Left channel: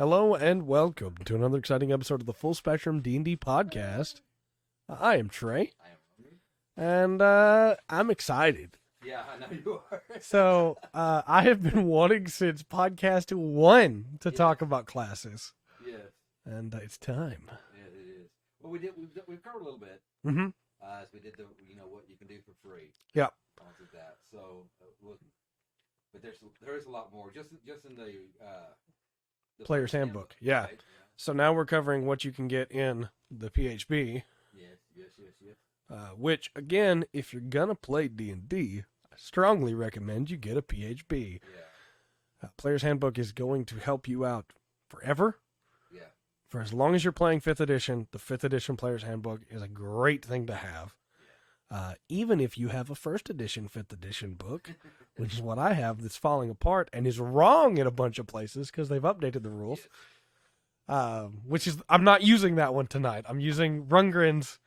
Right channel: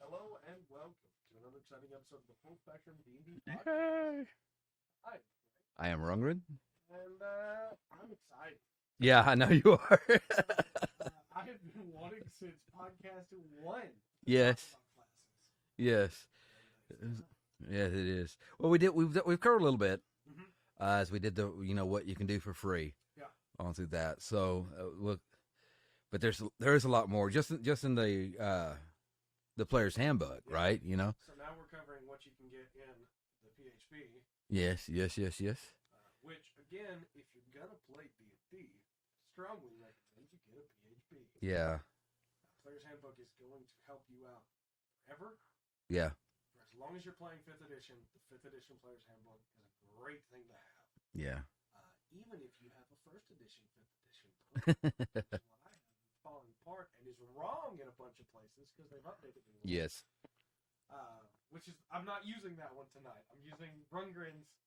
Hello and welcome to another exciting episode of the Full Spectrum D&D podcast. Hey. I am Trey, I am Rungrid. and I'm excited. Yeah, I know you are. So I have been wanting since podcast 1 to talk Yes. about classes, Yes. and it's time. Yes, it is. Well, we've covered a little bit Mm-hmm. as we did the what you can do for free. Yep. Gone through that. So but there's a lot more just in the player's handbook. Yeah. Right. So now we're covering what you can get in the PHB, Yes. which again, if you're gonna play D&D, I strongly recommend you get a PHB. Yeah. Player's handbook is going to help you out forever. Yeah. For as long as you're playing 5th edition, the 5th edition Player's Handbook is a great thing to have. Yeah. Even if you have a 1st edition, 5th edition book, which is what I have that's falling apart and is wrong in a bunch of places because they've updated the rules. Yes. Which is, I'm not using that one tonight. I'm using Rundgren's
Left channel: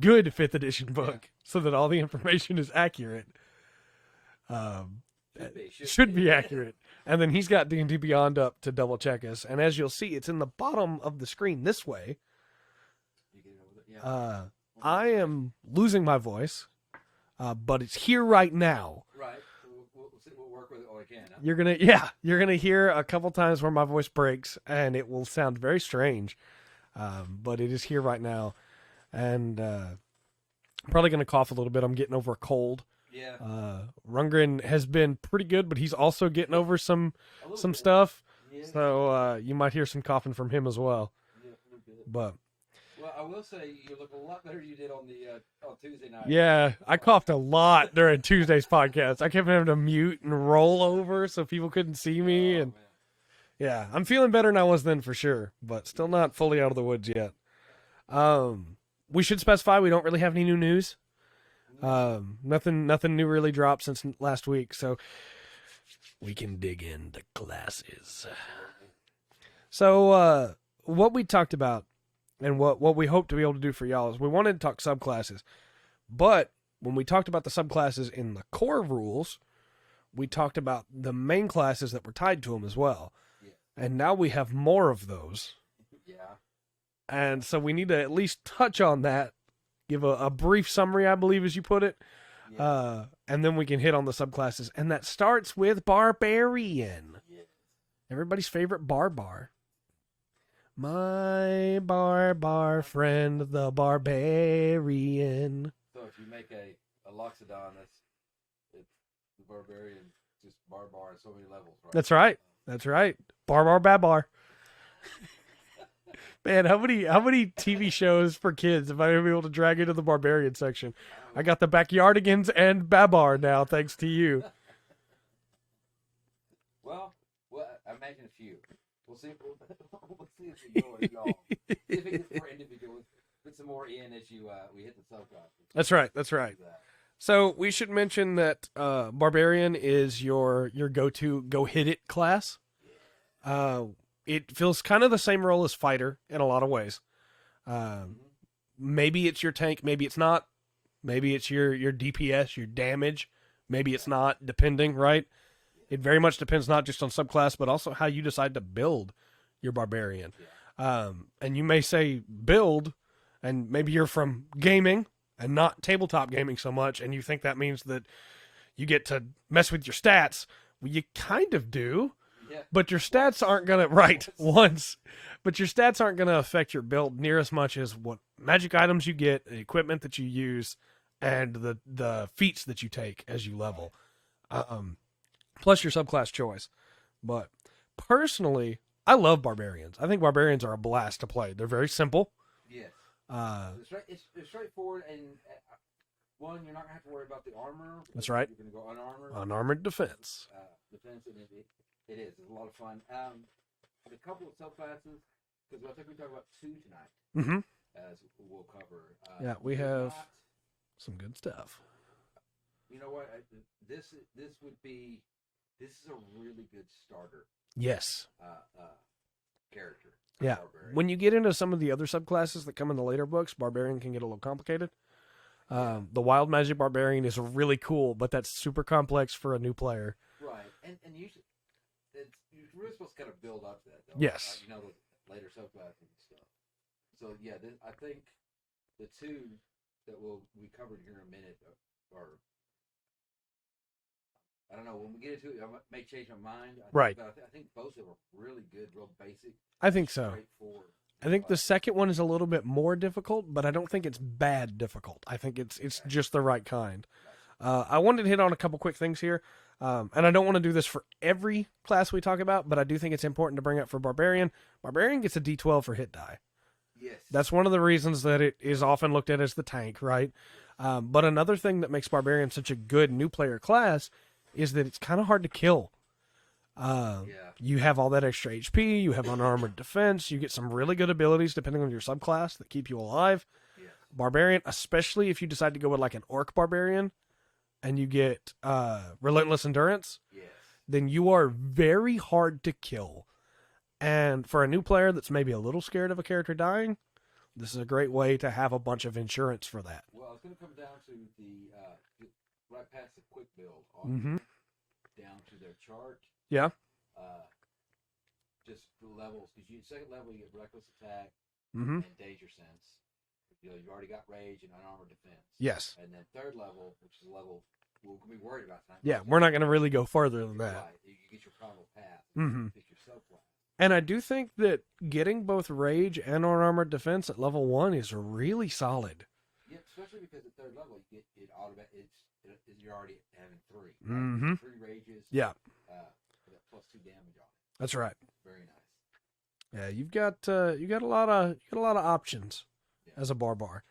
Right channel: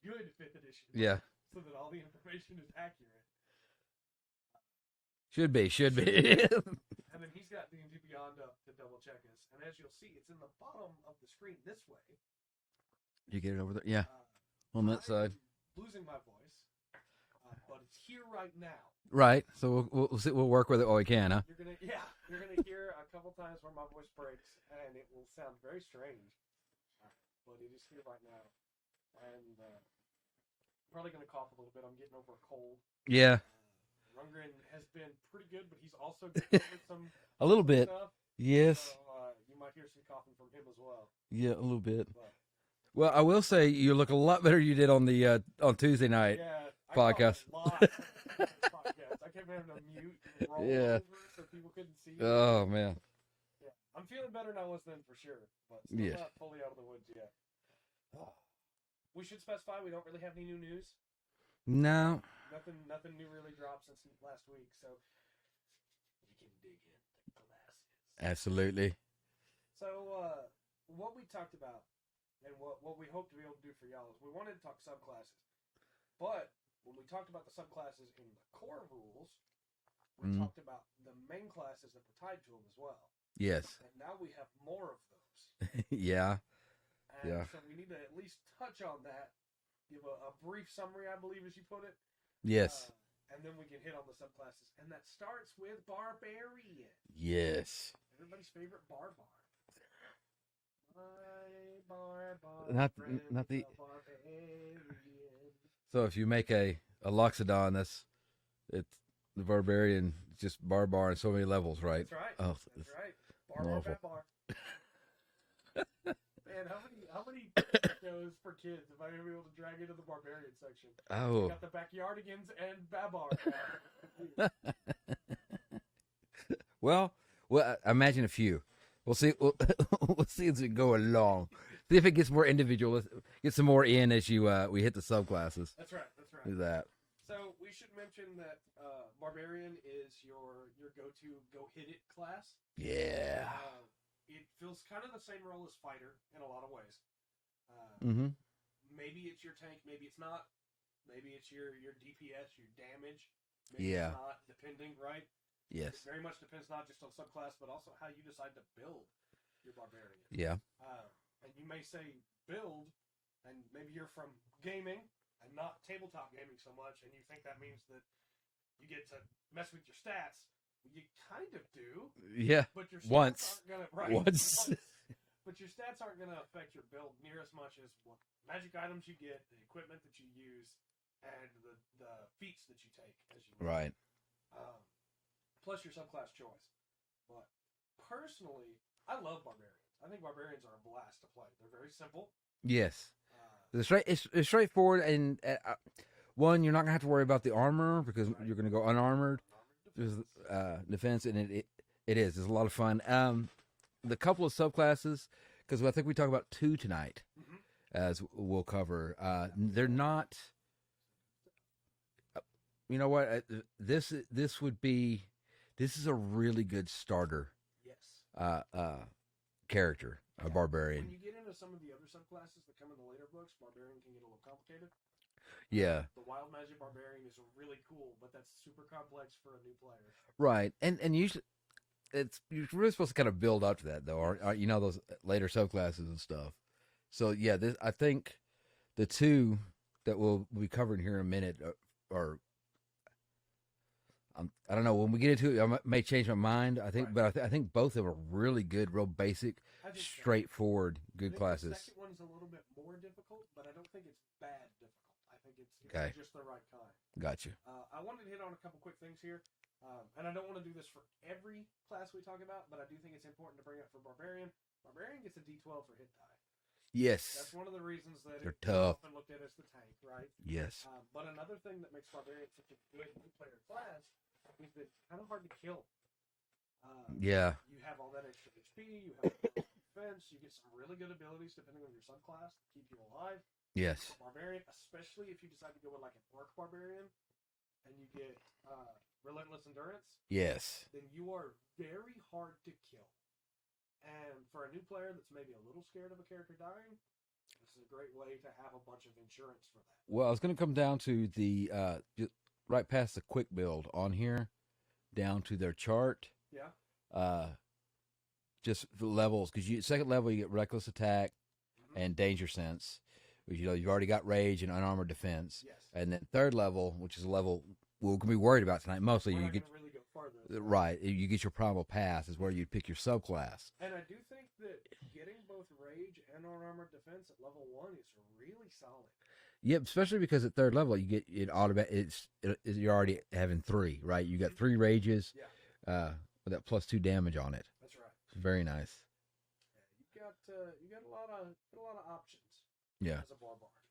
good 5th edition book so that all the information is accurate. Should be accurate. And then he's got D&D Beyond up to double check us. And as you'll see, it's in the bottom of the screen this way. You get it over there? Yeah. I am losing my voice, but it's here right now. Right. So we'll work with it while we can, huh? You're gonna hear a couple times where my voice breaks, and it will sound very strange, but it is here right now, and I'm probably gonna cough a little bit. I'm getting over a cold. Yeah. Rundgren has been pretty good, but he's also getting over some bit. stuff. Yes. So you might hear some coughing from him as well. Yeah, a little bit. But well, I will say you look a lot better than you did on the on Tuesday night. yeah, I coughed a podcast. lot during Tuesday's podcast. I kept having to mute and roll Yeah. over so people couldn't see me. Oh and, man. yeah, I'm feeling better than I was then for sure, but still Yeah. not fully out of the woods yet. We should specify we don't really have any new news. No. Nothing new really dropped since last week, so we can dig into classes. Absolutely. So, what we talked about and what we hope to be able to do for y'all is we wanted to talk subclasses, but when we talked about the subclasses in the core rules, we talked about the main classes that were tied to them as well. Yes. And now we have more of those. Yeah. And Yeah. so we need to at least touch on that, give a brief summary, I believe, as you put it. Yes. And then we can hit on the subclasses. And that starts with Barbarian. Yes. Everybody's favorite barbar. My barbar Not- friend, not the the- barbarian. So if you make a Loxodon, it's the barbarian, just barbar in so many levels, right? That's right. Oh. That's right. Barbar babar. Man, how many TV shows for kids have I been able to drag into the barbarian section? Oh. I got the Backyardigans and Babar now, thanks to you. Well, I imagine a few. We'll see. We'll see as we go along. See if it gets more individual. Get some more in as you we hit the subclasses. That's right. That's right. Do that. So we should mention that Barbarian is your go-to go-hit-it class. Yeah. It feels kind of the same role as Fighter in a lot of ways. Mm-hmm. Maybe it's your tank, maybe it's not. Maybe it's your DPS, your damage. Maybe it's Yeah. not, depending, right? Yes. It very much depends not just on subclass, but also how you decide to build your Barbarian. Yeah. And you may say build, and maybe you're from gaming and not tabletop gaming so much, and you think that means that you get to mess with your stats. Well, you kind of do, Yeah. but your stats Once. aren't going to, once. But your stats aren't going to affect your build near as much as what magic items you get, the equipment that you use, and the feats that you take as you level. Right. Plus your subclass choice. But personally, I love Barbarians. I think Barbarians are a blast to play. They're very simple. Yes. It's straightforward, and one, you're not gonna have to worry about the armor because That's right. you're gonna go unarmored. Unarmored defense. Defense, and it is. It's a lot of fun. The couple of subclasses, because I think we talk about 2 tonight, Mm-hmm. as we'll cover. We they're have not. some good stuff. You know what? This is a really good starter Yes. character. Yeah. Barbarian. When you get into some of the other subclasses that come in the later books, Barbarian can get a little complicated. Yeah. The Wild Magic Barbarian is really cool, but that's super complex for a new player. Right, and usually you're really supposed to kind of build up to that, though. Yes. You know, those later subclasses and stuff. So yeah, I think the two that we'll be covering here in a minute are I don't know. When we get into it, I may change my mind. I think, Right. But I think both of them are really good, real basic. I think so. Straightforward. Good I think classes. the second one is a little bit more difficult, but I don't think it's bad difficult. I think it's Okay. just the right kind. Gotcha. I wanted to hit on a couple quick things here, and I don't want to do this for every class we talk about, but I do think it's important to bring up for Barbarian. Barbarian gets a D12 for hit die. Yes. That's one of the reasons that it is Tough. often looked at as the tank, right? Yes. But another thing that makes Barbarian such a good new player class is that it's kind of hard to kill. Yeah. You have all that extra HP, you have unarmored defense, you get some really good abilities depending on your subclass that keep you alive. Yes. Barbarian, especially if you decide to go with like an Orc Barbarian and you get Relentless Endurance, Yes. then you are very hard to kill. And for a new player that's maybe a little scared of a character dying, this is a great way to have a bunch of insurance for that. Well, I was going to come down to the right past the quick build on Mhm. here, down to their chart. Yeah. Just the levels, because second level you get reckless attack Mm-hmm. and danger sense, which, you know, you've already got rage and unarmored defense. Yes. And then third level, which is a level we're gonna be worried about tonight. Yeah, Mostly we're not you going to really go further than get- that. right. You get your primal pass is where you Mhm. pick your subclass. And I do think that getting both rage and unarmored defense at level 1 is really solid. Yep, especially because at third level you get it automatic. You're already having 3, right? You Mhm. got 3 rages. Yeah, With that +2 damage on it. that's right. Very nice. Yeah, you got a lot of options Yeah. as a barbar.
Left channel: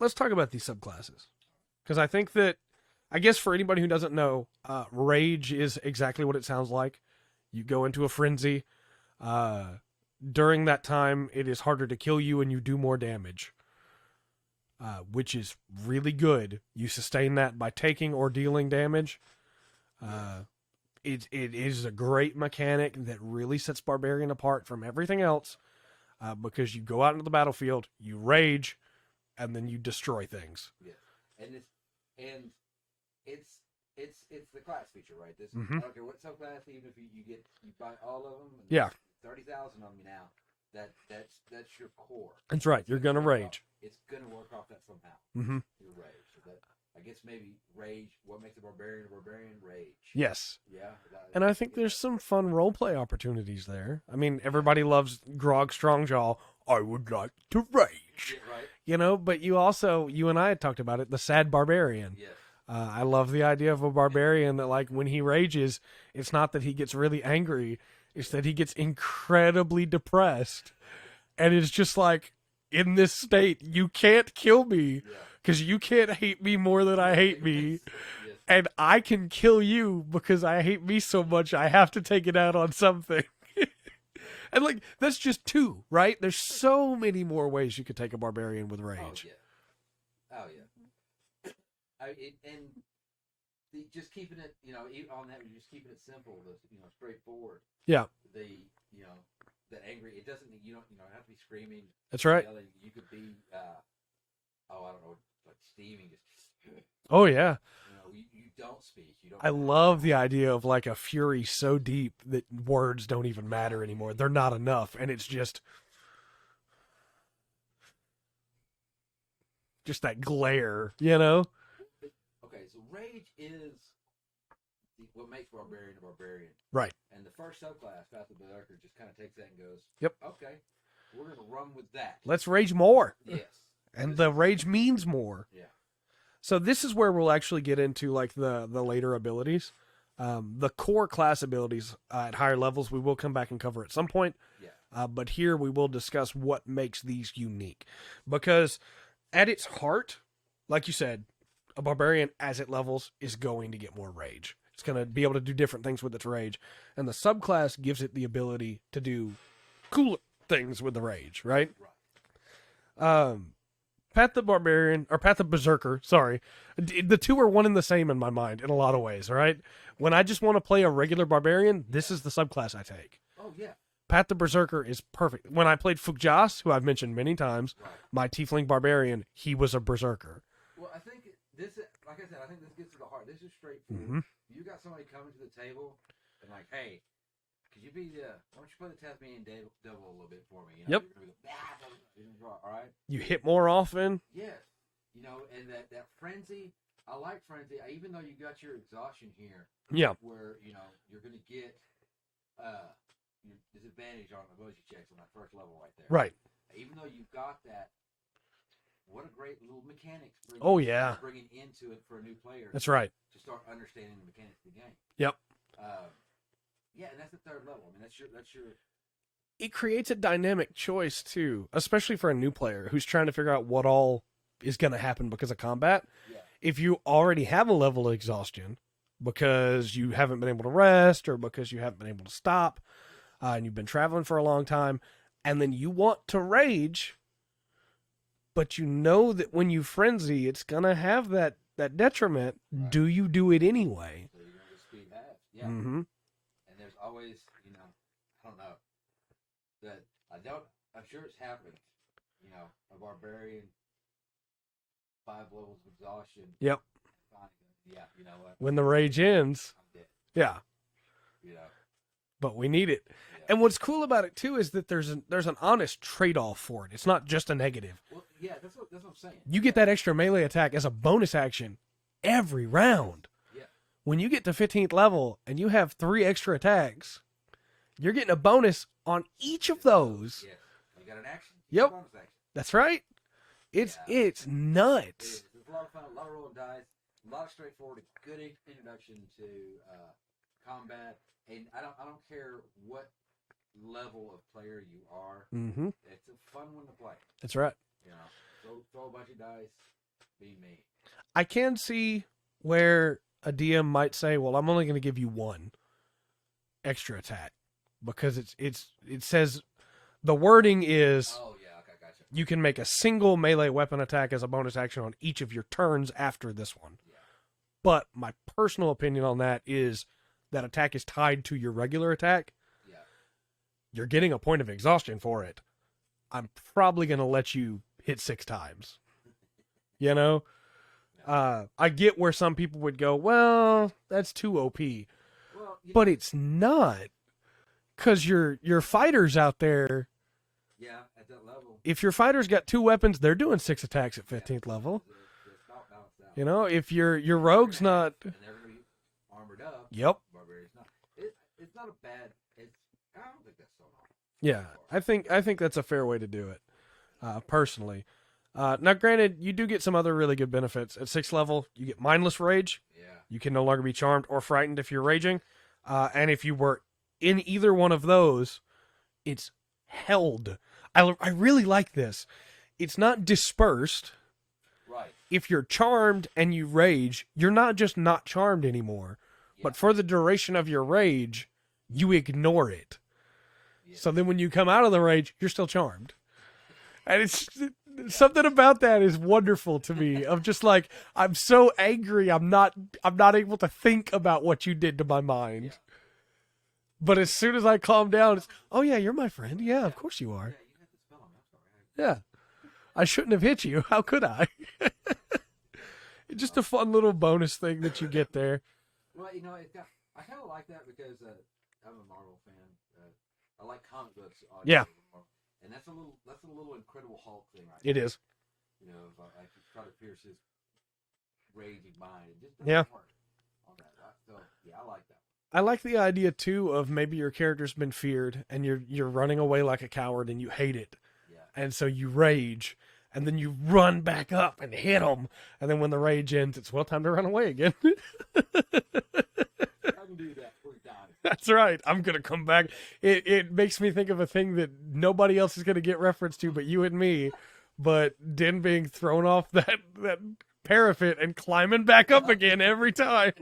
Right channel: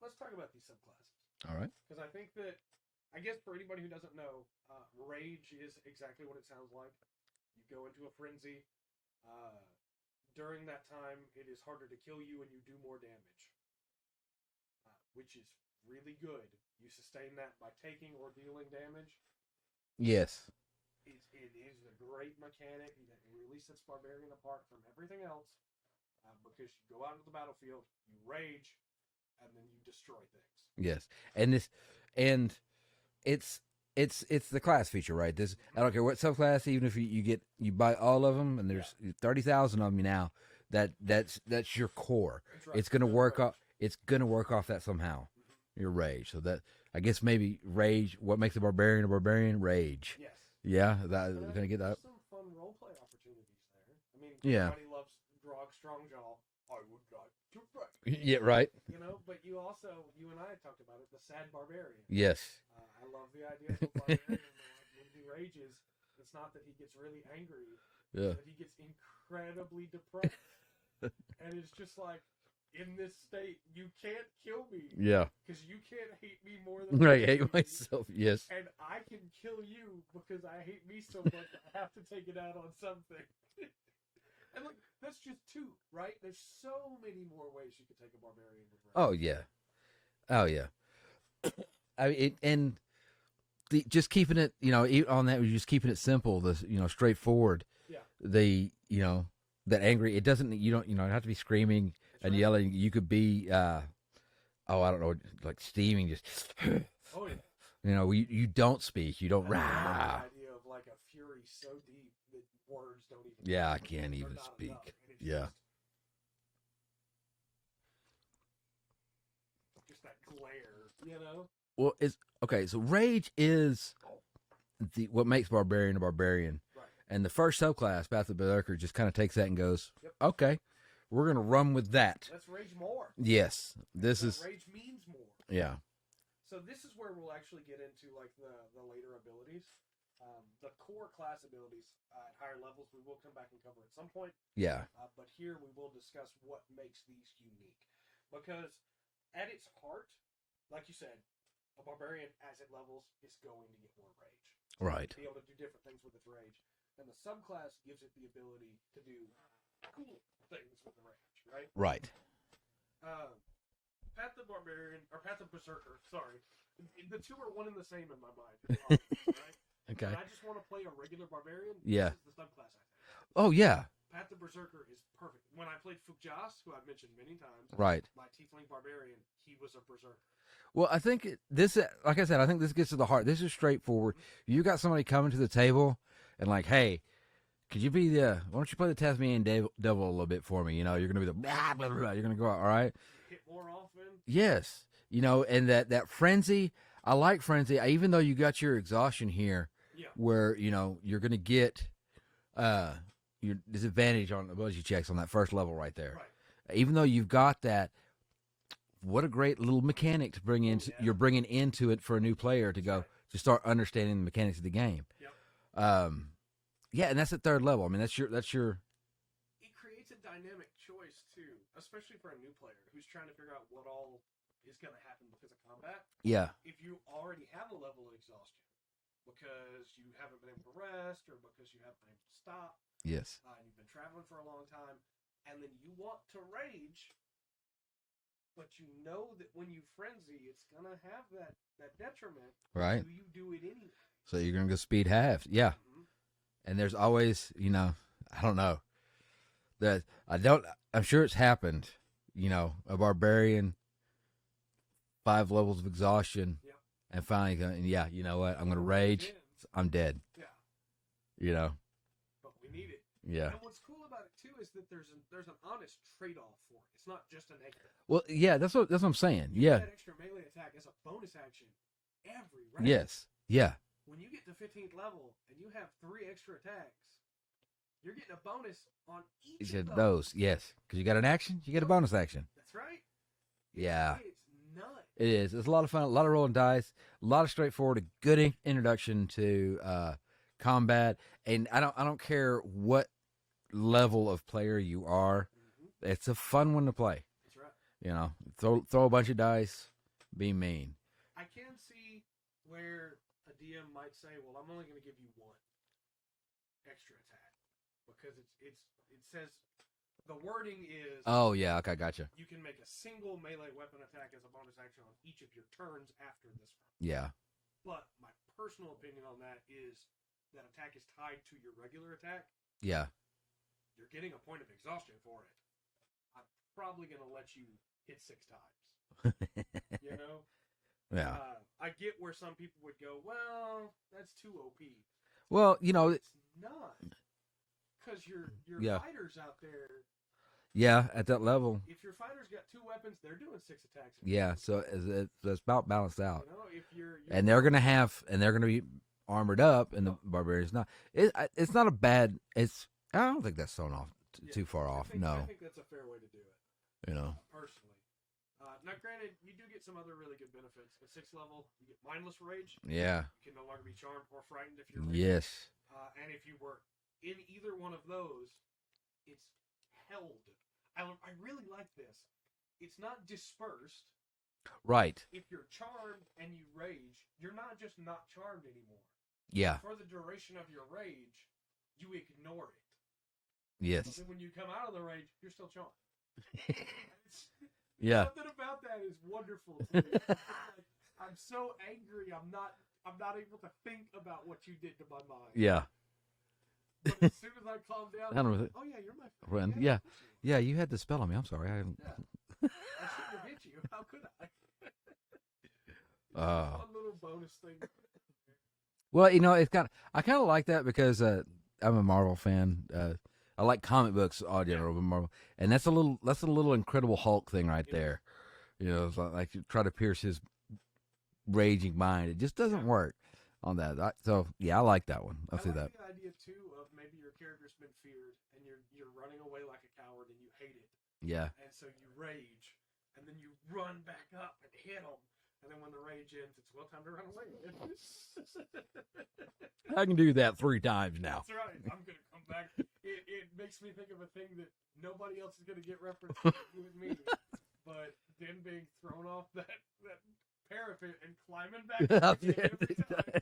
Let's talk about these subclasses All right. because I think that I guess for anybody who doesn't know, rage is exactly what it sounds like. You go into a frenzy. During that time, it is harder to kill you and you do more damage, which is really good. You sustain that by taking or dealing damage. Yes. It is a great mechanic that really sets Barbarian apart from everything else, because you go out into the battlefield, you rage, and then you destroy things. Yes. And it's the class feature, right? This Mhm. I don't care what subclass, even if you buy all of them, and there's 30,000 of them now. That's your core. That's right. It's You're gonna gonna work. rage. It's gonna work off that somehow. Mm-hmm. Your rage. So that I guess maybe rage. What makes a barbarian? Rage. Yes. Yeah. And I think there's some fun roleplay opportunities there. I mean, everybody loves Grog Strongjaw. I would like to rage. Yeah. Right. But you and I had talked about it, the Sad Barbarian. Yes. I love the idea of a barbarian that, like, when he rages, it's not that he gets really angry, it's Yeah. that he gets incredibly depressed. And it's just like, in this state, you can't kill me Yeah. because you can't hate me more than I hate me. myself. Yes. And I can kill you because I hate me so much, I have to take it out on something. And, like, that's just 2, right? There's so many more ways you could take a barbarian with rage. Oh yeah. Oh yeah. I mean, just keeping it, on that, you're just keeping it simple, straightforward. Yeah. That angry. It doesn't. You don't have to be screaming. That's and right. Yelling. You could be. I don't know, like steaming. Just. Oh, yeah. You don't speak. You don't. I love the idea of, like, a fury so deep that words don't even Yeah, I matter can't anymore. even They're not speak. enough. And it's Yeah. just that glare, you know? Well, it's okay. So rage is what makes barbarian a barbarian, Right. and the first subclass, Pathothon Berserker, just kind of takes that and goes, Yep. Okay, we're gonna run with that. Let's rage more. Yes, And this the is- rage means more. Yeah. So this is where we'll actually get into, like, the later abilities. The core class abilities at higher levels we will come back and cover at some point. Yeah. But here we will discuss what makes these unique. Because at its heart, like you said, a barbarian, as it levels, is going to get more rage. It's going Right. to be able to do different things with its rage. And the subclass gives it the ability to do cooler things with the rage, right? Right. Path the Barbarian, or Path the Berserker, sorry. The 2 are one and the same in my mind in a lot of ways, right? Okay. When I just want to play a regular barbarian, this Yeah. is the subclass I take. Oh yeah. Path the Berserker is perfect. When I played Fugjas, who I've mentioned many times, Right. my Tiefling Barbarian, he was a Berserker. Well, I think this, like I said, I think this gets to the heart. This is straightforward. Mhm. You got somebody coming to the table, and like, hey, could you be why don't you play the Tasmanian devil a little bit for me? You know, Yep. you're gonna be the blah, blah, blah, you're gonna go out, all right? You hit more often. Yes, you know, and that frenzy. I like frenzy, even though you got your exhaustion here. Yeah. Where you know you're gonna get your disadvantage on ability checks on that first level right there. Right. Even though you've got that, what a great little mechanic to bring. Oh, in. yeah. You're bringing into it for a new player. That's right. To start understanding the mechanics of the game. Yep. Yeah, and that's at third level. I mean, that's your. It creates a dynamic choice too, especially for a new player who's trying to figure out what all is going to happen because of combat. Yeah. If you already have a level of exhaustion because you haven't been able to rest or because you haven't been able to stop, Yes. and you've been traveling for a long time, and then you want to rage, but you know that when you frenzy, it's going to have that detriment. Right. Do you do it anyway? So you're gonna go speed halves. Yeah. Mm-hmm. And there's always, you know, I don't know. I'm sure it's happened, you know, a barbarian, 5 levels of exhaustion. Yep. And finally going, yeah, you know what? When the rage ends. I'm dead. Yeah. You know? But we need it. Yeah. And what's cool about it too is that there's an honest trade-off for it. It's not just a negative. Well, yeah, that's what I'm saying. You get that extra melee attack as a bonus action every round. Yes. Yeah. When you get to 15th level and you have 3 extra attacks, you're getting a bonus on each of those. Yes. Because you got an action, you get Yep. a bonus action. That's right. It's nuts. It is. It's a lot of fun, a lot of rolling dice, a lot of straightforward, a good introduction to combat. And I don't care what level of player you are. Mm-hmm. It's a fun one to play. That's right. You know, throw a bunch of dice, be mean. I can see where a DM might say, "Well, I'm only going to give you 1 extra attack because it says the wording is Oh yeah, okay, gotcha. you can make a single melee weapon attack as a bonus action on each of your turns after this one." Yeah. But my personal opinion on that is that attack is tied to your regular attack. Yeah. You're getting a point of exhaustion for it. I'm probably going to let you hit 6 times. You know? Yeah. I get where some people would go, well, that's too OP. Well, you know, But it's not. Because your fighters out there, yeah, at that level. if your fighter's got 2 weapons, they're doing 6 attacks at 15th so level. it's about balanced out. You know, if your and rogue's they're not... they're gonna be armored up. And Yep. Barbarian's not. It's not a bad. I don't think that's thrown off too far off. I think no. that's a fair way to do it. You know. Personally. Now, granted, you do get some other really good benefits. At 6th level, you get mindless rage. Yeah. You can no longer be charmed or frightened if you're raging. Yes. And if you were in either one of those, it's held. I really like this. It's not dispersed. Right. If you're charmed and you rage, you're not just not charmed anymore. Yeah. But for the duration of your rage, you ignore it. Yes. So then when you come out of the rage, you're still charmed. And it's Yeah. something about that is wonderful to me. Of just like, I'm so angry, I'm not able to think about what you did to my mind. Yeah. But as soon as I calm down, No, it's, oh yeah, you're my friend. Well, Yeah, yeah. of course you are. Yeah. You had the spell on me. I'm sorry. Yeah. I shouldn't have hit you. How could I? It's just a fun little bonus thing that you get there. Well, you know, I kind of like that because I'm a Marvel fan. I like comic books, Yeah. Marvel, and that's a little Incredible Hulk thing right It there. is. You know, it's like you try to pierce his raging mind. It just doesn't work on that. So yeah, I like that one. I like the idea too of maybe your character's been feared and you're running away like a coward and you hate it, Yeah. and so you rage. And then you run back up and hit them. And then when the rage ends, it's, well, time to run away again. I can do that 3 times now. That's right. I'm going to come back. It makes me think of a thing that nobody else is going to get reference to but you and me. But Den being thrown off that parapet and climbing back up again every time.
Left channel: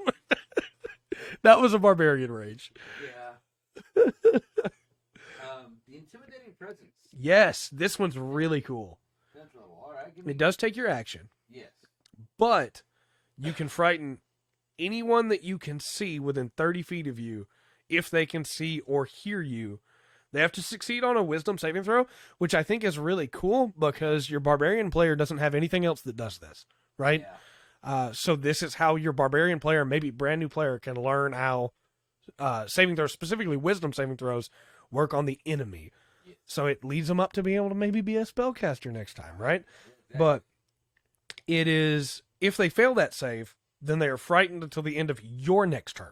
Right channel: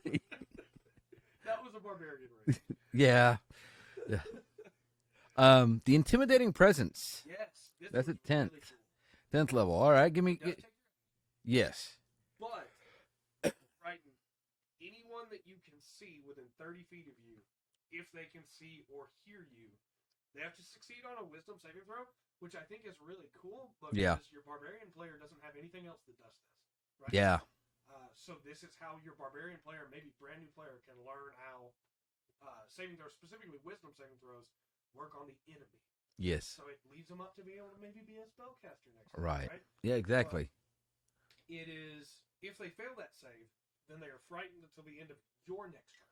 That was a barbarian rage. Yeah. The intimidating presence. Yes, this That's one's a 10. really cool. 10th level. All right, give me. It does take your action. Yes. But you can frighten anyone that you can see within 30 feet of you if they can see or hear you. They have to succeed on a wisdom saving throw, which I think is really cool because your barbarian player doesn't have anything else that does this, right? Yeah. So this is how your barbarian player, maybe brand new player, can learn how saving throws, specifically wisdom saving throws, work on the enemy. Yes. So it leads them up to being able to maybe be a spellcaster next time, right? Yeah, exactly. But it is, if they fail that save, then they are frightened until the end of your next turn.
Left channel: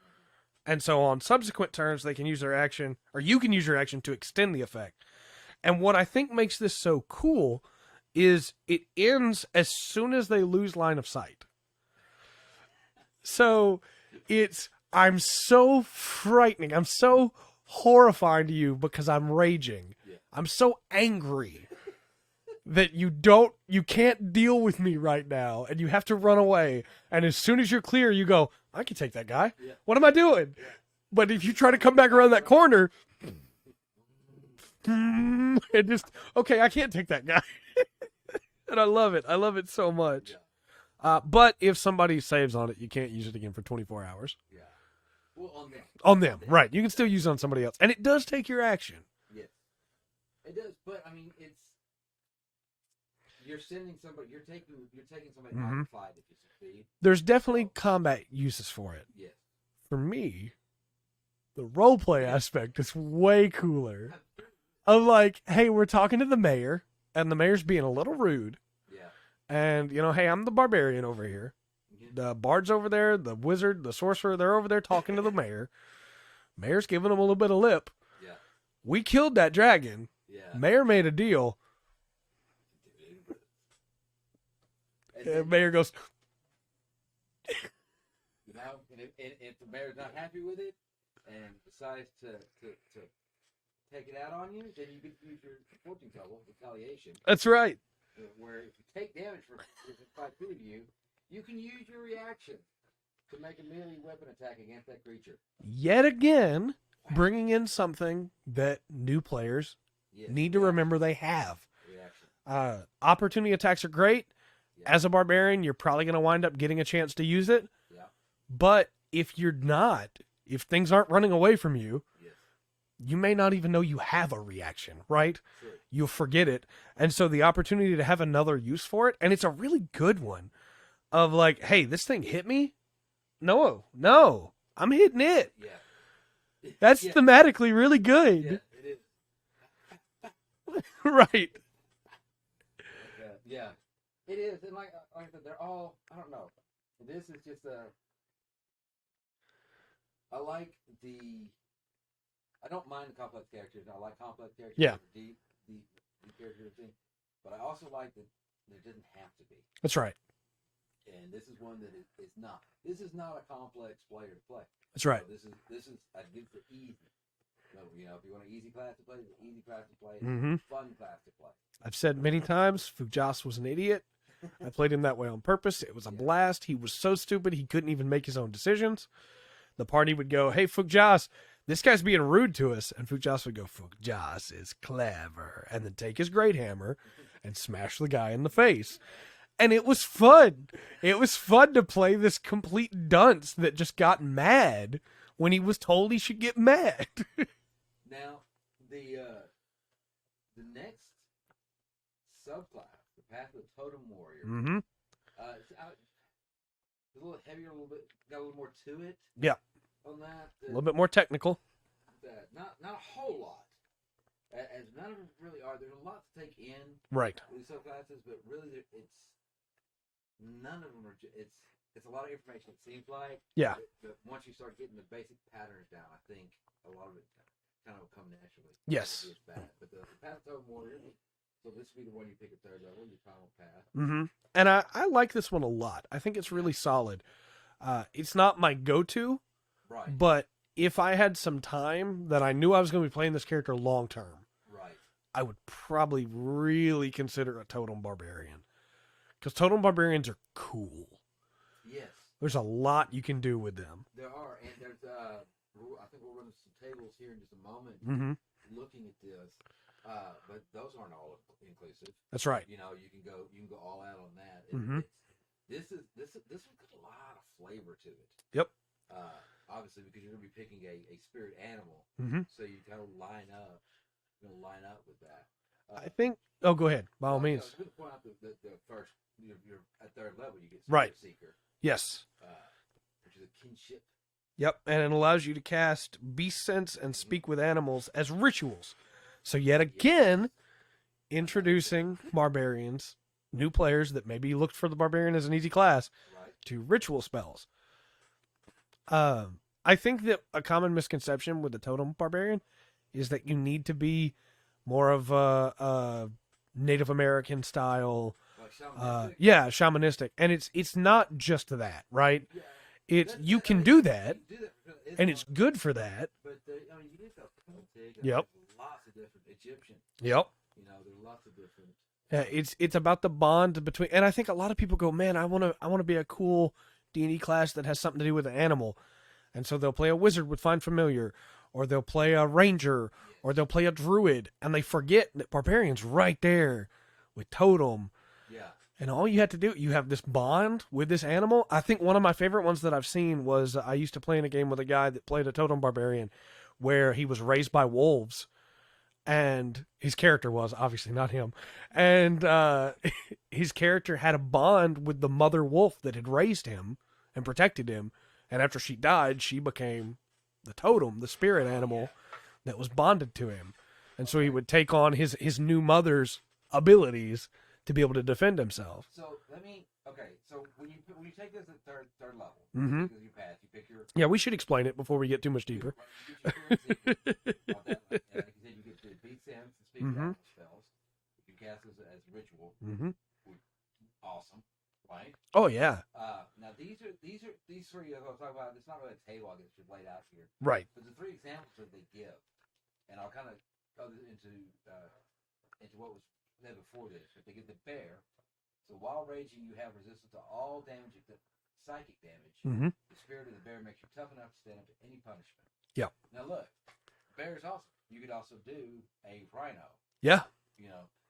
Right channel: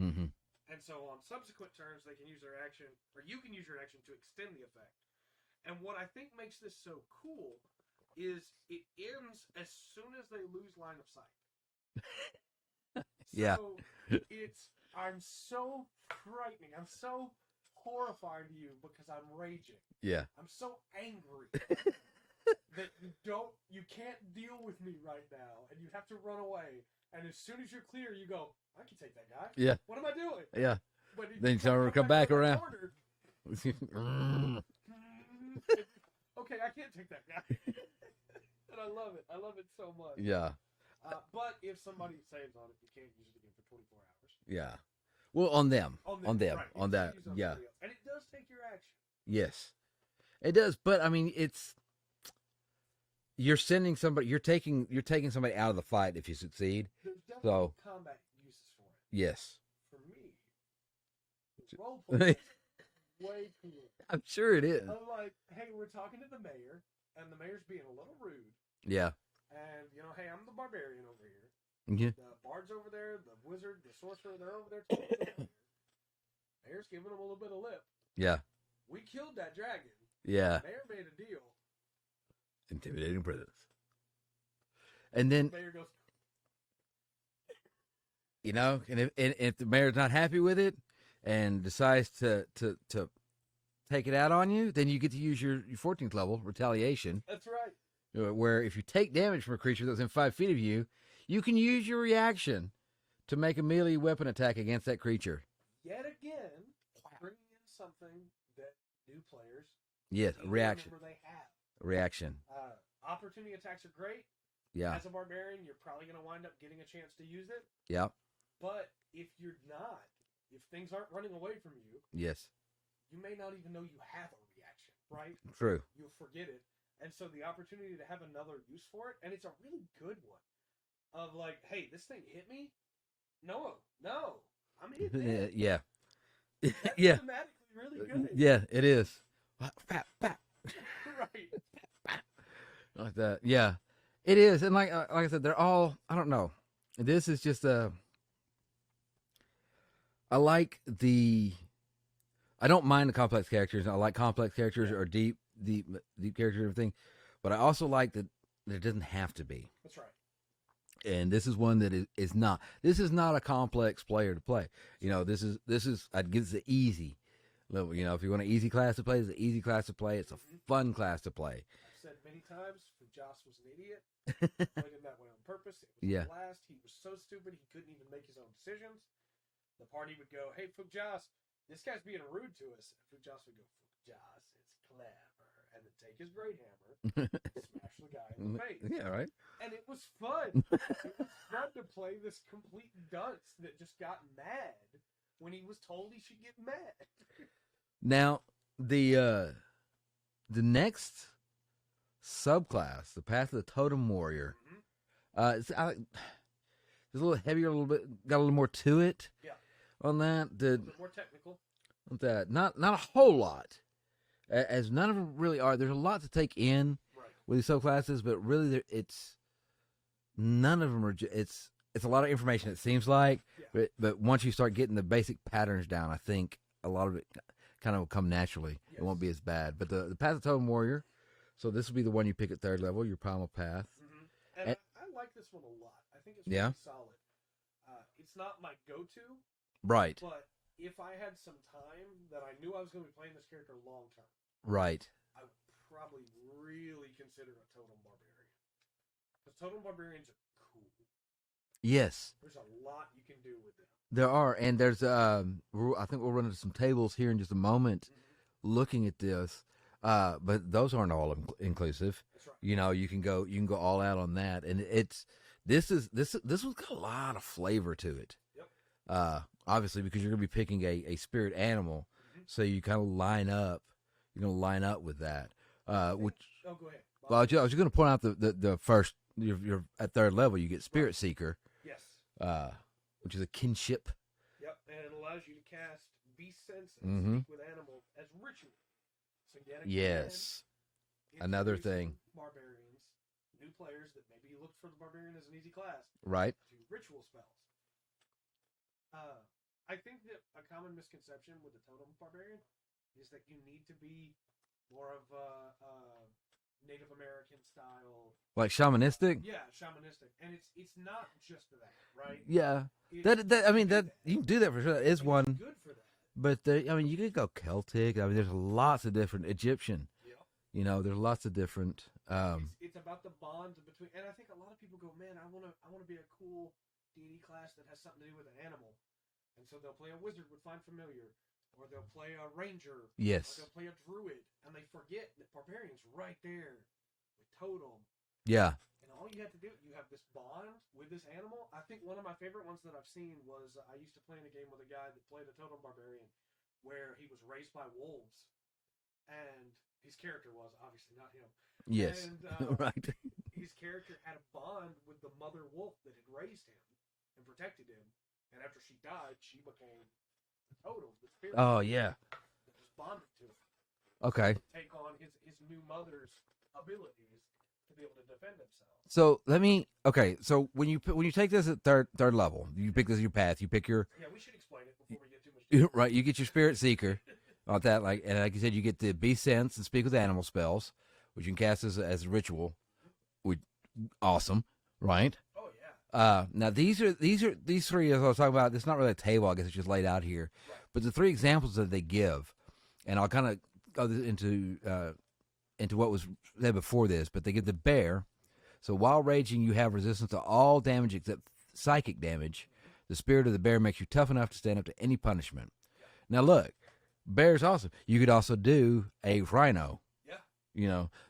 Mm-hmm. And so on subsequent turns, they can use their action, or you can use your action to extend the effect. And what I think makes this so cool is it ends as soon as they lose line of sight. So I'm so frightening. I'm so horrifying to you because I'm raging. Yeah. I'm so angry that you can't deal with me right now, and you have to run away. And as soon as you're clear, you go, I can take that guy. Yeah. What am I doing? Yeah. But if Then you try to someone come will back come around back that corner, Mm. and just, okay, I can't take that guy. And I love it. I love it so much. Yeah. But if somebody saves on it, you can't use it again for 24 hours. Yeah. Well, on them. Right. You On can still that. use it on Yeah. somebody else. And it does take your action. Yes. It does, but I mean, you're sending somebody. You're taking somebody out of the fight if you succeed. There's definitely So- combat uses for it. Yes. For me, the roleplay aspect is way cooler. I'm sure it is. Of like, hey, we're talking to the mayor, and the mayor's being a little rude. Yeah. And, hey, I'm the barbarian over here. Yeah. The bard's over there, the wizard, the sorcerer, they're over there talking to the mayor. Mayor's giving them a little bit of lip. Yeah. We killed that dragon. Yeah. Mayor made a deal. Intimidating presence. And And then the mayor goes, and if the mayor's not happy with it and decides to take it out on you, then you get to use your 14th level retaliation, that's right. where if you take damage from a creature that's within 5 feet of you, you can use your reaction to make a melee weapon attack against that creature. Yet again, bringing in something that new players need to remember they have. Reaction. Opportunity attacks are great. Yeah. As a barbarian, you're probably going to wind up getting a chance to use it. Yeah. But if you're not, if things aren't running away from you, Yes. you may not even know you have a reaction, right? True. You'll forget it. And so the opportunity to have another use for it, and it's a really good one, of like, hey, this thing hit me? No, I'm hitting it. Yeah. That's Yeah. thematically really good. Yeah, it is. Right. Like that. Yeah, it is. And like I said, they're all, I don't know. This is just I like I don't mind the complex characters. I like complex characters or deep characters and everything. But I also like that it doesn't have to be. That's right. And this is one that is not. This is not a complex player to play. That's right. This is I'd give it the easy level. If you want an easy class to play, it's an easy class to play. It's a fun class to play. I've said many times, Fujas was an idiot. I played him that way on purpose. It was a blast. He was so stupid he couldn't even make his own decisions. The party would go, hey, Fujas, this guy's being rude to us. And Fujas would go, Fujas is clever. And then take his great hammer and smash the guy in the face. Yeah, right. And it was fun. It was fun to play this complete dunce that just got mad when he was told he should get mad. Now, the next subclass, the Path of the Totem Warrior, it's a little heavier, a little bit, got a little more to it. Yeah. On that, A little bit more technical. Not a whole lot, as none of them really are. There's a lot to take in, Right. with these subclasses, but really, none of them are. It's a lot of information. It seems like, Yeah. But once you start getting the basic patterns down, I think a lot of it kind of will come naturally. Yes. It won't be as bad. But the Path of Totem Warrior, so this will be the one you pick at 3rd level, your primal path. Mm-hmm. And I like this one a lot. I think it's really solid. It's not my go-to, Right. but if I had some time that I knew I was going to be playing this character long-term, Right. I would probably really consider a Totem Barbarian. Because Totem Barbarians are cool. Yes. There's a lot you can do with them. There are, and there's I think we'll run into some tables here in just a moment, looking at this. But those aren't all inclusive. That's right. You can go all out on that, and this one's got a lot of flavor to it. Yep. Obviously because you're gonna be picking a spirit animal, so you kind of line up. You're gonna line up with that. Oh, go ahead. I was just gonna point out the first. You're at 3rd level. You get Spirit Seeker. Yes. Which is a kinship Yep, and it allows you to cast Beast Sense and Speak with Animals as rituals. So yet again, Yes. introducing barbarians, new players that maybe looked for the barbarian as an easy class, Right. to ritual spells. I think that a common misconception with the Totem Barbarian is that you need to be more of a Native American style, Like shamanistic. shamanistic, and it's not just that, right? Yeah. You can do that. You can do that for sure. It's and one, it's good for that. but you could go Celtic. I mean, there's lots of different Egyptian. Yep. There's lots of different. It's about the bond between, and I think a lot of people go, man, I want to be a cool D&D class that has something to do with an animal, and so they'll play a wizard with Find Familiar, or they'll play a ranger, Yes. or they'll play a druid, and they forget that barbarian's right there with totem. Yeah. And all you have to do, you have this bond with this animal. I think one of my favorite ones that I've seen was I used to play in a game with a guy that played a Totem Barbarian where he was raised by wolves. And his character was, obviously not him. Yes. And his character had a bond with the mother wolf that had raised him and protected him. And after she died, she became the totem, the spirit animal that was bonded to him. And so he would take on his new mother's abilities to be able to defend himself. So so when you take this at third level, you pick this your path. You pick your we should explain it before we get too much deeper. right. You get your spirit seeker, not that and like you said, you get the Beast Sense and Speak with Animal spells, which you can cast as a ritual. Which awesome, right? Oh yeah. Now these three as I was talking about. It's not really a table. I guess it's just laid out here. Right. But the three examples that they give, and I'll kind of go into what was said before this, but they give the bear. So while raging, you have resistance to all damage except psychic damage. The spirit of the bear makes you tough enough to stand up to any punishment. Yeah. Now look, bear's awesome. You could also do a rhino. Yeah.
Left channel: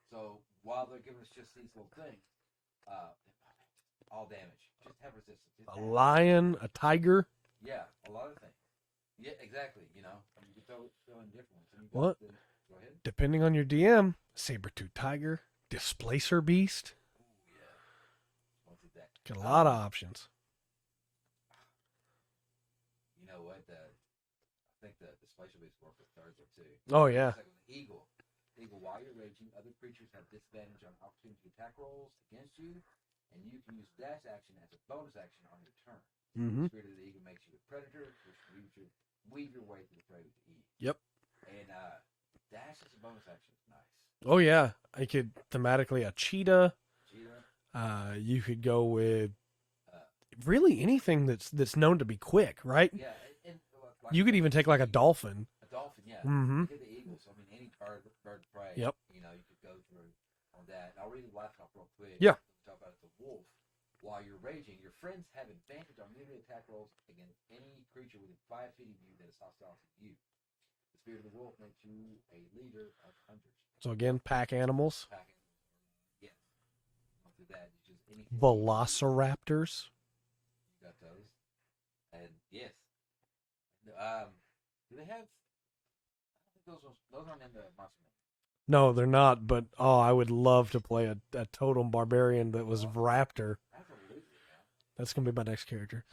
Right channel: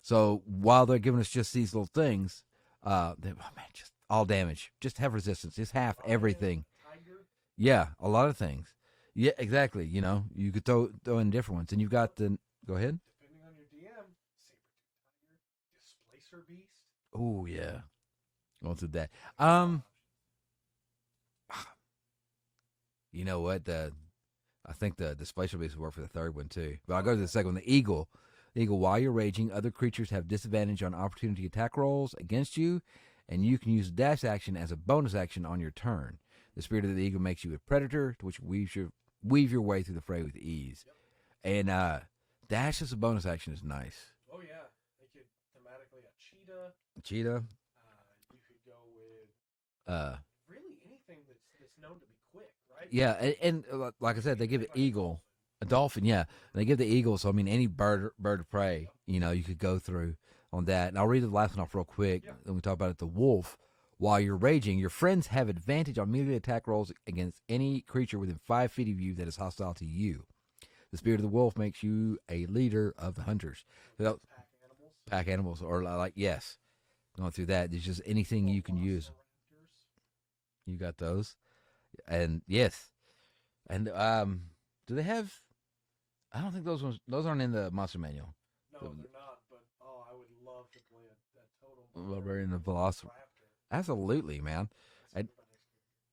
So while they're giving us just these little things, just all damage. Just have resistance. Just have everything. A tiger. Yeah, a lot of things. Yeah, exactly. You could throw in different ones, and you've got Go ahead. Depending on your DM, saber-tooth tiger, displacer beast. Oh yeah, going through that. A lot of options. You know what? I think the displacer beast would work for the third one too. But I'll go to the second one. The eagle. The eagle. While you're raging, other creatures have disadvantage on opportunity attack rolls against you, and you can use a dash action as a bonus action on your turn. The spirit of the eagle makes you a predator, to which weave your way through the fray with ease. Yep. And dash as a bonus action is nice. Oh yeah, I could thematically a cheetah. Cheetah. You could go with really anything that's known to be quick, right? Yeah, and like you could even take like a dolphin. A dolphin, yeah. They give the eagle, so I mean any bird of prey. Yep. You could go through on that. And I'll read the last one off real quick. Yeah. Then we talk about it. The wolf. While you're raging, your friends have advantage on melee attack rolls against any creature within 5 feet of you that is hostile to you. The spirit of the wolf makes you a leader of the hunters. So again, pack animals. Pack animals, or yes, going through that. There's just anything you can use. Velociraptors. You got those, and yes, and do they have? I don't think those aren't in the monster manual. No, they're not. But I would love to play a totem barbarian that was raptor. Absolutely, man. That's gonna be my next character.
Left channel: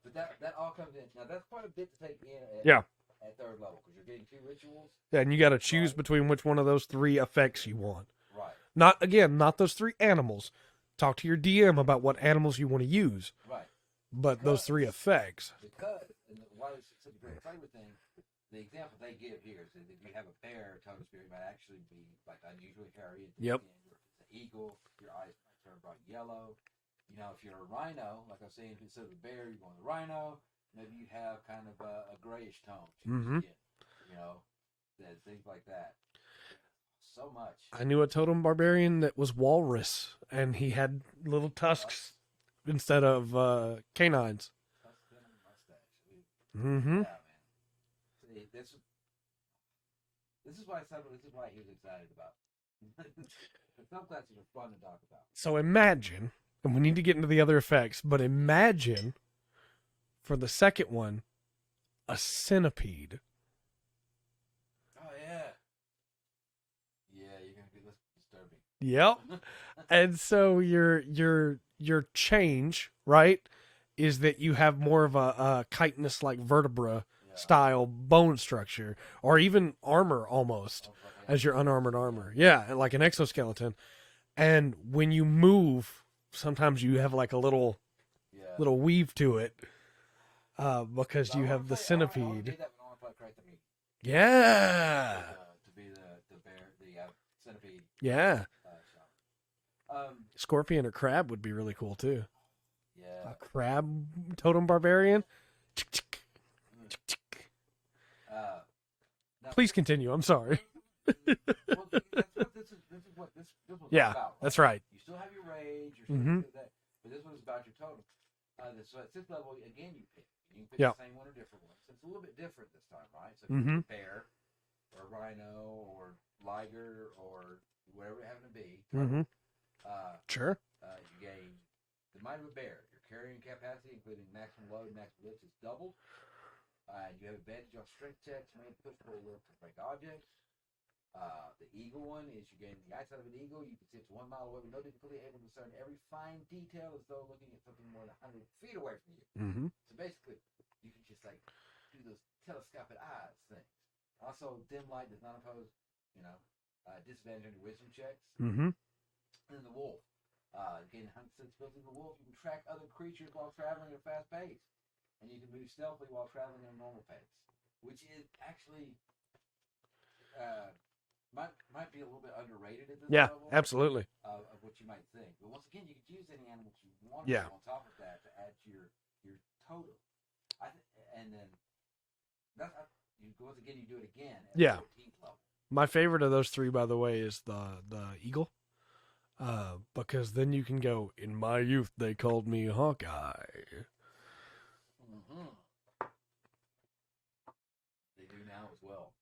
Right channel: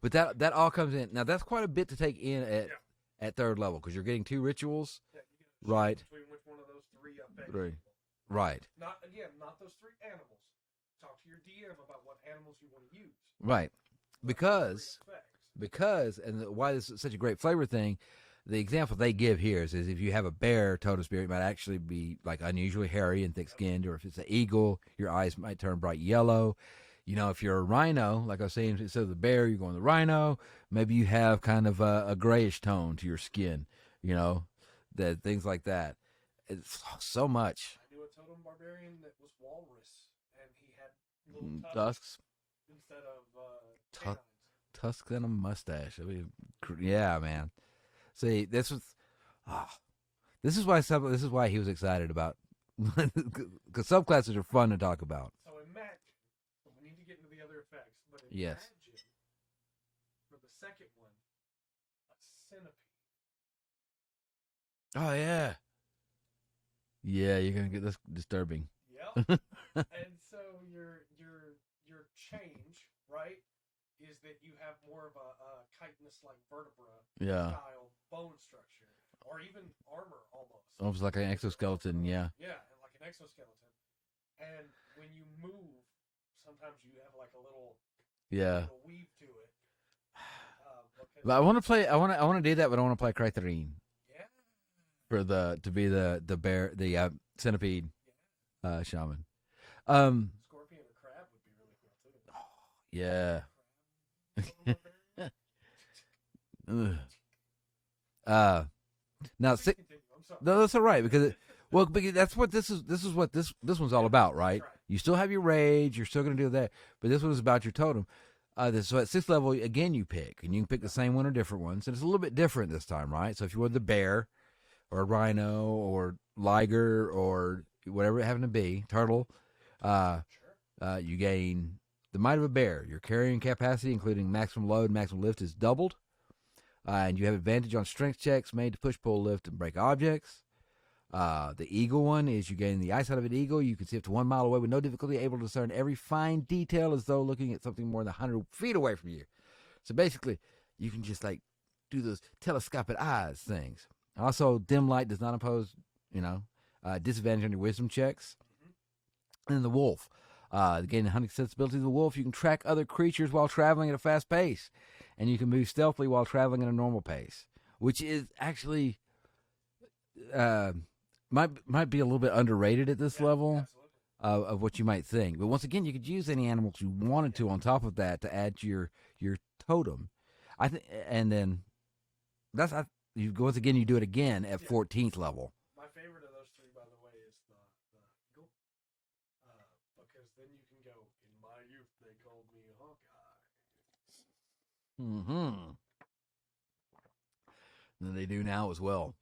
But that all comes in. Now that's quite a bit to take in at third level because you're getting 2 rituals. Yeah, and you got to choose between which one of those 3 effects you want. Right. Not those 3 animals. Talk to your DM about what animals you want to use. Right. But those 3 effects. Because, and why this is such a great flavor thing, the example they give here is if you have a bear, totem spirit might actually be like unusually hairy and thick-skinned, or if it's an eagle, your eyes might turn bright yellow. If you're a rhino, like I was saying, instead of the bear, you're going the rhino. Maybe you have kind of a grayish tone to your skin. That things like that. It's so much. I knew a totem barbarian that was walrus, and he had little tusks instead of canines. Tusks and a mustache. I mean, yeah, man. See, this is why he was excited about, because subclasses are fun to talk about. So imagine, and we need to get into the other effects, but imagine for the second one, a centipede. Oh yeah. Yeah, you're gonna get this disturbing. Yep. And so your change, right? is that you have more of a chitinous like vertebra Yeah. style bone structure, or even armor almost Almost like an as your unarmored exoskeleton, armor. Yeah, like an exoskeleton. And when you move, sometimes you have like a little weave to it. Because But I want to play. I want to do that, but I want to play Criterion. Yeah. To be the bear, the centipede. Yeah. Shaman. Scorpion or crab would be really cool too. Yeah. Crab Totem Barbarian. Now please continue. I'm sorry. No, that's all right because that's what this is. This is what this one's all about, right? That's right. You still have your rage. You're still going to do that, but this one is about your totem. So at 6th level, again, you pick, and you can pick the same one or different ones, and it's a little bit different this time, right? So if you want the bear, or a rhino, or liger, or whatever it happened to be, turtle, sure, you gain the might of a bear. Your carrying capacity, including maximum load, maximum lift, is doubled, and you have advantage on strength checks made to push, pull, lift, and break objects. The eagle one is you gain the eyesight of an eagle. You can see up to 1 mile away with no difficulty, able to discern every fine detail as though looking at something more than 100 feet away from you. So basically, you can just like do those telescopic eyes things. Also, dim light does not impose, disadvantage on your wisdom checks. And then the wolf. Gaining the hunting sensibility of the wolf, you can track other creatures while traveling at a fast pace. And you can move stealthily while traveling at a normal pace, which is actually... might be a little bit underrated at this level. Absolutely. Of what you might think. But once again, you could use any animals you wanted to on top of that to add to your totem. I think, and then once again you do it again at 14th level. My favorite of those three, by the way, is the eagle. Because then you can go, in my youth they called me Hawkeye. And they do now as well.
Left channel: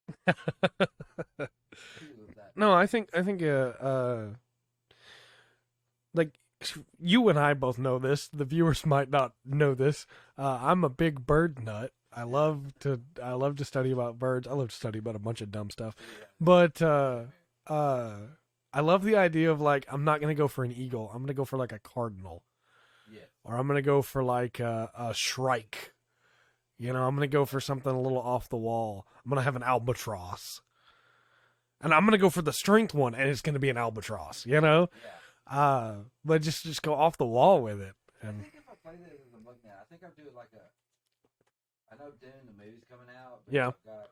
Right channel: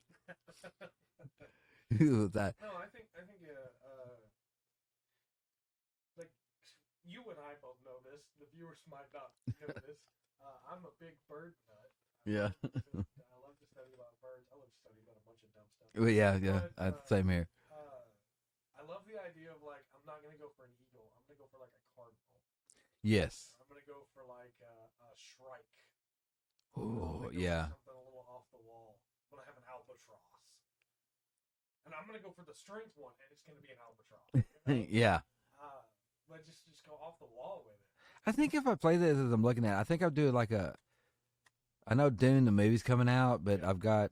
No, I think like you and I both know this. The viewers might not know this. I'm a big bird nut. I love to study about birds. I love to study about a bunch of dumb stuff. But same here. I love the idea of like, I'm not gonna go for an eagle. I'm gonna go for like a cardinal. Yes. Or I'm gonna go for like a shrike. I'm going to go for something a little off the wall. I'm going to have an albatross. And I'm going to go for the strength one, and it's going to be an albatross, Yeah. But just go off the wall with it. I think if I play this as I'm looking at it, I think I'll do like I know Dune, the movie's coming out, but I've got,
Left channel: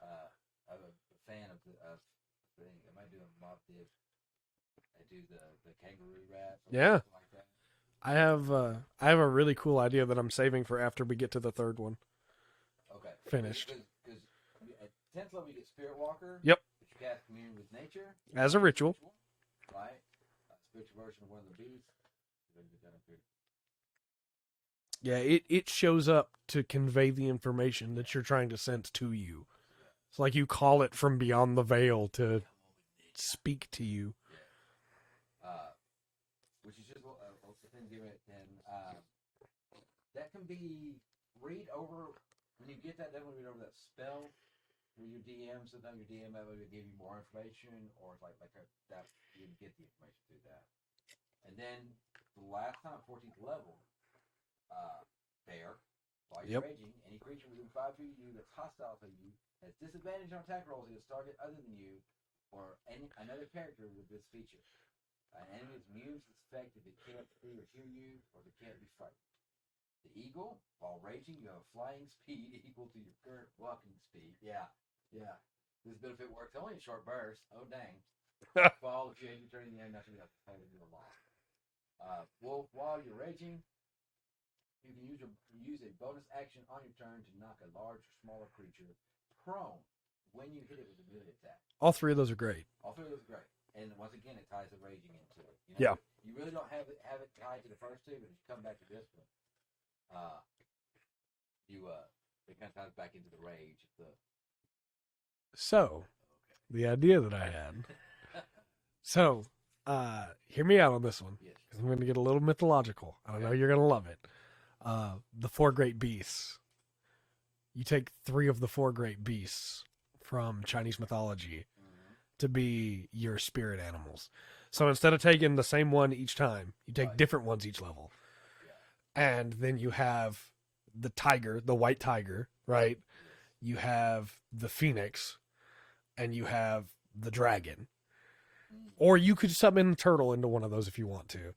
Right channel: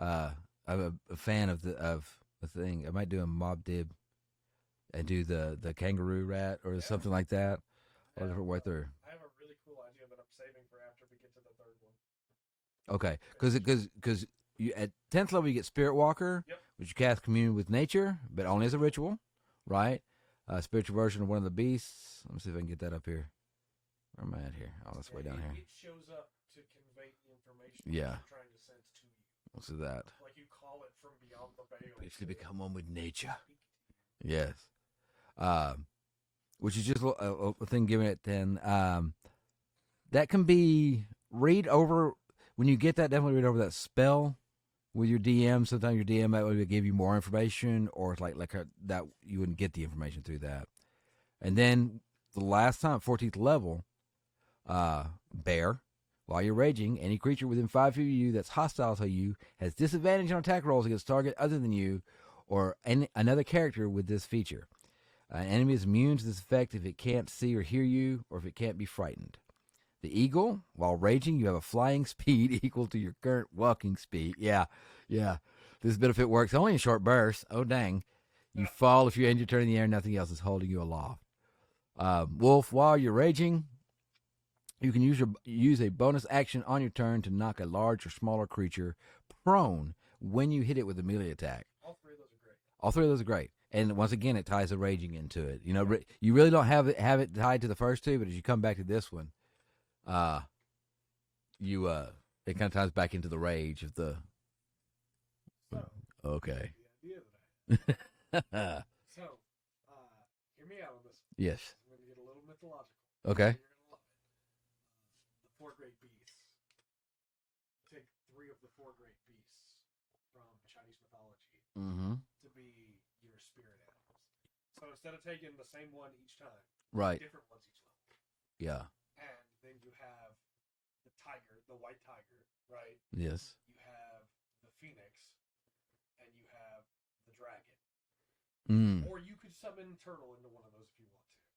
I'm a fan of the thing. I might do a Mob Dib and do the kangaroo rat or something like that. I have a really cool idea that I'm saving for after we get to the third one. Okay, because you at 10th level you get Spirit Walker. Yep, which you cast Commune with Nature as a ritual, right? Spiritual version of one of the beasts. Let me see if I can get that up here. Where am I at here? It shows up to convey the information that you're trying to sense to you. What's that? It's like you call it from beyond the veil to come on with nature, speak to you. Yes. Which is just a thing given at 10. That can be read over when you get that. Definitely read over that spell with your DM. Sometimes your DM might give you more information, or it's like that you wouldn't get the information through that. And then the last time, 14th level, bear. While you're raging, any creature within 5 feet of you that's hostile to you has disadvantage on attack rolls against target other than you, or another character with this feature. An enemy is immune to this effect if it can't see or hear you, or if it can't be frightened. The eagle, while raging, you have a flying speed equal to your current walking speed. Yeah. This benefit works only in short bursts. Oh, dang. You fall if you end your turn in the air, nothing else is holding you aloft. Wolf, while you're raging, you can use a bonus action on your turn to knock a large or smaller creature prone when you hit it with a melee attack. All three of those are great. And once again, it ties the raging into it. You really don't have it tied to the first two, but as you come back to this one, it kind of ties back into the rage of the. So okay, the idea that I had. So, hear me out on this one. Yes, I'm going to get a little mythological. Okay, you're going to love it. The 4 great beasts. You take 3 of the 4 great beasts from Chinese mythology to be your spirit animals. So instead of taking the same one each time, you take different ones each level. Yeah. And then you have the tiger, the white tiger, right? Yes. You have the phoenix, and you have the dragon. Mm. Or you could summon the turtle into one of those if you want to.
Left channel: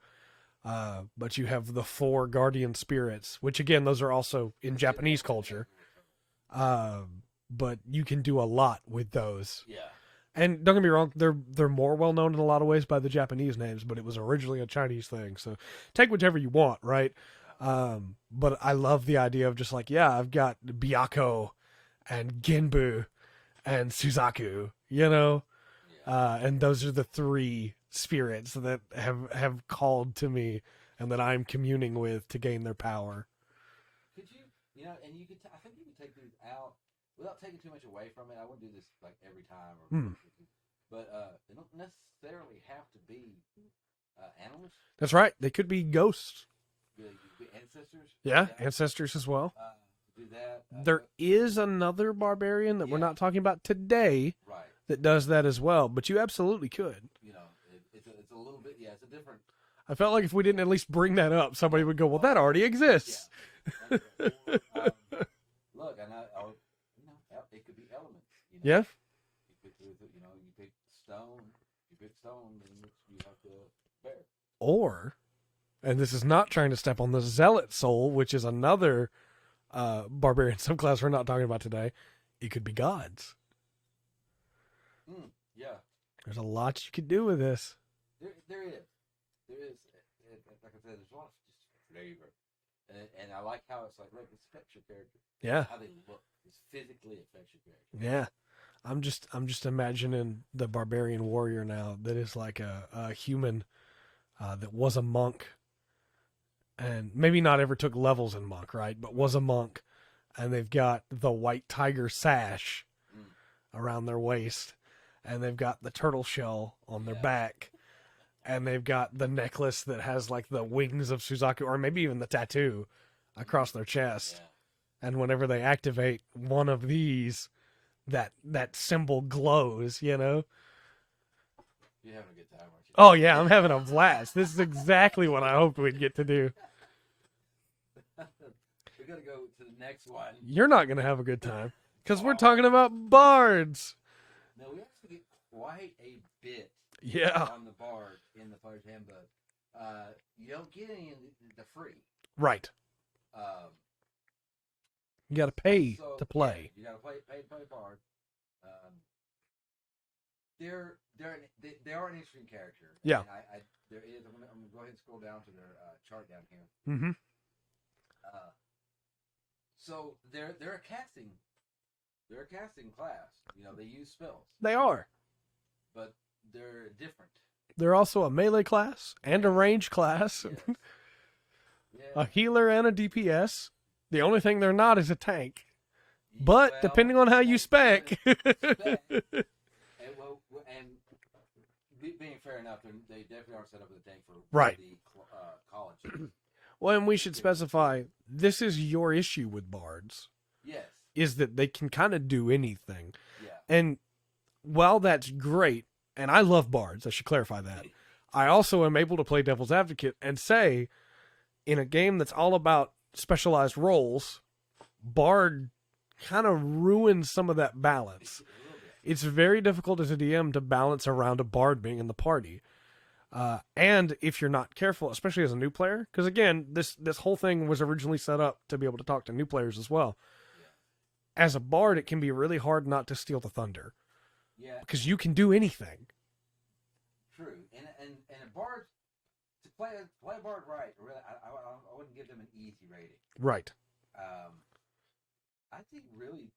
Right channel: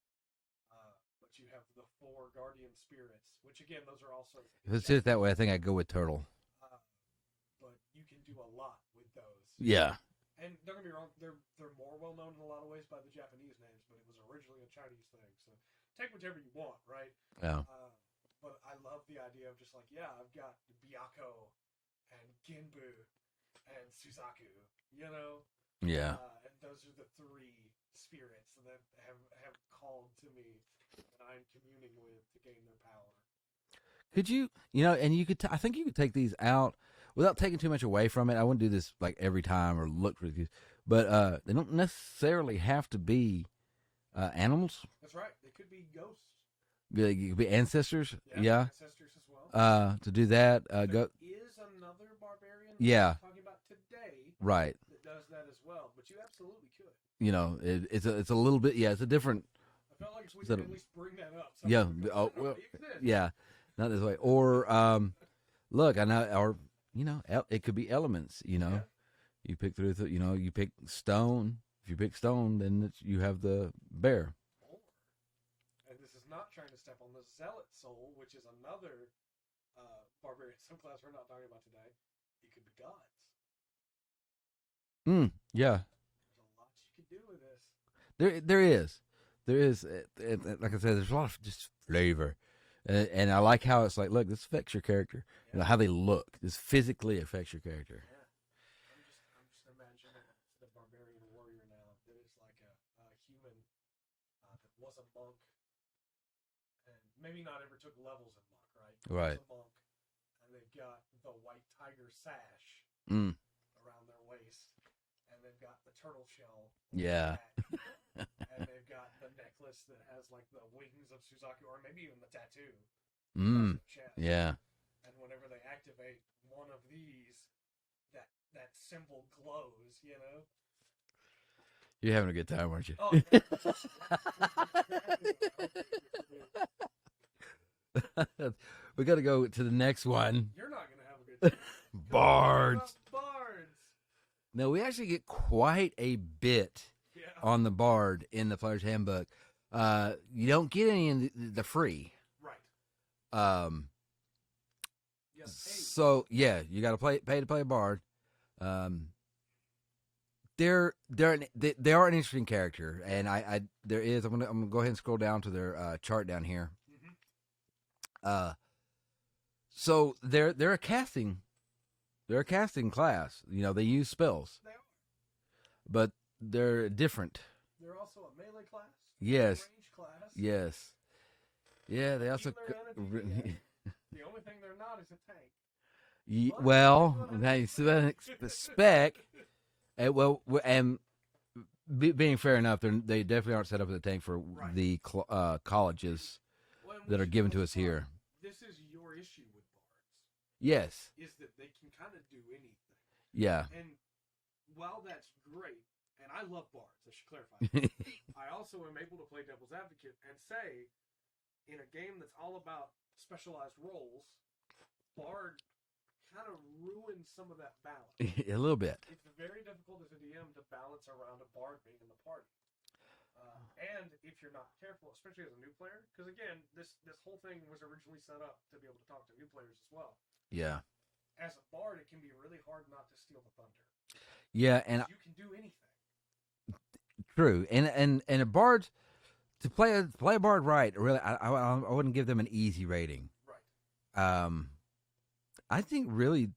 But you have the 4 guardian spirits, which again, those are also in Let's Japanese do it that way. culture. I think I'd go with turtle. But you can do a lot with those. Yeah. And don't get me wrong, they're more well known in a lot of ways by the Japanese names, but it was originally a Chinese thing. So take whichever you want, right? Yeah. But I love the idea of just like, yeah, I've got Byakko and Genbu and Suzaku, you know? Yeah. And those are the 3 spirits that have called to me and that I'm communing with to gain their power. Could you, and you could, I think you could take these out without taking too much away from it. I wouldn't do this like every time or look for these, but they don't necessarily have to be animals. That's right. They could be ghosts. They could be ancestors. Yeah. Ancestors as well. To do that. There is another barbarian that we're not talking about today. Right. That does that as well, but you absolutely could. It's a little bit, it's a different. I felt like if we didn't at least bring that up, somebody would go, well, that already exists. Yeah. Not this way. Or, look, I know, or, it could be elements, Yeah. You pick through, you pick stone. If you pick stone, then you have the bear. Or, and this is not trying to step on the zealot soul, which is another barbarian subclass we're not talking about today. It could be gods. Yeah. There's a lot you could do with this. There is. Like I said, there's a lot of just flavor. And I like how it's like, look, this affects your character. Yeah. How they look. This physically affects your character. Yeah. I'm just imagining the barbarian warrior now that is like a human that was a monk and maybe not ever took levels in monk, right? But was a monk, and they've got the white tiger sash around their waist, and they've got the turtle shell on the back. And they've got the necklace that has like the wings of Suzaku, or maybe even the tattoo across their chest. Yeah. And whenever they activate one of these, that symbol glows, You're having a good time, aren't you? Oh, yeah, I'm having a blast. This is exactly what I hoped we'd get to do. We got to go to the next one. You're not going to have a good time because we're talking about bards. No, we actually get quite a bit on the bard in the Player's Handbook. You don't get any in the free. Right. You got to pay to play. Yeah, you got to pay to play a bard. They are an interesting character, and I there is. I'm gonna go ahead and scroll down to their chart down here. Mm-hmm. So they're a casting. They're a casting class. They use spells. They are. But they're different. They're also a melee class and a range class. Yes. Yeah. A healer and a DPS. The only thing they're not is a tank. But depending on how you spec. The spec. Being fair enough, they definitely aren't set up as a tank for the colleges. Well, and we should specify, this is your issue with bards. Yes. Is that they can kind of do anything. Yeah. And while that's great, and I love bards, I should clarify that, I also am able to play devil's advocate and say, in a game that's all about specialized roles, bard kind of ruins some of that balance. A little bit. It's very difficult as a DM to balance around a bard being in the party. And if you're not careful, especially as a new player, because again, this whole thing was originally set up to be able to talk to new players as well. Yeah. As a bard, it can be really hard not to steal the thunder. Yeah, because you can do anything. True, and a bard to play a bard right. Really, I wouldn't give them an easy rating. Right. I think really,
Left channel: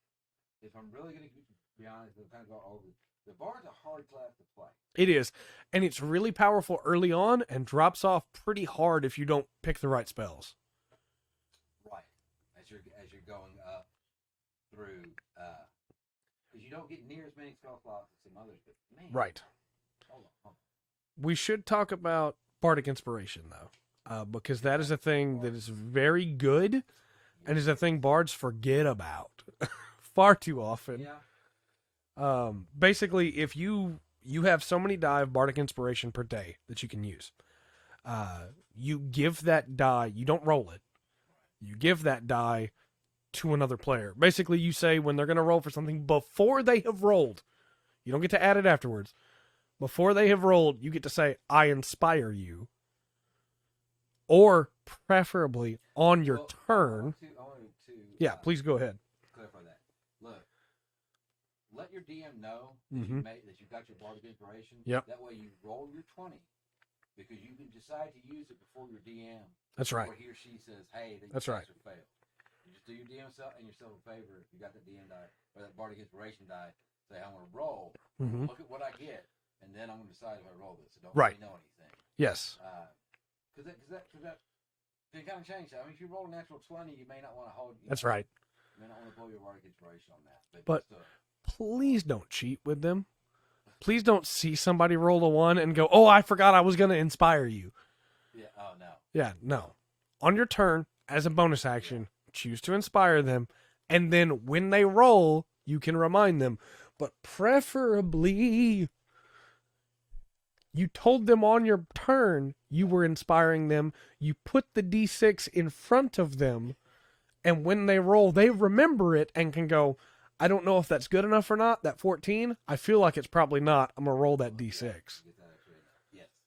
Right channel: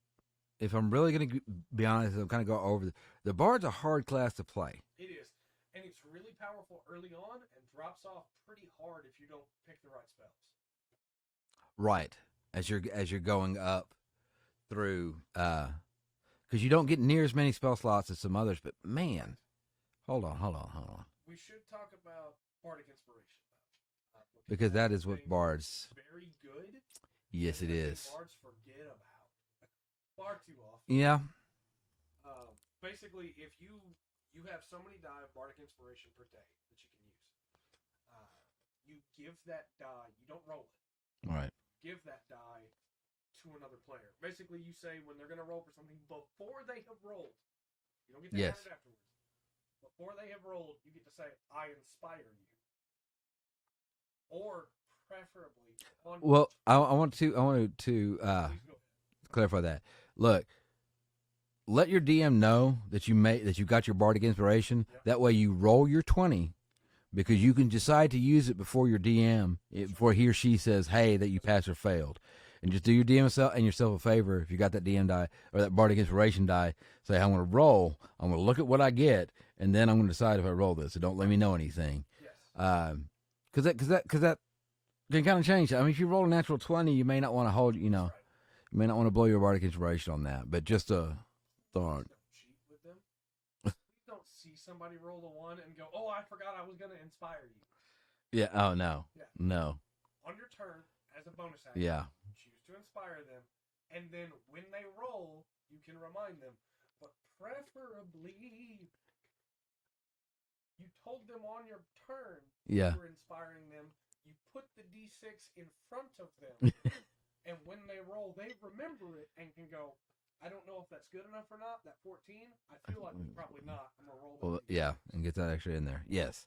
if I'm really going to be honest, I'm kind of go over the bard's a hard class to play. It is, and it's really powerful early on, and drops off pretty hard if you don't pick the right spells. Right, as you're going up through, because you don't get near as many spell slots as some others. But man, right. Hold on. We should talk about bardic inspiration though, because that is a thing that is very good. Yes, and is a thing bards forget about far too often. Yeah. Basically, if you have so many die of bardic inspiration per day that you can use, you give that die. You don't roll it. All right. You give that die to another player. Basically, you say when they're going to roll for something before they have rolled, you don't get to add it afterwards. Before they have rolled, you get to say, I inspire you. Or preferably on your turn. I want to please go ahead. Clarify that. Look, let your DM know that you got your Bardic Inspiration. Yep. That way you roll your 20, because you can decide to use it before your DM, before he or she says, hey, that you passed or failed. And just do your DM and yourself a favor. If you got that DM die or that Bardic Inspiration die, say, I'm going to roll. I'm going to look at what I get, and then I'm going to decide if I roll this. So don't let me know anything. Yes. Because that can kind of change. I mean, if you roll a natural 20, you may not want to hold. That's right. You may not want to blow your Bardic Inspiration on that. But just please don't cheat with them. Please don't see somebody roll a 1 and go, oh, I forgot I was going to inspire you. Yeah. Oh, no. Yeah. No. On your turn, as a bonus action, choose to inspire them. And then when they roll, you can remind them. But preferably, you told them on your turn you were inspiring them. You put the D6 in front of them. And when they roll, they remember it and can go, I don't know if that's good enough or not. That 14, I feel like it's probably not. I'm going to roll that D6. Yeah, and get that extra in there. Yes.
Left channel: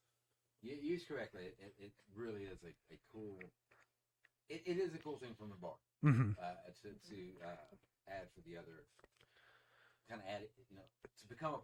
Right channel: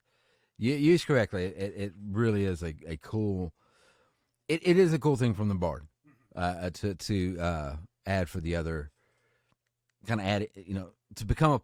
You used correctly. It really is a cool... It is a cool thing from the Bard to add for the other... Kind of add, to become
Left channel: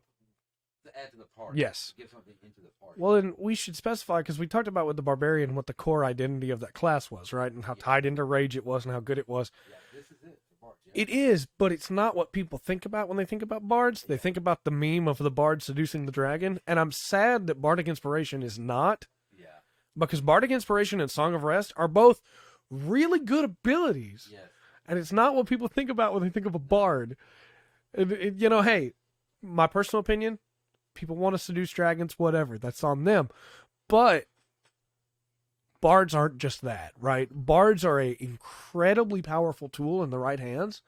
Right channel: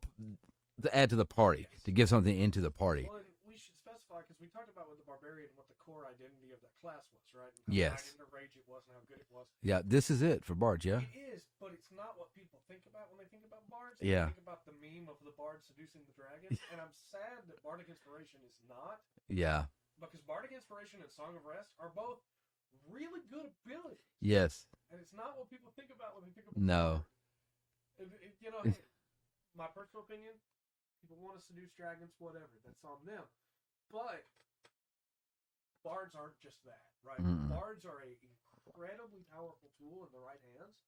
to add to the party. Yes. To give something into the party. Well, and we should specify, because we talked about with the Barbarian what the core identity of that class was, right? And how tied into Rage it was and how good it was. Yeah, this is it for Bards, yeah. It is, but it's not what people think about when they think about Bards. They think about the meme of the Bard seducing the dragon, and I'm sad that Bardic Inspiration is not. Yeah. Because Bardic Inspiration and Song of Rest are both really good abilities. Yes. And it's not what people think about when they think of a Bard. Hey, my personal opinion, people want to seduce dragons, whatever. That's on them. But bards aren't just that, right? Bards are an incredibly powerful tool in the right hands.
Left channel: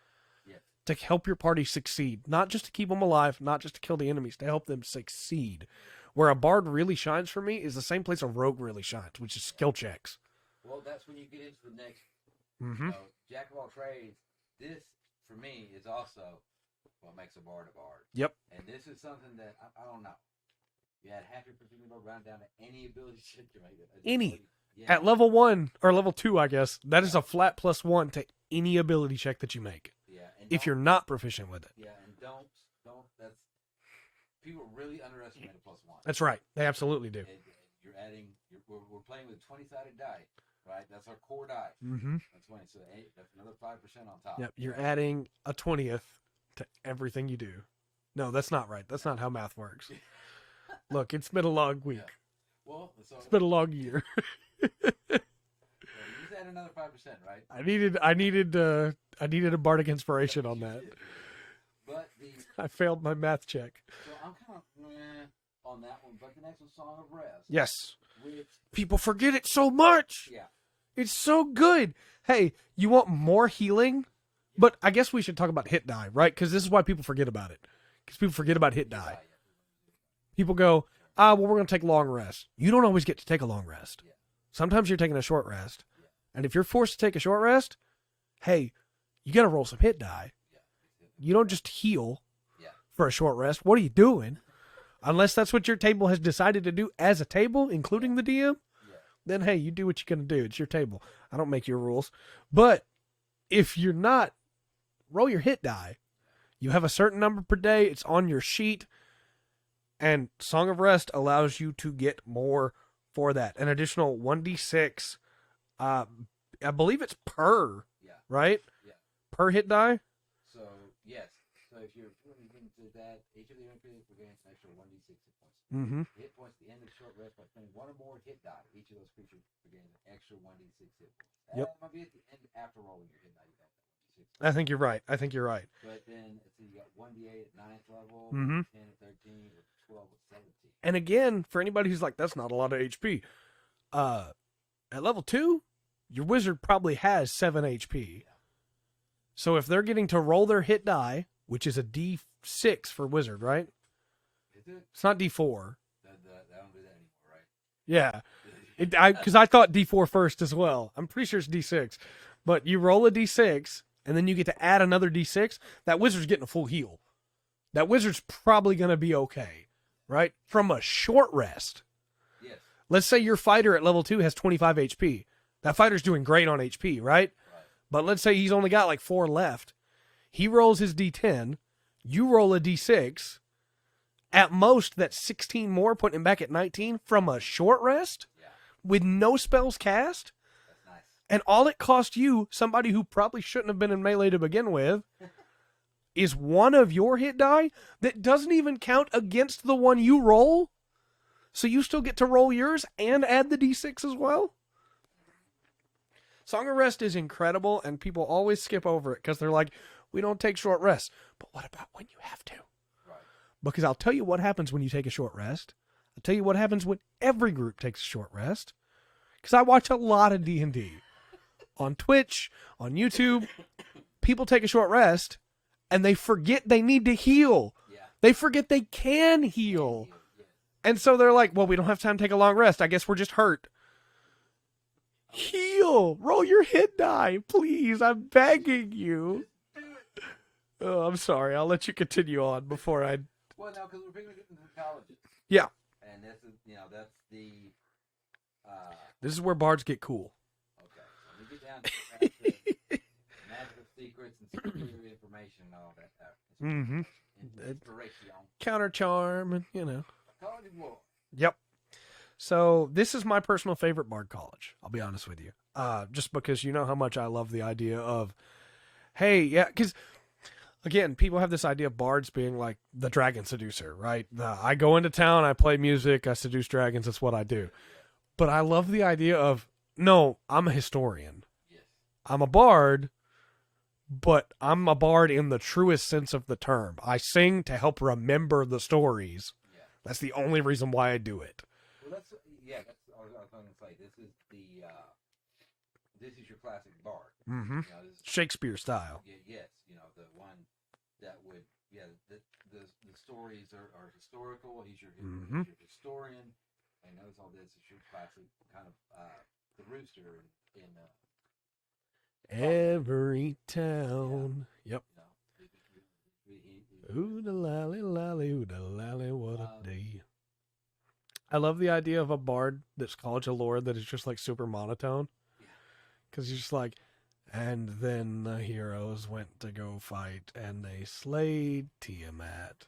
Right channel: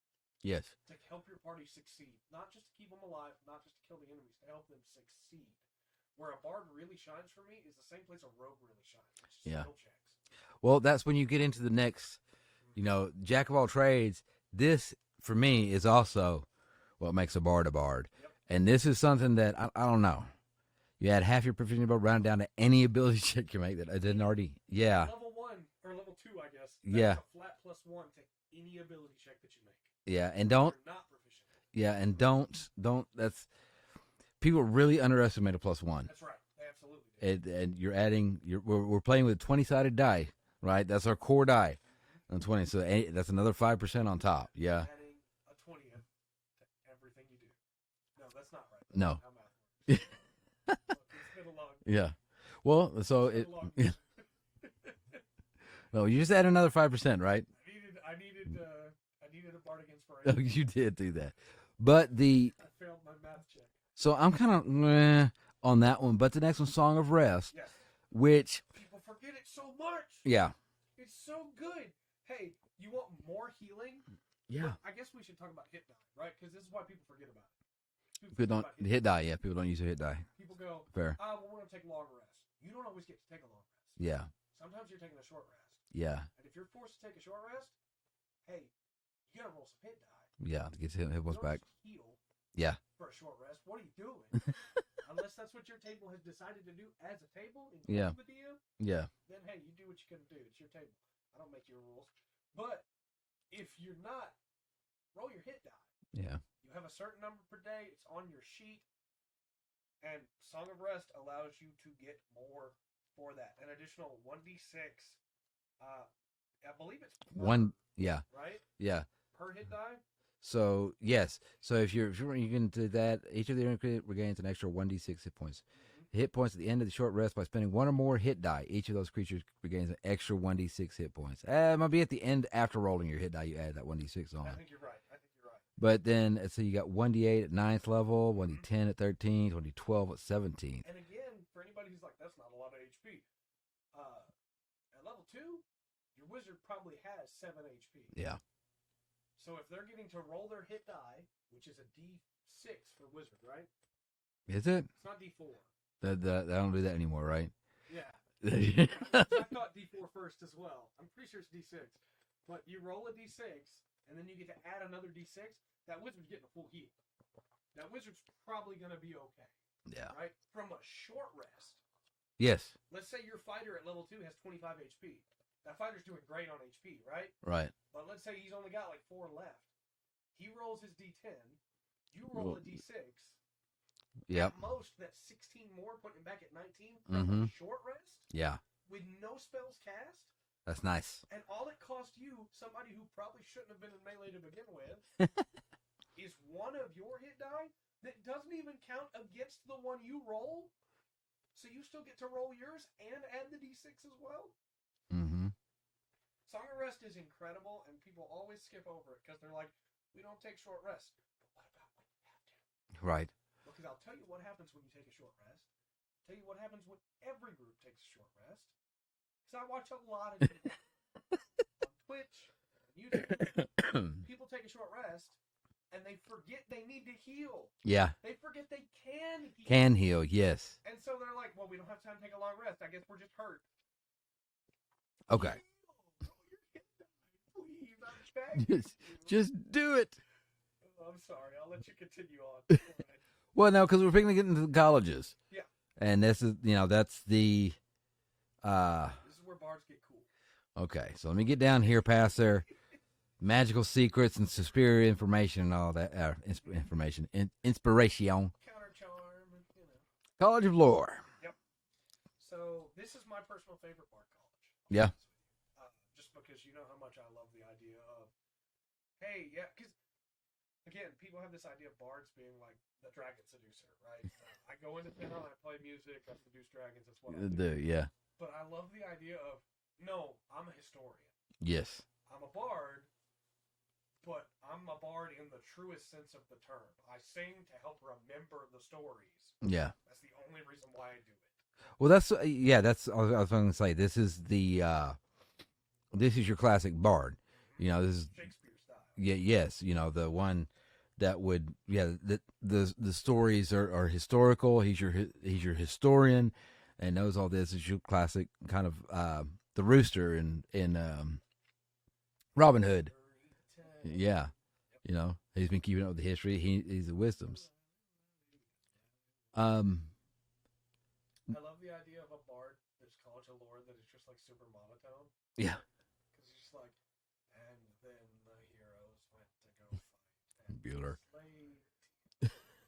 Yes. To help your party succeed. Not just to keep them alive, not just to kill the enemies, to help them succeed. Where a bard really shines for me is the same place a rogue really shines, which is skill checks. Well, that's when you get into the next, jack of all trades. This, for me, is also what makes a bard a bard. Yep. And this is something that, I don't know. You add half your proficiency bar round down to any ability check you make that I didn't already. Yeah. At level 1, or level 2, I guess, that is a flat +1 to any ability check that you make. Yeah. And if you're not proficient with it. Yeah. And don't, that's, people really underestimate a +1. That's right. They absolutely do. And you're adding, we're playing with a 20-sided die, right? That's our core die on 20. So that's another 5% on top. Yep. You're adding a 20th to everything you do. No, that's not right. That's not how math works. Look, it's been a long week. Yeah. Well, so it's been a long year. No, you just add another 5%, right? I needed a bardic inspiration on you that. You did do that. But I failed my math check. So I'm kind of on that one. But the next one, Song of Rest. Yes. Which people forget it so much. Yeah. It's so good. Hey, you want more healing? Yeah. But I guess we should talk about hit die, right? Because this is why people forget about it. Because people forget about hit die. Yeah, people don't use a hit die. People go, fair. Well, we're going to take a long rest. You don't always get to take a long rest. Yeah. Sometimes you're taking a short rest. Yeah. And if you're forced to take a short rest, hey, you got to roll some hit die. Yeah. You don't just heal. Yeah. For a short rest. What are you doing? Unless that's what your table has decided to do as a table, including the DM. Yeah. Then, hey, you do what you're going to do. It's your table. I don't make your rules. But if you're not, roll your hit die. Yeah. You have a certain number per day. It's on your sheet. And Song of Rest allows you to get more for that. An additional 1d6. I believe it's per. Right? Yeah. Per hit die. So, yes. So, if you can do that, each of the increment regains an extra 1d6 hit points. Hit points at the end of the short rest by spending one or more hit die. Each of those creatures regains an extra 1d6 hit points. It might be at the end after rolling your hit die, you add that 1d6 on. I think you're right. But then, so you got 1d8 at 9th level, 1d10 at 13, 1d12 at 17. And again, for anybody who's like, that's not a lot of HP. At level 2, your wizard probably has 7 HP. Yeah. So if they're getting to roll their hit die, which is a D6 for wizard, right? Is it? It's not D4. I don't do that anymore, right? Yeah. Because I thought D4 first as well. I'm pretty sure it's D6. But you roll a D6, and then you get to add another D6. That wizard's getting a full heal. That wizard's probably going to be okay. Yeah. Right? From a short rest. Yes. Let's say your fighter at level 2 has 25 HP. That fighter's doing great on HP, right? Right. But let's say he's only got like 4 left. He rolls his D10. You roll a D6. Yeah. At most, that's 16 more, putting him back at 19 from a short rest. Yeah. With no spells cast. That's nice. And all it cost you, somebody who probably shouldn't have been in melee to begin with, is one of your hit die that doesn't even count against the one you roll. So you still get to roll yours and add the D6 as well. Mm-hmm. Song of Rest is incredible, and people always skip over it because they're like, we don't take short rests. But what about when you have to? Right. Because I'll tell you what happens when you take a short rest. I'll tell you what happens when every group takes a short rest. Because I watch a lot of D&D. On Twitch, on YouTube, people take a short rest, and they forget they need to heal. Yeah. They forget they can heal. Can heal, yes. And so they're like, well, we don't have time to take a long rest. I guess we're just hurt. Okay. Heal. Roll your hit die, please. I'm begging you. Just do it. Oh, I'm sorry. I'll let you continue on before I... Well, no, because we're picking to get into the colleges. Yeah. And this is, that's the... This is where bards get cool. Okay, so let me get down here past their magical secrets and superior information and all that. Information. Inspiration. Counter charm, and, College of Lore. Yep. So this is my personal favorite bard college. I'll be Yeah. honest with you. Just because you know how much I love the idea of, hey, yeah, because... Again, people have this idea of bards being like the dragon seducer, right? I go into town, I play music, I seduce dragons. That's what I do. Yeah. But I love the idea of, no, I'm a historian. Yes. I'm a bard, but I'm a bard in the truest sense of the term. I sing to help remember the stories. Yeah. That's the only reason why I do it. Well, that's I was going to say, this is your classic bard. Mm-hmm. This is Shakespeare style. Yeah, yes, the one that would the stories are historical. He's your historian and knows all this. Is your classic kind of the rooster in Robin Hood. Every town. Yeah. Yep. He's been keeping up with the history. He's a wisdom. I love the idea of a bard that's College of Lore that is just like super monotone. Yeah. Because you're just like, and then the heroes went to go fight, and they slayed Tiamat.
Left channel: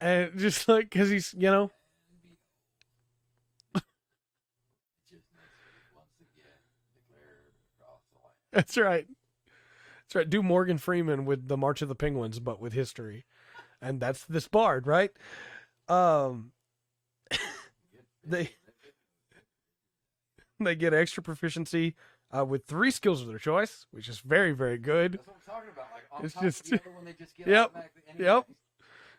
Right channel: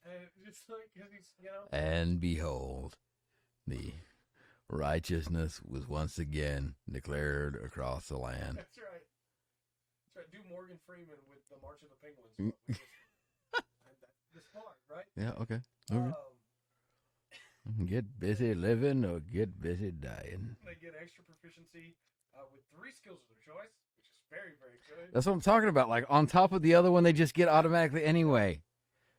And just like, because he's, And behold, the righteousness was once again declared across the land. That's right. That's right. Do Morgan Freeman with the March of the Penguins, but with history. And that's this bard, right? Yeah, okay. Get busy living or get busy dying. They get extra proficiency with 3 skills of their choice, which is very, very good. That's what I'm talking about. Like on top of the other one, they just get automatically anyway. Yep.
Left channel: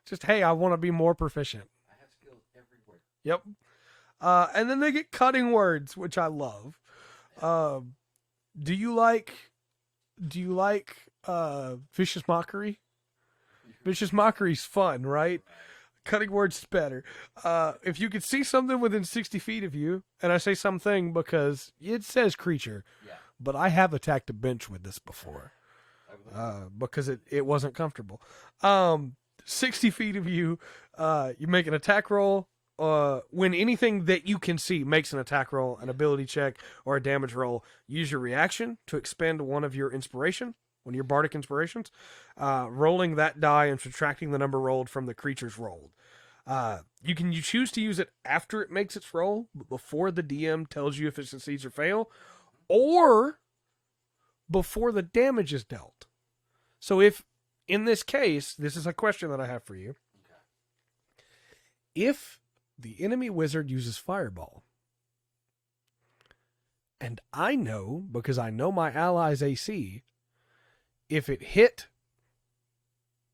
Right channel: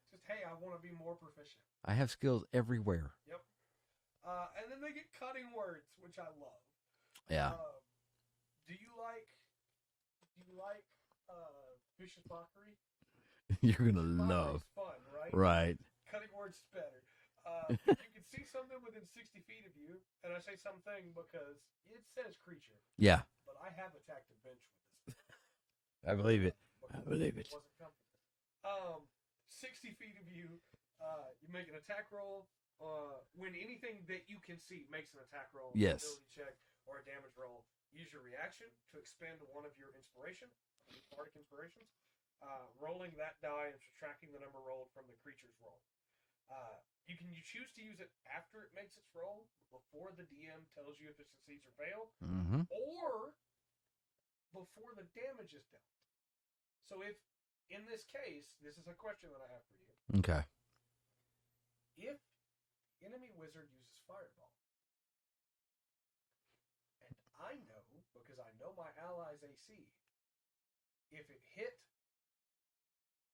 Just, hey, I want to be more proficient. I have skills everywhere. Yep. And then they get cutting words, which I love. Yeah. Do you like vicious mockery? Vicious mockery's fun, right? Right. Cutting words is better. If you could see something within 60 feet of you, and I say something because it says creature. Yeah. But I have attacked a bench with this before. I believe it. Because it wasn't comfortable. 60 feet of you, you make an attack roll. When anything that you can see makes an attack roll, an ability check, or a damage roll, use your reaction to expend one of your bardic inspirations, rolling that die and subtracting the number rolled from the creature's rolled. You choose to use it after it makes its roll, but before the DM tells you if it succeeds or fail, or before the damage is dealt. So if, in this case, this is a question that I have for you. Okay. If the enemy wizard uses Fireball, and I know, because I know my ally's AC, if it hit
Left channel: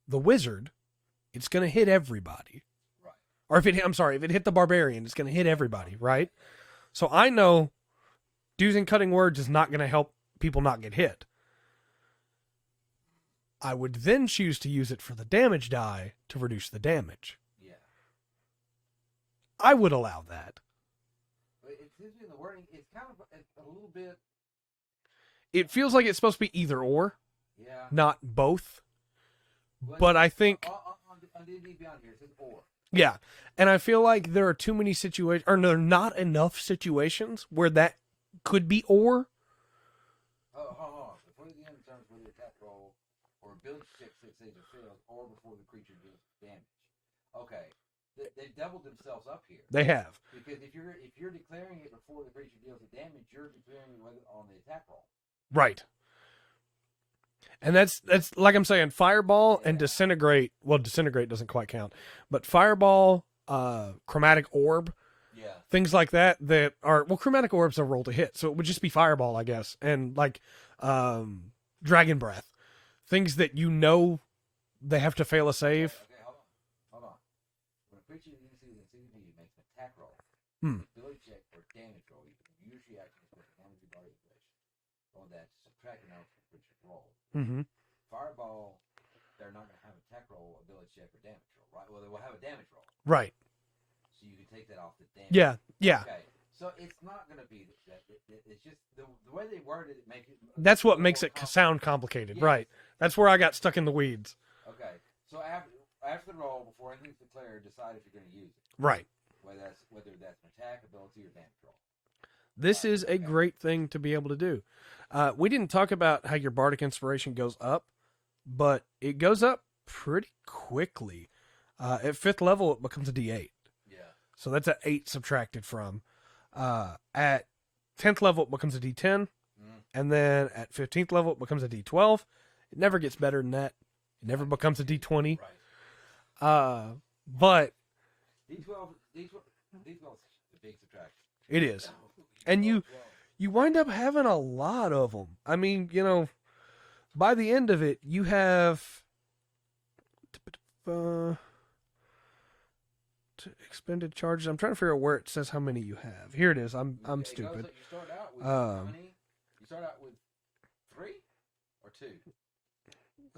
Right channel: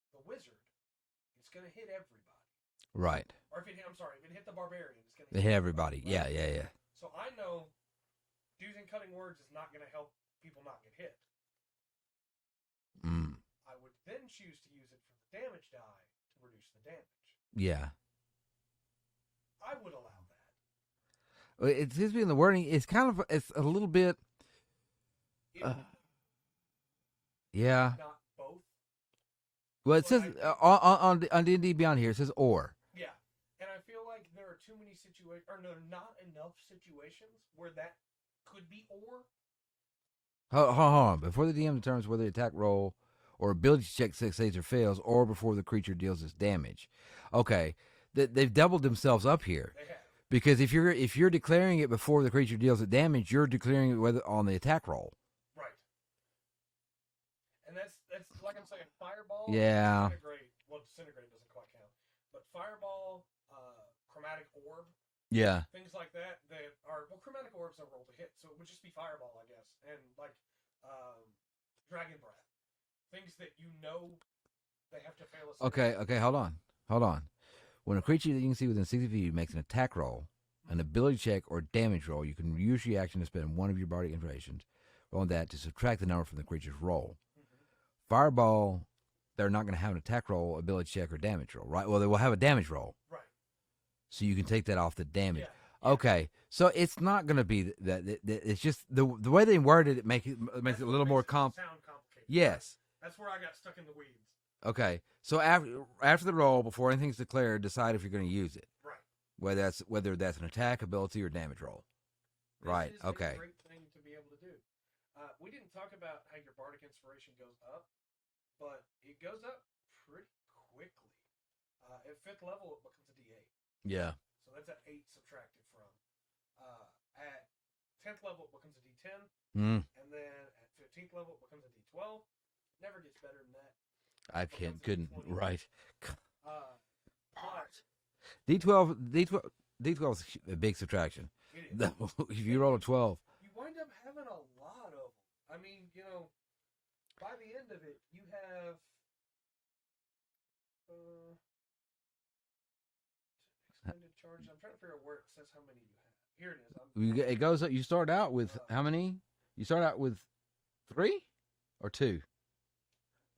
the wizard, it's going to hit everybody. Right. Or if it hit the barbarian, it's going to hit everybody, right? Yeah. So I know using cutting words is not going to help people not get hit. I would then choose to use it for the damage die to reduce the damage. Yeah. I would allow that. It seems to be in the wording. It's a little bit. It feels like it's supposed to be either or, Yeah. not both. But But says, I think on D&D Beyond here it says or. Yeah, and I feel like there are too many situations, or there are not enough situations where that could be or. Hold on. Before the DM determines whether the attack roll or ability check succeeds or fails, or before the creature deals its damage. Okay, they've doubled themselves up here. They have. Because if you're declaring it before the creature deals its damage, you're declaring it whether on the attack roll. Right. And that's like I'm saying, Fireball and Yeah. Disintegrate. Well, Disintegrate doesn't quite count, but Fireball, Chromatic Orb, Yeah. things like that are, well, Chromatic Orb's a roll to hit, so it would just be Fireball, I guess, and like Dragon Breath, things that they have to fail a save. Okay, hold on. When a creature that you can see within 60 feet makes an attack roll, an ability check, or damage roll, you can use your action to spend one of your bardic inspirations on that to subtract the number from the creature's roll. Mm-hmm. Fireball, they're not going to have an attack roll, ability check, or damage roll, right? Well, they will have a damage roll. Right. So you can take that off the damage. Yeah. Okay. So it's not going to be that. It's just the way they worded it. That's what makes it sound complicated. Yes. Right. That's where I got stuck in the weeds. Okay. So after the roll, before anything's declared, decide if you're going to use it. Right. Whether that's an attack, ability, or damage roll. This is a great thing to be able to do. We didn't talk about how your bardic inspiration goes up, but it goes up pretty quickly. At 5th level, it becomes a D8. Yeah. So that's an 8 subtracted from. At 10th level, it becomes a D10. And then at 15th level, it becomes a D12. It never gets better than that. It never becomes a D20. Right. But D12 is a big subtraction. it is. You roll a 12. You wind up having a lot of them. I mean, by the end of it, you have expended charges. I'm trying to figure out where it says how many you have. Here it is. It goes up. You start out with how many? You start out with 3 or 2?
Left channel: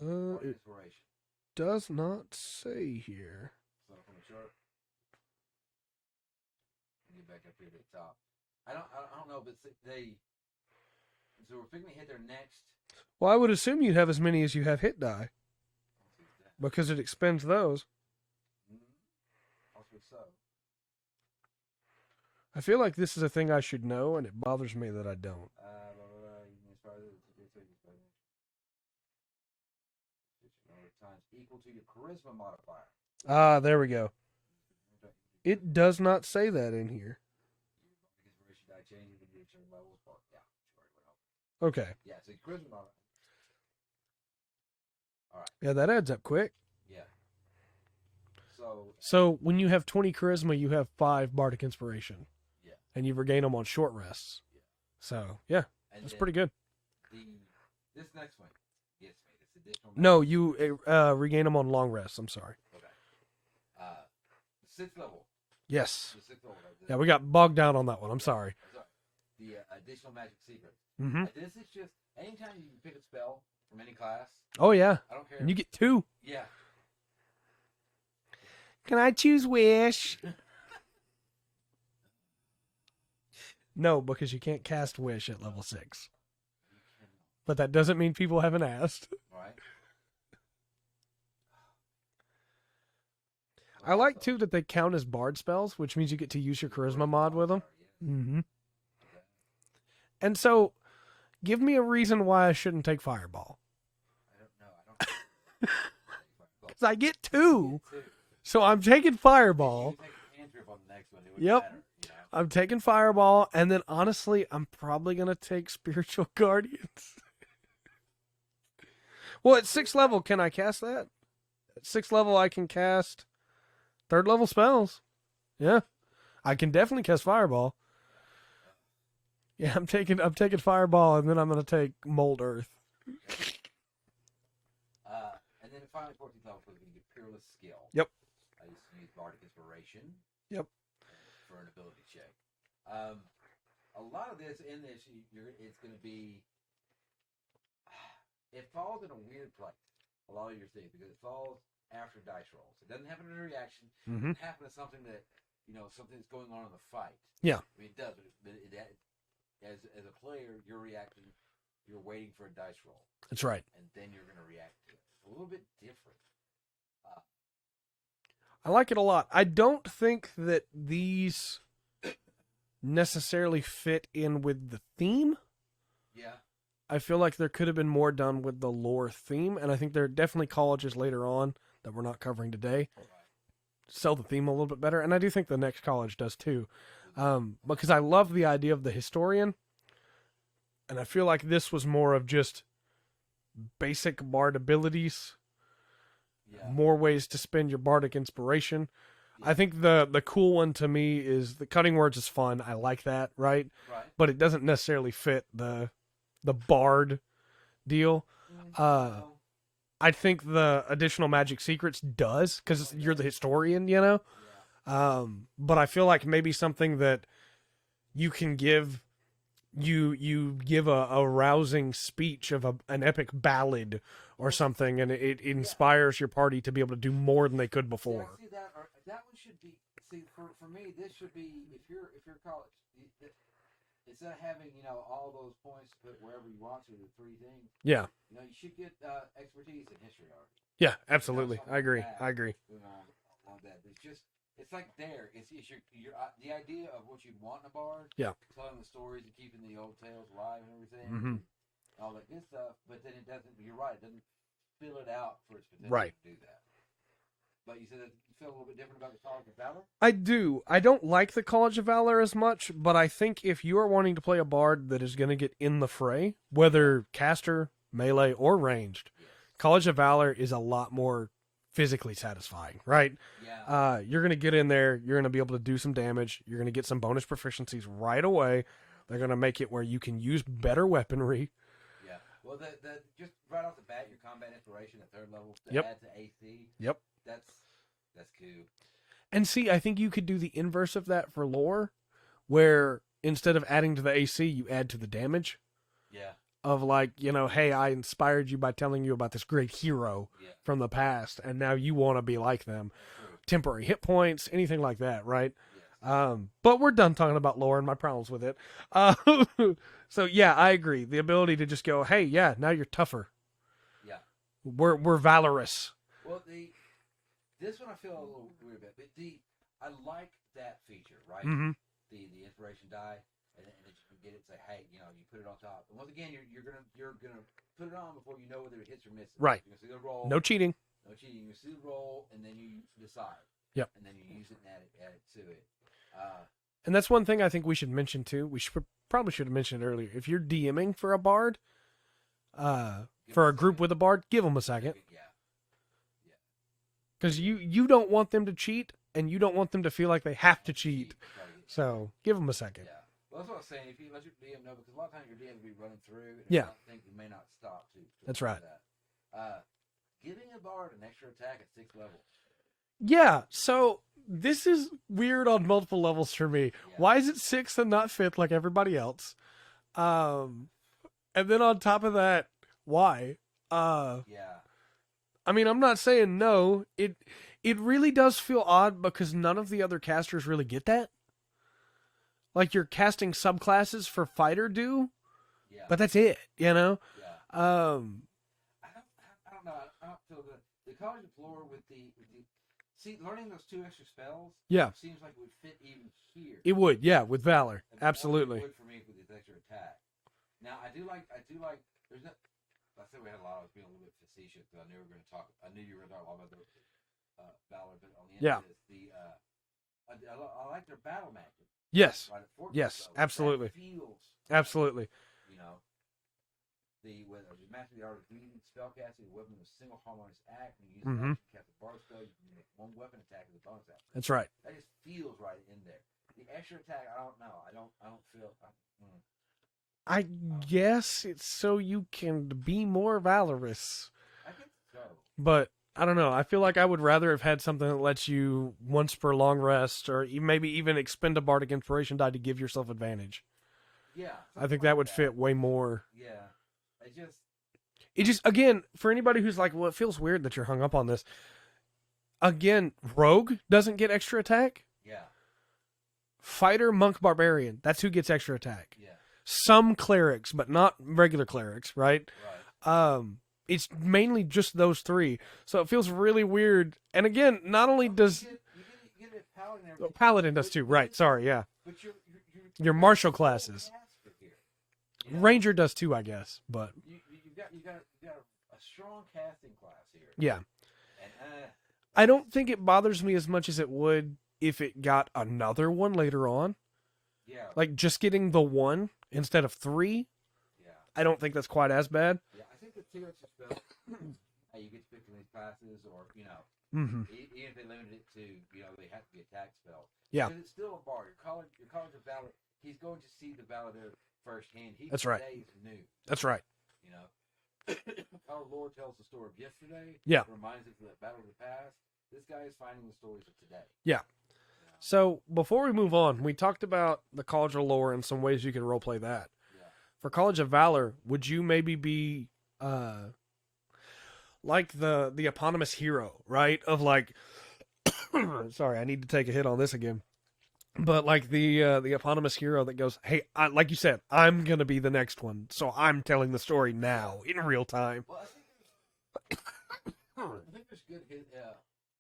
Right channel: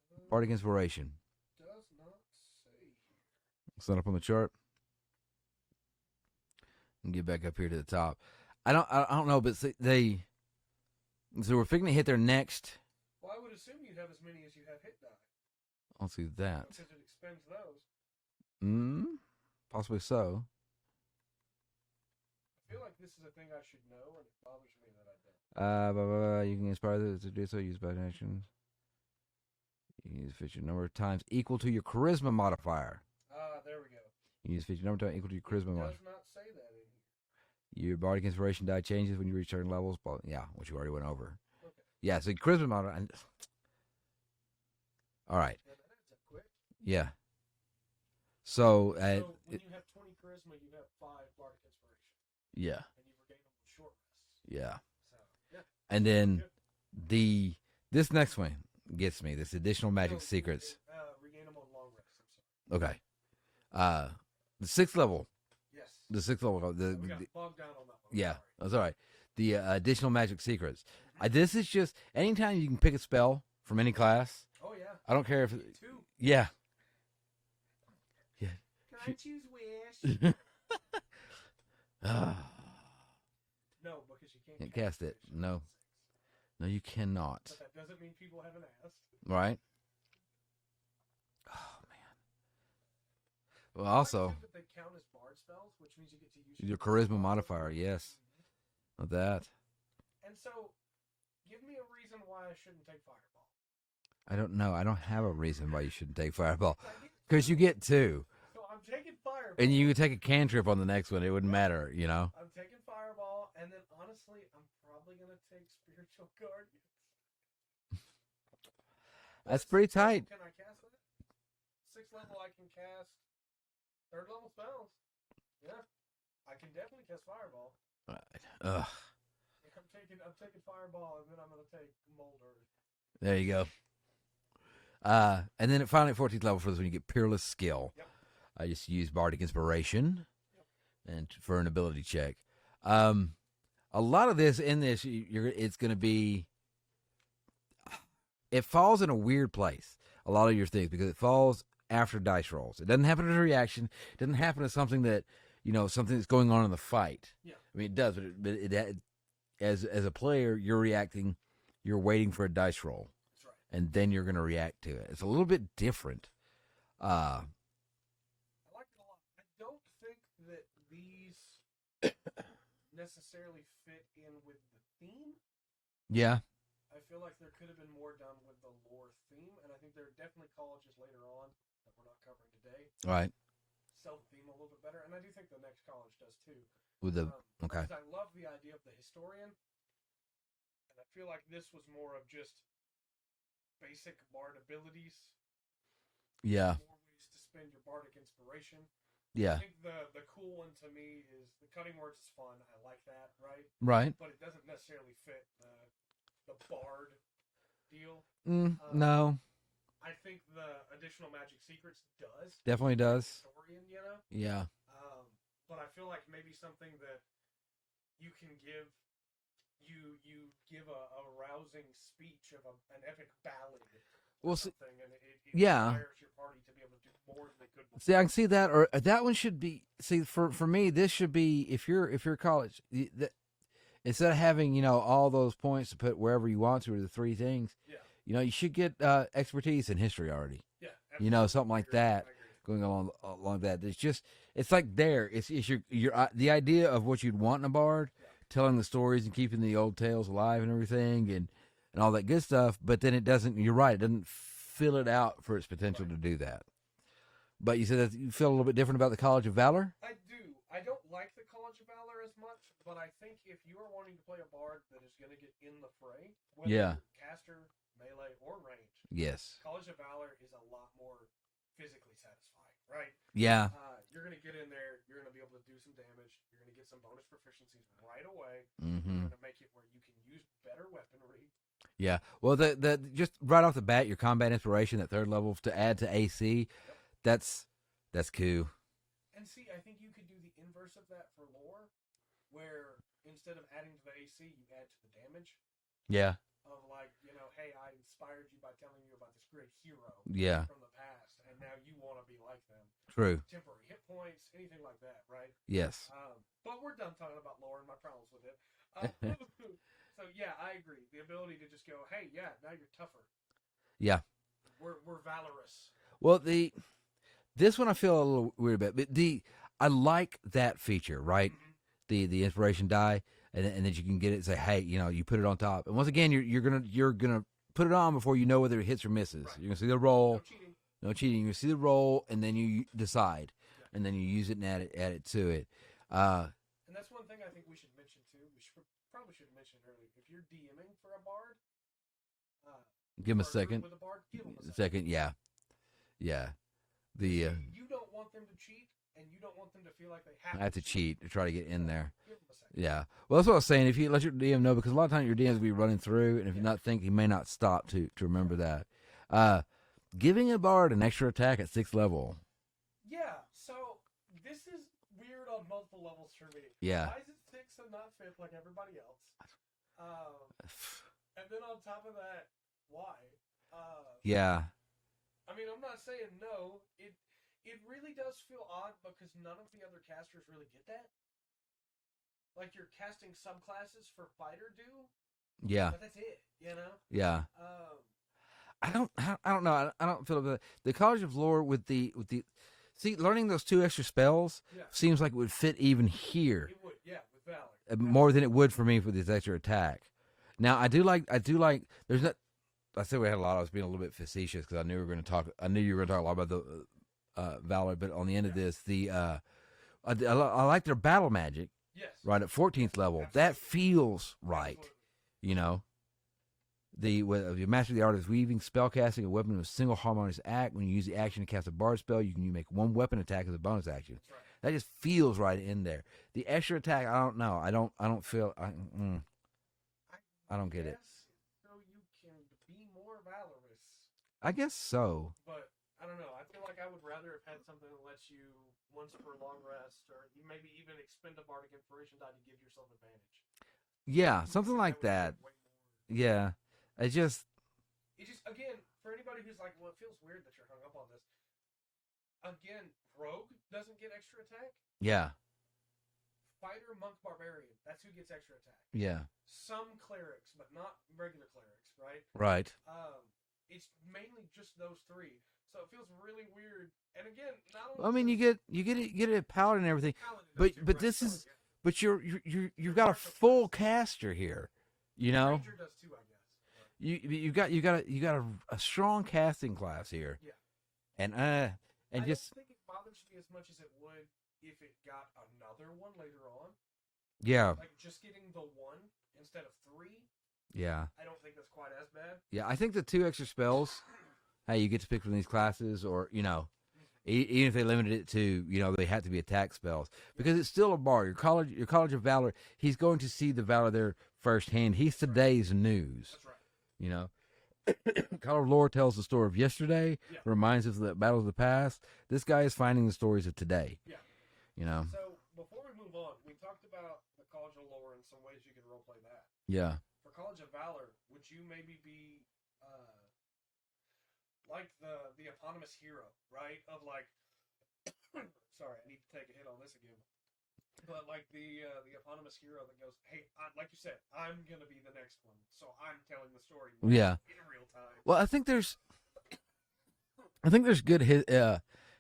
Bardic inspiration. Does not say here. It's not up on the chart. And get back up here to the top. I don't know, but so we're figuring to hit their next. Well, I would assume you'd have as many as you have hit die. I'll see that. Because it expends those. Possibly so. I feel like this is a thing I should know, and it bothers me that I don't. You can inspire this to do so. Use bad actions. You use feature number of times equal to your charisma modifier. There we go. You use feature number of times equal to your charisma. It does not say that in here. Your bardic inspiration die changes when you reach certain levels. But yeah, which you already went over. Okay. Yeah, so charisma modifier. All right. Yeah, that adds up quick. Yeah. So when you have 20 charisma, you have 5 bardic inspiration. Yeah. And you regain them on short rests. Yeah. So, yeah. And then it's pretty good. This next one gets me. This additional magic secrets. You regain them on long rests. I'm sorry. Okay. The 6th level. Yes. The 6th level. Yeah, we got bogged down on that one. I'm yeah, sorry. That's all right. The additional magic secrets. Mm-hmm. This is just anytime you can pick a spell from any class. Oh, yeah. I don't care if you get 2. Yeah. Can I choose Wish? No, because you can't cast Wish at level 6. No, you cannot. But that doesn't mean people haven't asked. Right. Oh, man. Well, I like, too, that they count as bard spells, which means you get to use your charisma mod with them. Yes. Mm-hmm. Of that. And so, give me a reason why I shouldn't take Fireball. I don't know. I don't have a reason why you shouldn't take Fireball. I get 2. Because you get 2. So I'm taking Fireball. And you can take a cantrip on the next one. It wouldn't matter, I'm taking Fireball, and then honestly, I'm probably going to take Spiritual Guardians. Well, That's at 6th level, can I cast that? At 6th level, I can cast 3rd level spells. Yeah. I can definitely cast Fireball. Ugh. Yeah, I'm taking Fireball, and then I'm going to take Mold Earth. There you go. And then finally at 14th level for this one, you get Peerless Skill. Yep. I just use Bardic Inspiration. Yep. And for an ability check. A lot of this in this, it's going to be. It falls in a weird place. A lot of your things because it falls after dice rolls. It doesn't happen as a reaction. It doesn't happen as something that something that's going on in the fight. Yeah. I mean, it does, but it as a player, you're reacting. You're waiting for a dice roll. That's right. And then you're going to react to it. It's a little bit different. I like it a lot. I don't think that these necessarily fit in with the theme. Yeah. I feel like there could have been more done with the lore theme, and I think there are definitely colleges later on that we're not covering today. Right. Sell the theme a little bit better, and I do think the next college does too. Okay. Because I love the idea of the historian, and I feel like this was more of just basic bard abilities. Yeah. More ways to spend your bardic inspiration. Yeah. I think the cool one to me is the cutting words is fun. I like that, right? Right. But it doesn't necessarily fit the bard deal. No. I think the additional magic secrets does, because Definitely you're does. the historian, Yeah. But I feel like maybe something that you can give, you give a rousing speech of an epic ballad or something, and it inspires your party to be able to do more than they could before. See, I can see that, or that one should be. See, for me, this should be if you're college. Instead of having, all those points to put wherever you want to, or the three things, Yeah. You should get expertise in history already. Yeah, absolutely. Something I like agree. that. I agree. Going along that. It's like there. It's your the idea of what you'd want in a bard. Yeah. Telling the stories and keeping the old tales alive and everything, and all that good stuff. But then it doesn't. You're right. It doesn't fill it out for its potential to do that. But you said that you feel a little bit different about the College of Valor? I do. I don't like the College of Valor as much, but I think if you are wanting to play a bard that is going to get in the fray, whether caster, melee, or ranged, Yes. College of Valor is a lot more physically satisfying, right? Yeah. You're going to get in there, you're going to be able to do some damage, you're going to get some bonus proficiencies right away. They're going to make it where you can use better weaponry. Yeah. Well, the just right off the bat, your combat inspiration at third level to add to AC. Yep. That's cool. And see, I think you could do the inverse of that for lore, where instead of adding to the AC, you add to the damage. Yeah. Of like, hey, I inspired you by telling you about this great hero from the past, and now you want to be like them. True. Temporary hit points, anything like that, right? Yes. But we're done talking about lore and my problems with it. So yeah, I agree. The ability to just go, hey, yeah, now you're tougher. Yeah. We're valorous. Well, this one I feel a little weird about, but I like that feature, right? Mm-hmm. The inspiration die, and then you can get it and say, hey, you put it on top, and once again, you're gonna put it on before you know whether it hits or misses. Right. You're gonna see the roll. No cheating. No cheating. You see the roll, and then you decide. Yep. And then you use it and add it to it. And that's one thing I think we should mention too. We probably should have mentioned it earlier. If you're DMing for a bard, for a group with a bard, give them a second. Yeah. Because you don't want them to cheat, and you don't want them to feel like they have to cheat to try to get in so there. Give them a second. Yeah. Well, that's what I was saying. If you let your DM know, because a lot of times your DMs will be running through, and if you're not thinking, he may not stop to remember that. Giving a bard an extra attack at 6th level. Yeah. So this is weird on multiple levels for me. Yeah. Why is it 6th and not 5th like everybody else? And then on top of that, why? Yeah. I mean, I'm not saying no. It really does feel odd because none of the other casters really get that. Like you're casting subclasses for fighter do. Yeah. But that's it, Yeah. I don't know. I don't feel that the College of Lore with the learning those 2 extra spells. Yeah. Seems like it would fit even here. It would, yeah, with Valor. More than it would for me for this extra attack. Now I do like. There's not. I said we had a lot. I was being a little bit facetious because I knew you were going to talk a lot about the Valor. But on the end of this, I like their battle magic. Yes. Right at 14th level. Absolutely. That feels right. Absolutely. You master the art of weaving, spellcasting a weapon in a single harmonious act. When you use the action to cast a bard spell, you can make one weapon attack as a bonus action. That's right. That just feels right in there. The extra attack, I don't know. I don't feel. I guess it's so you can be more valorous. I guess so. But I don't know. I feel like I would rather have had something that lets you once per long rest, or maybe even expend a bardic inspiration die to give yourself advantage. Yeah, something I think like that would fit way more. Yeah, it just again, for anybody who's like, well, it feels weird that you're hung up on this. Again, Rogue doesn't get extra attack. Yeah. fighter, monk, barbarian. That's who gets extra attack. Yeah. Some clerics, but not regular clerics, right? Right. It's mainly just those three, so it feels really weird. And again, not only does you get a paladin and everything. paladin does too, right? Sorry, yeah. But you're martial got a full classes. caster here. You know, Ranger does too, I guess. But you got a strong casting class here. yeah, and I don't think it bothers me as much as it would if it got another one later on. Yeah, Like just getting the one instead of three. Yeah, I don't think that's quite as bad. yeah. I think the 2 extra spells, hey, you get to pick from these classes, or Mm-hmm. even if they limited it to, they have to be attack spells. Yeah. Because it's still a bard. Your college of valor. He's going to see the valor there firsthand. He's That's right. today's news. That's right. College of lore tells the story of yesterday. Yeah. Reminds us of the battles of the past. This guy is finding the stories of today. Yeah. So before we move on, we talked about the College of Lore and some ways you can roleplay that. Yeah. For College of Valor, would you maybe be like the eponymous hero, right? Of like, sorry, I need to take a hit on this again. But like the eponymous hero that goes, hey, like you said, I'm gonna be the next one, so I'm telling the story now in real time. Well, I think there's good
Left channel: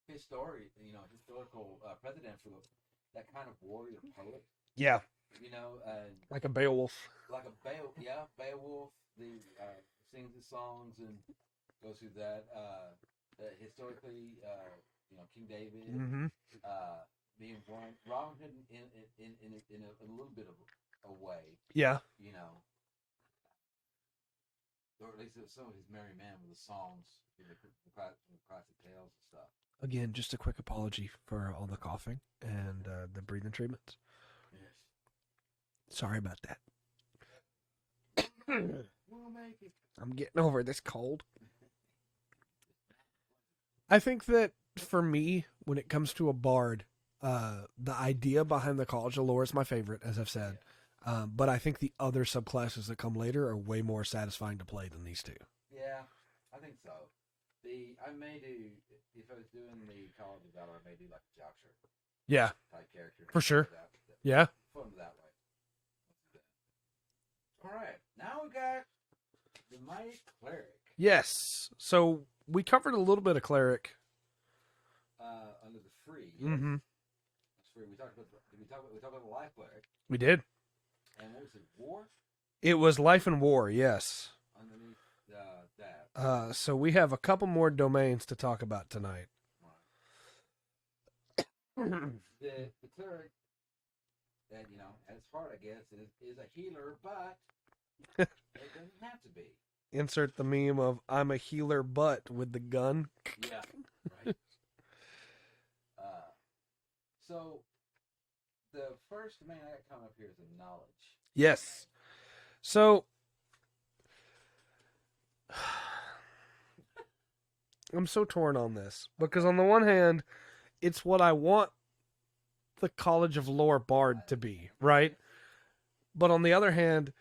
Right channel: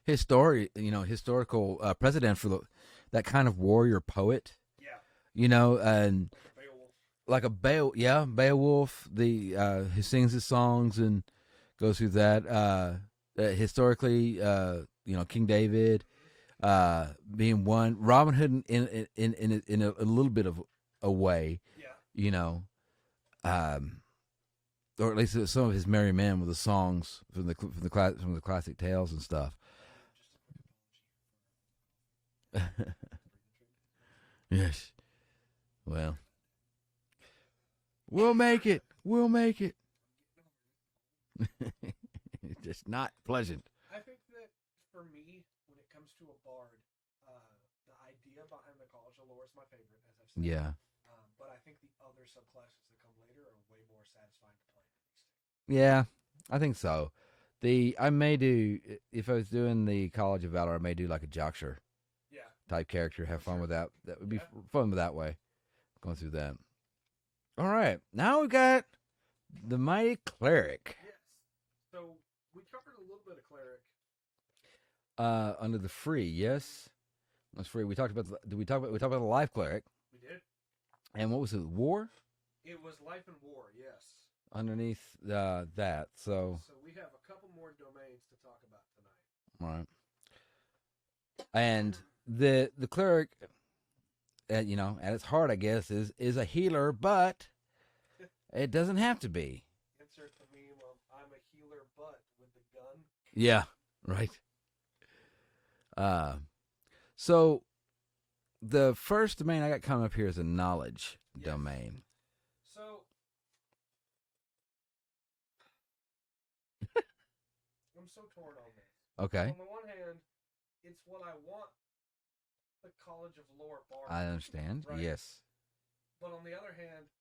historical precedent for that kind of warrior poet. Yeah, and like a Beowulf. Beowulf, who sings his songs and goes through that. Historically, King David, being one, Robin Hood in a little bit of a way. Yeah, or at least some of his merry men with the songs from the classic tales and stuff. Again, just a quick apology for all the coughing and the breathing treatments. Yes, well, sorry about that. We'll make it. We'll make it. I'm getting over this cold. It's just not pleasant. I think that for me, when it comes to a bard, the idea behind the College of Lore is my favorite, as I've said. Yeah. But I think the other subclasses that come later are way more satisfying to play than these two. Yeah, I think so. I may do, if I was doing the College of Valor, I may do like a Joxer type character. Have For fun sure. with that. That would Yeah. be fun with that way. Going through that. All right. Now we got the Mighty Cleric. Yes. So we covered a little bit of Cleric. Under the free, yes. Mhm. That's free. We talked about we talked about the Life Cleric. We did. And what was it? War? It was Life and War, yes. Underneath that. So we have a couple more domains to talk about tonight. All right. And the Cleric, at its heart, I guess, is a healer, but it doesn't have to be. Insert the meme of I'm a healer, but with the gun. Yeah, right. So the first domain I got coming up here is a knowledge domain. So I'm so torn on this because Okay. on the one hand, it's what I want the College of Lore Bard I to be, understand. right? Yes. But on the other hand,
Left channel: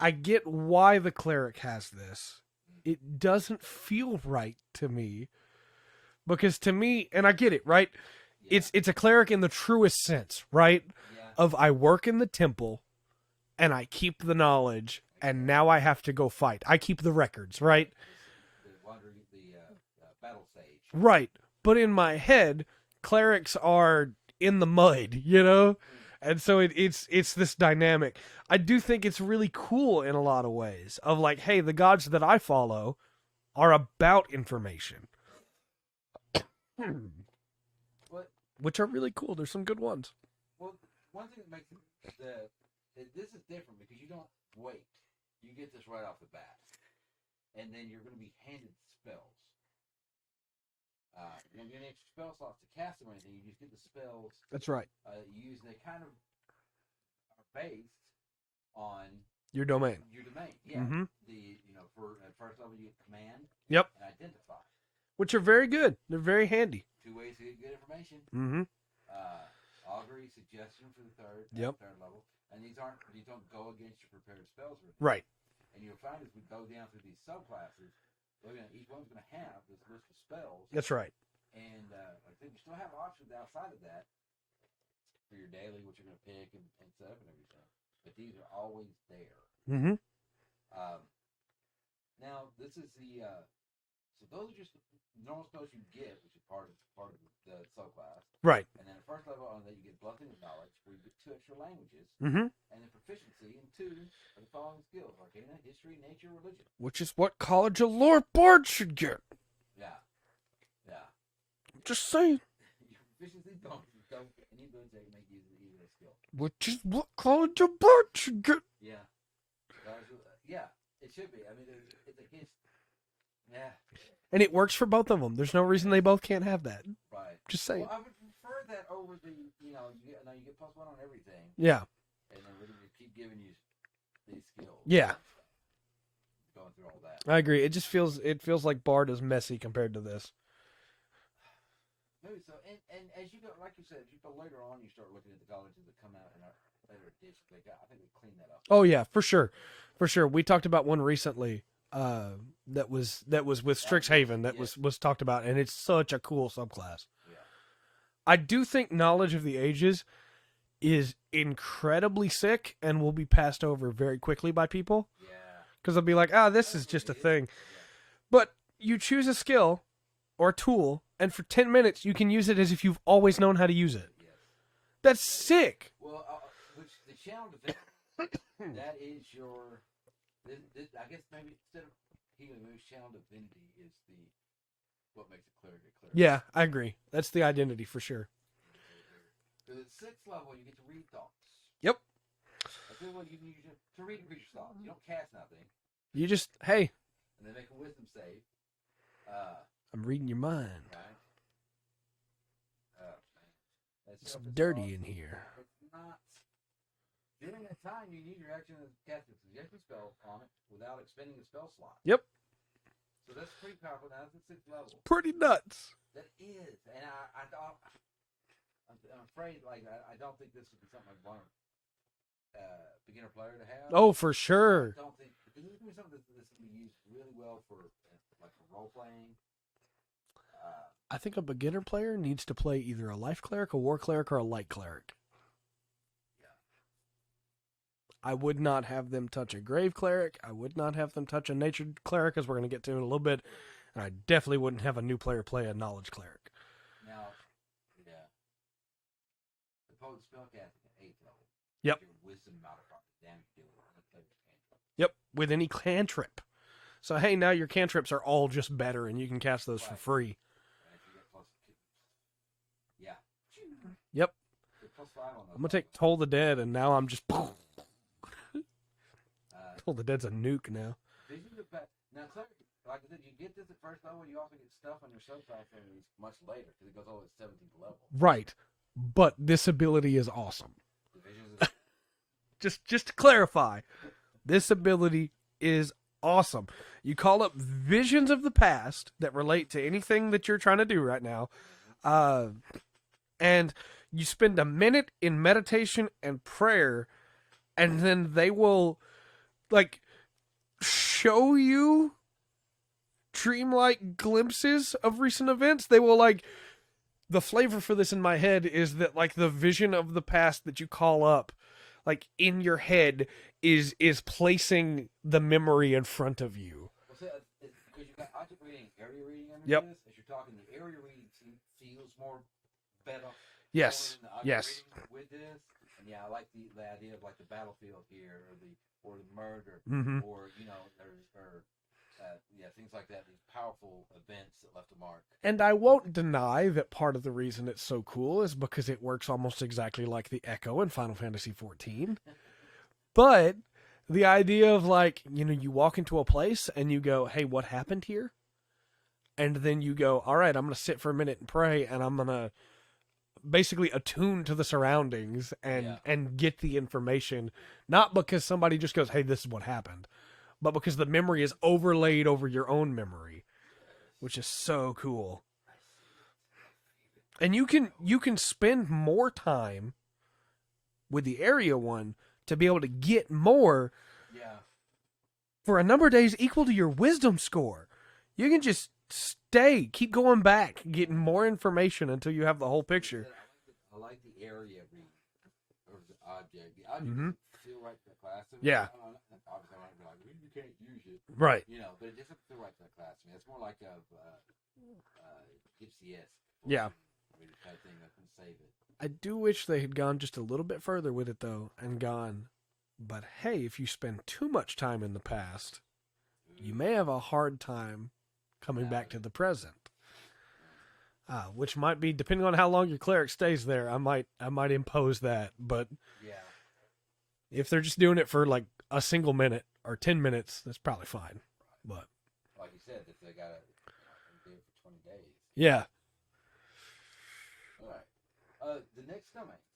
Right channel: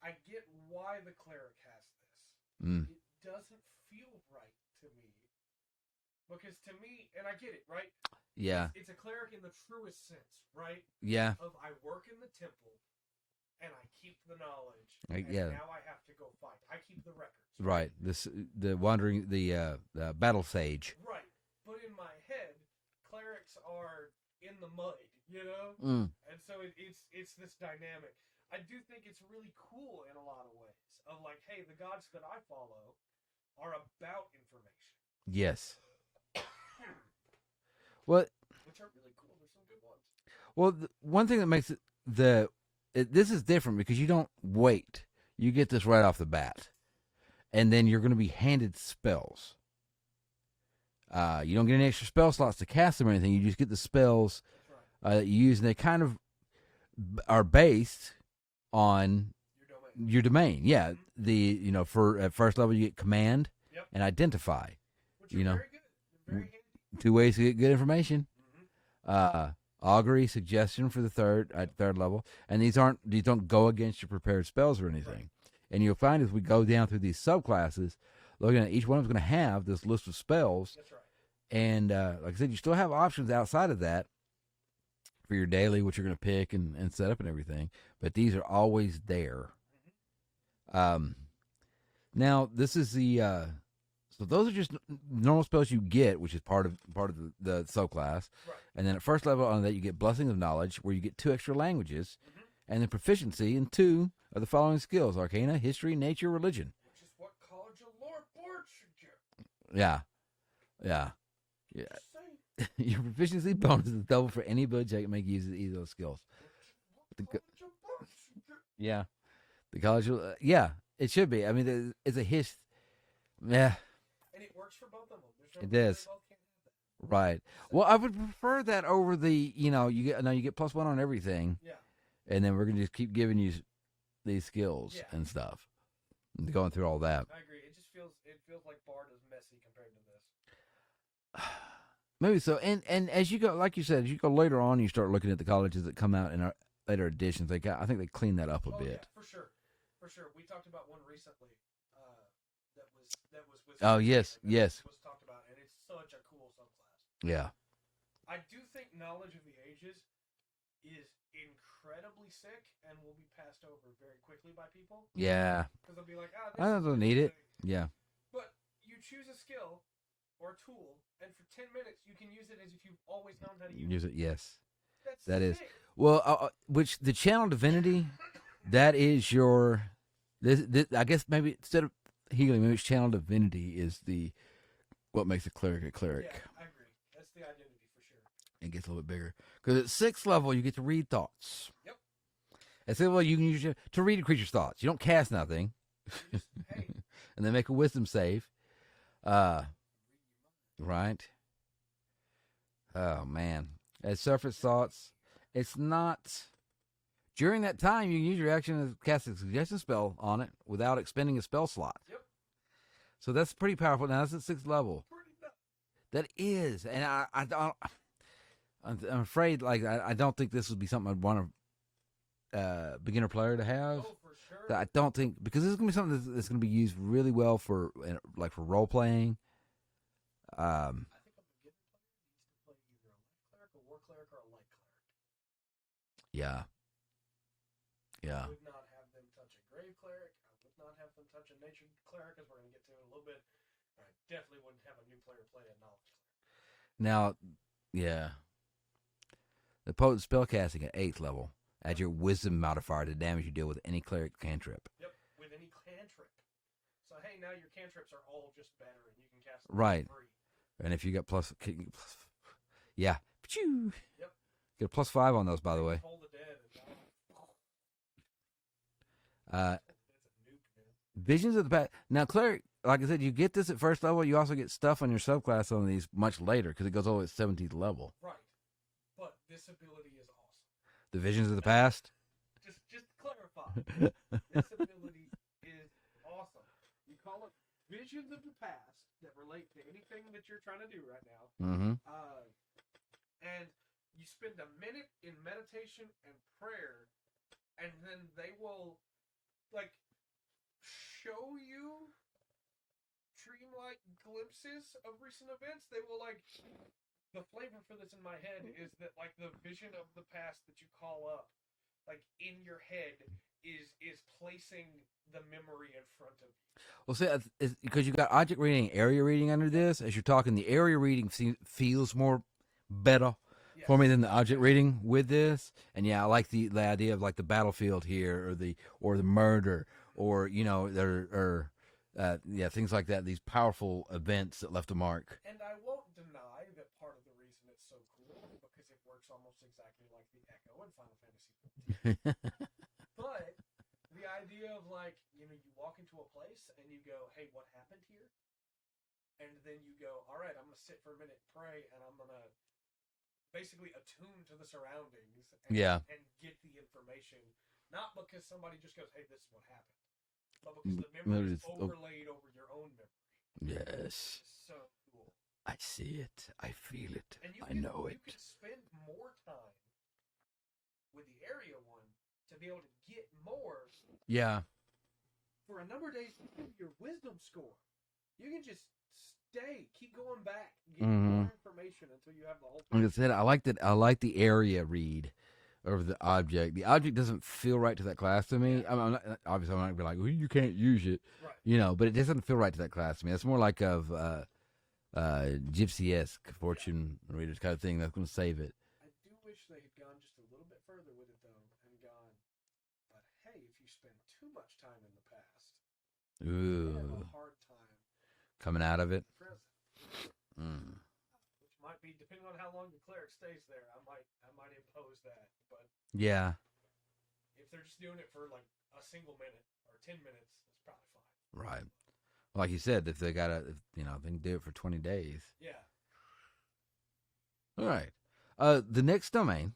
I get why the Cleric has this. Mm. It doesn't feel right to me because to me, and I get it, right? Yeah. It's a cleric in the truest sense, right? Yeah. Of I work in the temple and I keep the knowledge and now I have to go fight. I keep the records, right? The battle sage. Right. But in my head, clerics are in the mud, Mm. And so it's this dynamic. I do think it's really cool in a lot of ways of like, hey, the gods that I follow are about information. Yes. Well, Which are really cool. There's some good ones. Well, one thing that makes this is different because you don't wait. You get this right off the bat, and then you're going to be handed spells. You don't get any extra spell slots to cast them or anything. You just get the spells. That's right. That you use, and they kind of are based on Your domain. your domain. Yeah. Mhm. For at first level, you get command. Yep. And identify. Which are very good. They're very handy. 2 ways to get good information. Mm-hmm. Augury, suggestion for the third level, and these don't go against your prepared spells or anything. Right. And you'll find as we go down through these subclasses, looking at each one of them is going to have this list of spells. That's right. And like I said, you still have options outside of that. for your daily, what you're going to pick and set up and everything. But these are always there. Mm-hmm. Now this is the so those are just normal spells you get, which is part of the subclass. Right. And then at first level on that, you get Blessing of Knowledge, where you get 2 extra languages, Mm-hmm. and then proficiency in 2 of the following skills: Arcana, History, Nature, Religion. Which is what College of Lore Bard should get. Yeah. Just saying. Your proficiency bonus is double for any ability check that make use of either of those skills. Which is what College of Bard should get. Yeah. The college, it should be. I mean, it's a Yeah. And it works for both of them. There's no reason they both can't have that. Right. Just saying. Well, I would prefer that over the, you get +1 on everything. Yeah. And then we're going to just keep giving you these skills and stuff. And going through all that. I agree. It feels like Bard is messy compared to this. Maybe so. And as you go, like you said, as you go later on, you start looking at the colleges that come out in our later editions. I think they clean that up a little bit. Yeah, for sure. For sure. We talked about one recently that was with Strixhaven that was talked about, and it's such a cool subclass. Yeah. I do think Knowledge of the Ages is incredibly sick and will be passed over very quickly by people. Yeah. Because they'll be like, this is just a thing. Yeah. But you choose a skill or a tool, and for 10 minutes, you can use it as if you've always known how to use it. Yes. That sick. Well, which the channel Divinity, that is your... This, I guess maybe instead of healing, maybe channel Divinity is what makes a cleric a cleric. Yeah, I agree. That's the identity for sure. It gets a little bit bigger. Because at 6th level, you get to read thoughts. Yep. At 6th level, you can use to read a creature's thoughts. You don't cast nothing. You just, hey. And then make a wisdom save. I'm reading your mind. Right. Oh, man. At surface dirty thoughts, in here. It's not... During that time, you can use your action to cast a suggestion spell on it without expending a spell slot. Yep. So that's pretty powerful. Now, that's at 6th level. Pretty nuts. That is. And I'm afraid, I don't think this would be something I'd want a beginner player to have. Oh, for sure. I don't think, because this is going to be something that's going to be used really well for role-playing. I think a beginner player needs to play either a life cleric, a war cleric, or a light cleric. Yeah. I would not have them touch a grave cleric. I would not have them touch a nature cleric, as we're going to get to in a little bit. And I definitely wouldn't have a new player play a knowledge cleric. Now, yeah. The potent spellcasting at 8th level adds your wisdom modifier to damage you deal with any cleric cantrip. Yep, with any cantrip. So, hey, now your cantrips are all just better, and you can cast those for free. And if you got plus yeah. Yep. Get a +5 on those, by the way. I'm going to take Toll the Dead, and now I'm just... Toll the Dead's a nuke now. Visions of the Past. Now, Cleric, like I said, you get this at 1st level. You also get stuff on your subclass on these much later, because it goes over at 17th level. Right. But this ability is awesome. The Visions of the Past? Just to clarify, this ability is awesome. You call up visions of the past that relate to anything that you're trying to do right now. Mm-hmm. And you spend a minute in meditation and prayer, and then they will show you dreamlike glimpses of recent events. They will the flavor for this in my head is that the vision of the past that you call up in your head is placing the memory in front of you. Well, see, because you've got object reading and area reading under this. As you're talking, the area reading feels more better for me than the object reading with this. And I like the idea of the battlefield here, or the murder, or things like that. These powerful events that left a mark. And I won't deny that part of the reason it's so cool is because it works almost exactly like the Echo in Final Fantasy XIV. But the idea of you walk into a place and you go, hey, what happened here? And then you go, all right, I'm going to sit for a minute and pray, and I'm going to basically attune to the surroundings and get the information, not because somebody just goes, hey, this is what happened, but because the memory is overlaid over your own memory. Yes. Which is so cool. I see it. I feel it. And you can spend more time with the area one to be able to get more for a number of days equal to your wisdom score. You can just stay. Keep going back, getting more information until you have the whole Like I picture. said, I like the area read of the object. The object doesn't feel right to that class to me. Yeah. I'm not, obviously, I'm not gonna be like, well, you can't use it, Right. you know. But it doesn't feel right to that class to me. It's more like of gypsy-esque fortune readers kind of thing that's going to save it. I do wish they had gone just a little bit further with it, though, and gone, but hey, if you spend too much time in the past, you may have a hard time coming out back of to it. the present. Which might be, depending on how long your cleric stays there, I might impose that. But Yeah. if they're just doing it for like a single minute or 10 minutes, that's probably fine. Right. But Like you said, if they got to, they can do it for 20 days. yeah, All right. The next domain,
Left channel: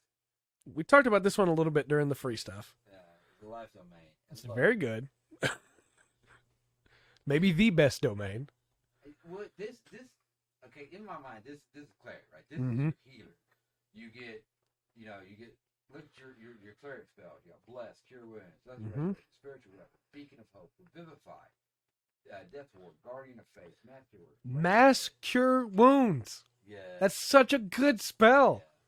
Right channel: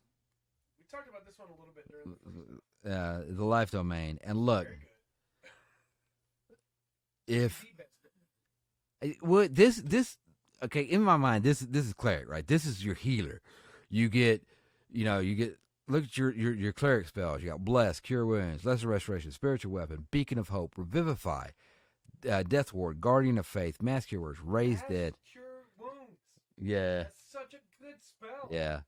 we talked about this one a little bit during the free stuff. the life domain, and look, Very good. Maybe the best domain. Well, this okay, in my mind, this is cleric, right? This is your healer. You get, look at your cleric spells. You got bless, cure wounds, lesser restoration, spiritual weapon, beacon of hope, revivify, death ward, guardian of faith, mass cure words, raise Mass dead. cure wounds. Yeah, That's such a good spell. yeah,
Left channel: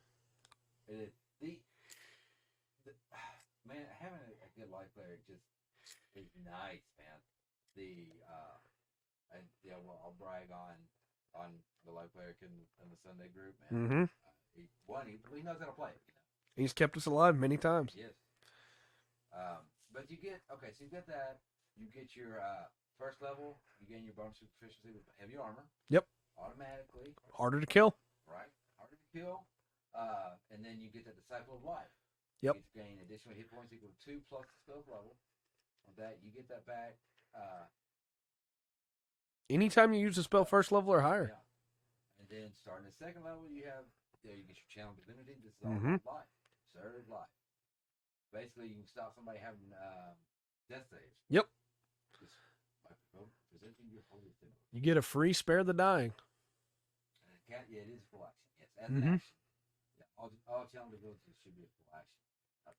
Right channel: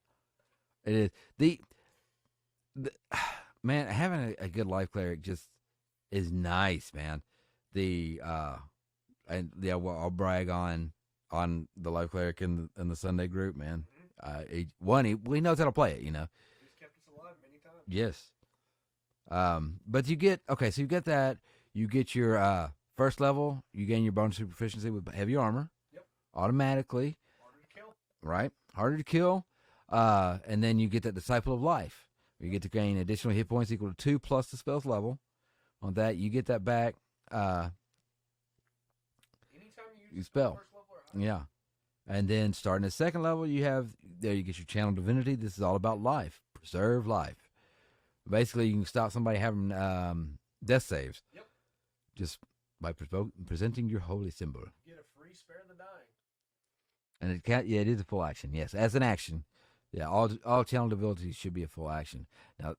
it is. The man, having a good life cleric just is nice, man. I'll brag on the life cleric in the Sunday group, man. He knows how to play it, He's kept us alive many times. Yes. But you get so you get that. You get your first level. You gain your bonus proficiency with heavy armor. Yep. Automatically. Harder to kill. Right. Harder to kill. And then you get that Disciple of Life. You get to gain additional hit points equal to 2 plus the spell's level. On that, you get that back. Anytime you use a spell first level or higher. Yeah. And then starting at second level, you get your channel Divinity. This is all about life. Preserve life. Basically, you can stop somebody having death saves. Yep. Just by presenting your holy symbol. You get a free Spare the Dying. And it is a full action. Yes, as an action. Yeah, all channel abilities should be a full action. Now,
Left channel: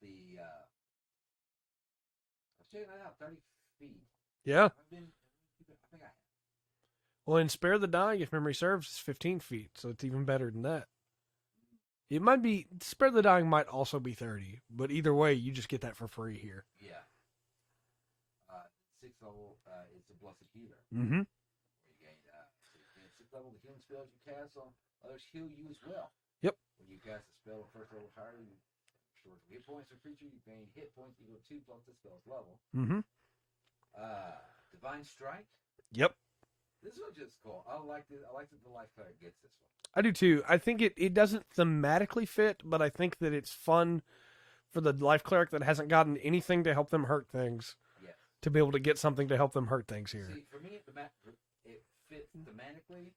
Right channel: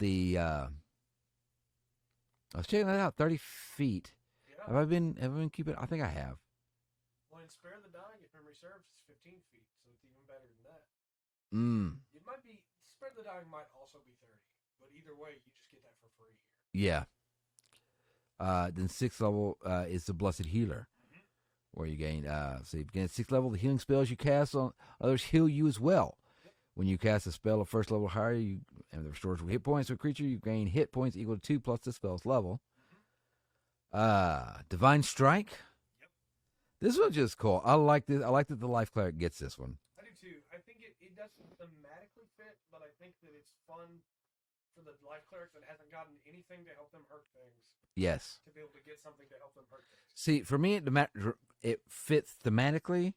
I was checking that out. 30 feet. Yeah. Have I been keeping? I think I have. Well, in Spare the Dying, if memory serves, it's 15 feet, so it's even better than that. It might be, Spare the Dying might also be 30, but either way, you just get that for free here. Yeah. Then 6th level is the Blessed Healer, where you gain. So you gain 6th level. The healing spells you cast on others heal you as well. Yep. When you cast a spell of first level or higher, and it restores hit points to a creature, you gain hit points equal to 2 plus the spell's level. Divine Strike. Yep. This one's just cool. I like this. I like that the life cleric gets this one. I do too. I think it doesn't thematically fit, but I think that it's fun for the life cleric that hasn't gotten anything to help them hurt things. Yes. To be able to get something to help them hurt things here. See, for me, it fits thematically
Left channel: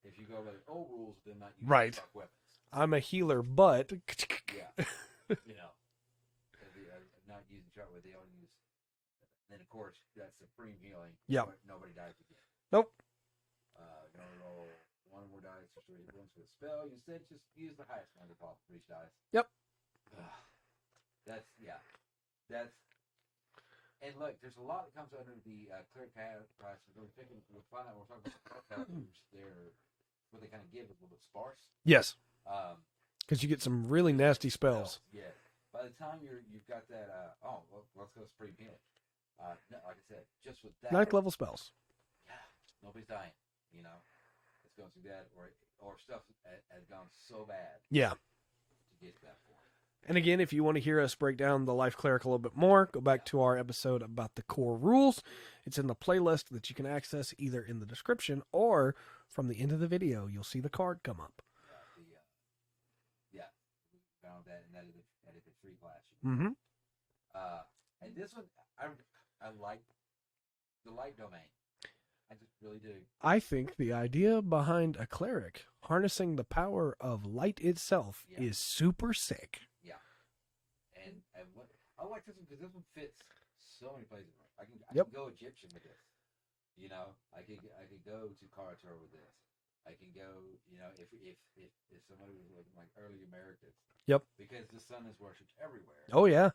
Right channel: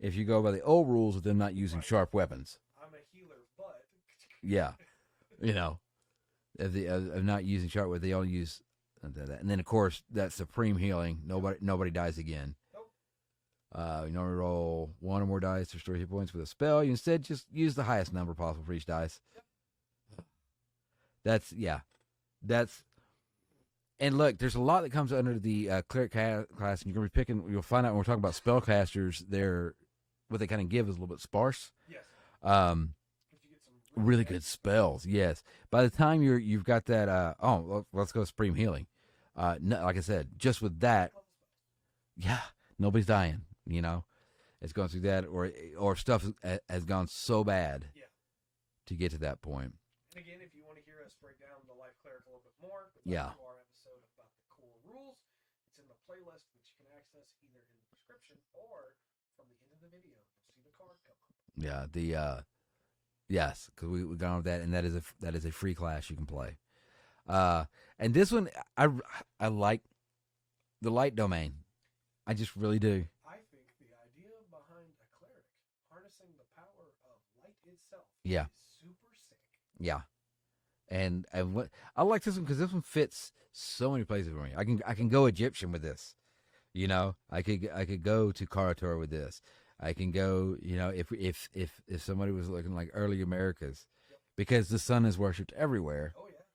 if you go by the old rules of them not using sharp weapons. I'm a healer, but... Yeah. Of not using sharp weapons, they only use that. And then, of course, that supreme healing. Nobody dies again. Nope. You normally roll 1 or more dice to restore hit points with a spell. You instead just use the highest number possible for each dice. Yep. And look, there's a lot that comes under the cleric class, and you'll find out when we're talking about spellcasters, what they kind of give is a little bit sparse. Yes. Because you get some really nasty spells. Yes. By the time you've got that, let's go Supreme Healing. No, like I said, just with that. Cleric level spells. Yeah. Nobody's dying, It's going through that, or stuff has gone so bad. Yeah. To get to that point. And again, if you want to hear us break down the life cleric a little bit more, go back to our episode about the core rules. It's in the playlist that you can access either in the description or from the end of the video. You'll see the card come up. Yeah, yes, because we gone over that, and that is a free class you can play. And this one, I like the light domain. I just really do. I think the idea behind a cleric harnessing the power of light itself is super sick. Yeah, and what I like this one because this one fits so many places for me. I can go Egyptian with this. I could go to Karator with this. I can go, if somebody was looking like early Americas. Yep. Because the sun is worshipped everywhere. Oh yeah.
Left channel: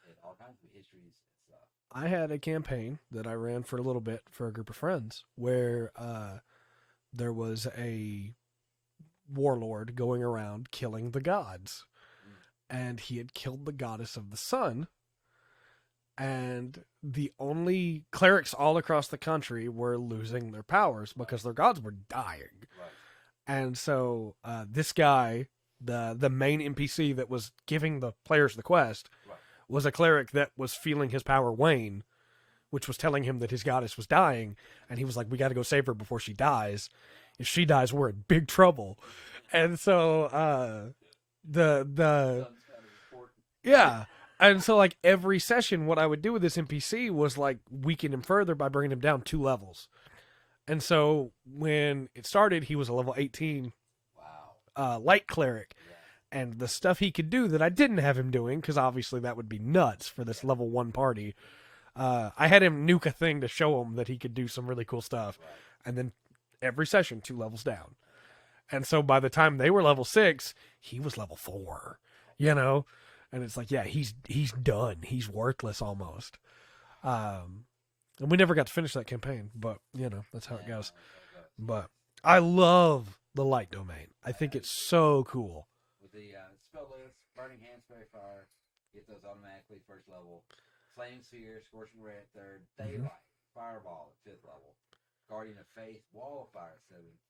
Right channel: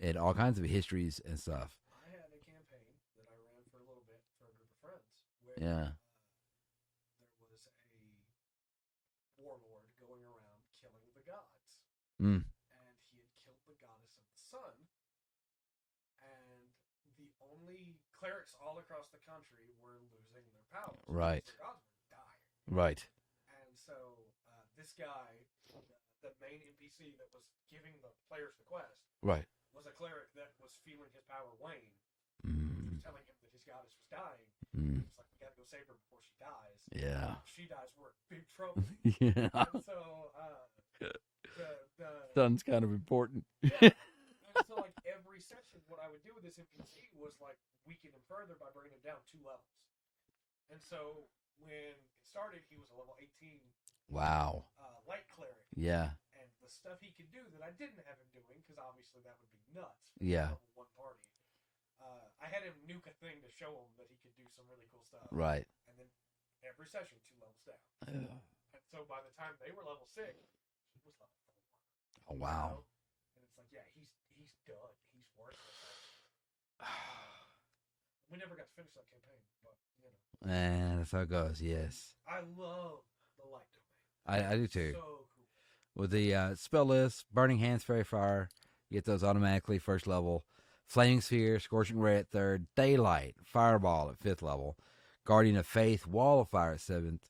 and all kinds of histories and stuff. I had a campaign that I ran for a little bit for a group of friends where there was a warlord going around killing the gods. And he had killed the goddess of the sun. And the only clerics all across the country were losing their powers because their gods were dying. Right. And so this guy, the main NPC that was giving the players the quest, was a cleric that was feeling his power wane, which was telling him that his goddess was dying. And he was like, we got to go save her before she dies. Yeah. If she dies, we're in big trouble. And so the sun's kind of important. Yeah. And so, like, every session, what I would do with this NPC was, like, weaken him further by bringing him down 2 levels. And so, when it started, he was a level 18. Wow. Light cleric. Yeah. And the stuff he could do that I didn't have him doing, because obviously that would be nuts for this level 1 party, I had him nuke a thing to show him that he could do some really cool stuff. Right. And then every session, 2 levels down. And so, by the time they were level 6, he was level 4. Oh, wow. You know? And it's like, yeah, he's done. He's worthless almost. And we never got to finish that campaign, but, you know, that's how it goes. That's how it goes, But yes. I love the light domain. I think it's so cool. With the spell list, Burning Hands, Fairy Fire, you get those automatically first level. Flaming Sphere, Scorching Ray at 3rd, Daylight, Fireball at 5th level, Guardian of Faith, Wall of Fire at 7th,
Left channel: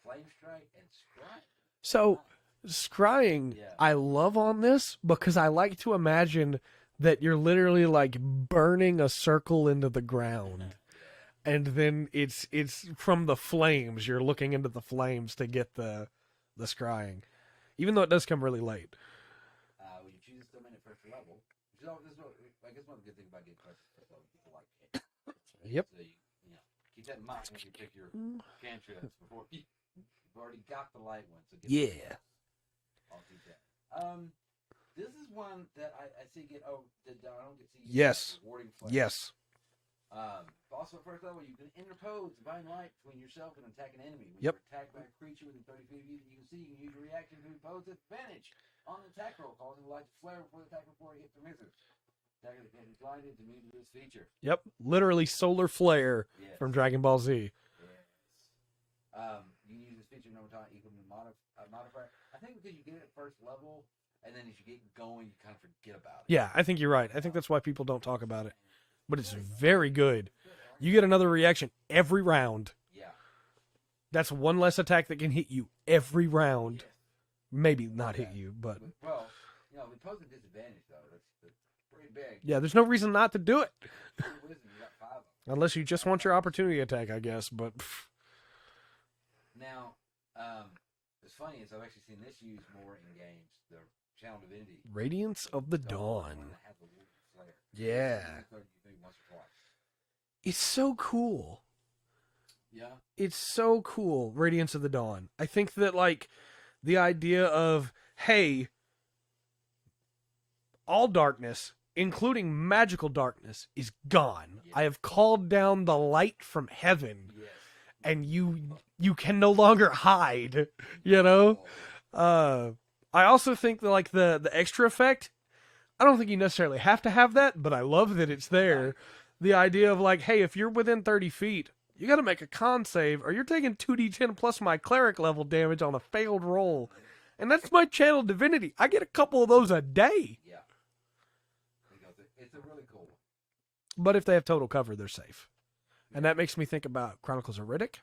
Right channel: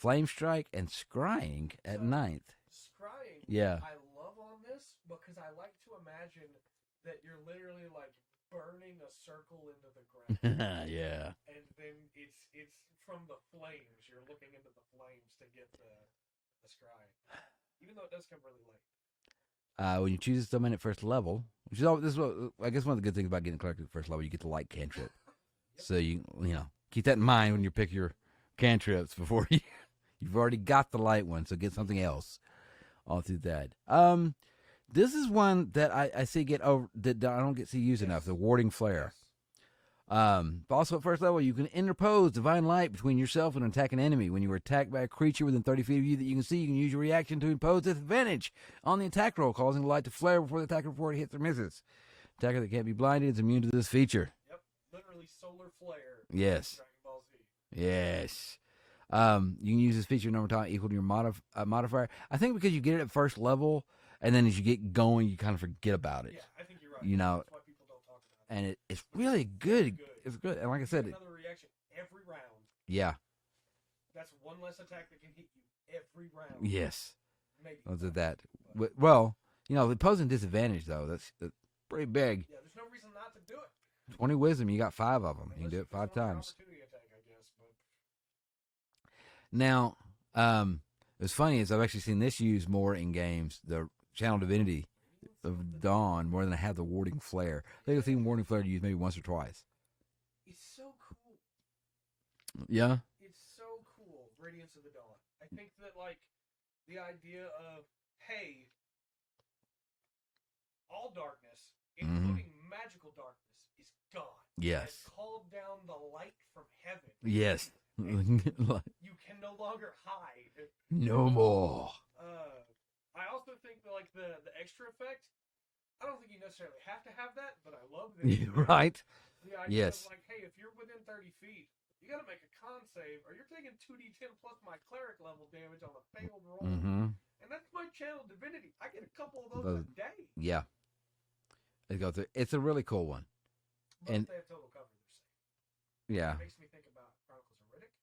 Flame Strike, and Scrying at 9th. Scrying, I love on this because I like to imagine that you're literally like burning a circle into the ground. Yeah. And then it's from the flames. You're looking into the flames to get the scrying. Even though it does come really late. When you choose this domain at first level, which is this is what, I guess one of the good things about getting Cleric at first level, you get the light cantrip. Yep. So you know, keep that in mind when you pick your cantrips before you've already got the light one, so get something else all through that. This is one that I see get over that I don't get to use enough. The Warding Flare. Yes. Also at first level, you can interpose Divine Light between yourself and an attacking enemy. When you're attacked by a creature within 30 feet of you that you can see, you can use your reaction to impose disadvantage on the attack roll, causing the light to flare before the attacker before it hits or misses. Attacker that can't be blinded is immune to this feature. Yep. Literally solar flare from Dragon Ball Z. Yes. You can use this feature number of times equal to your modifier. I think because you get it at first level, and then as you get going, you kind of forget about it. Yeah, I think you're right. I think that's why people don't talk about it. And it's really very good. It's good. And like you get another reaction every round. Yeah. That's one less attack that can hit you every round. Yes. Maybe not hit you, but... Well, you know, opposing disadvantage, though, that's pretty big. Yeah, there's no reason not to do it. 20 wisdom, you got 5 of them. Unless you just want your opportunity attack, I guess, but... Now, what's funny is I've actually seen this used more in games, the Channel Divinity. Radiance of the Dawn. More than I have the Warding Flare. Yeah. I've seen the Warding Flare used maybe once or twice. It's so cool. Yeah. It's so cool, Radiance of the Dawn. I think that, like, the idea of, hey, all darkness, including magical darkness, is gone. Yes. I have called down the light from heaven. Yes. And you can no longer hide, you know? I also think that, like, the extra effect, I don't think you necessarily have to have that, but I love that it's there. Right? The idea of, like, hey, if you're within 30 feet, you got to make a con save, or you're taking 2d10 plus my cleric level damage on a failed roll. And that's my Channel Divinity. I get a couple of those a day. Yeah. It's a really cool one. But if they have total cover, they're safe. Yeah. And that makes me think about Chronicles of Riddick,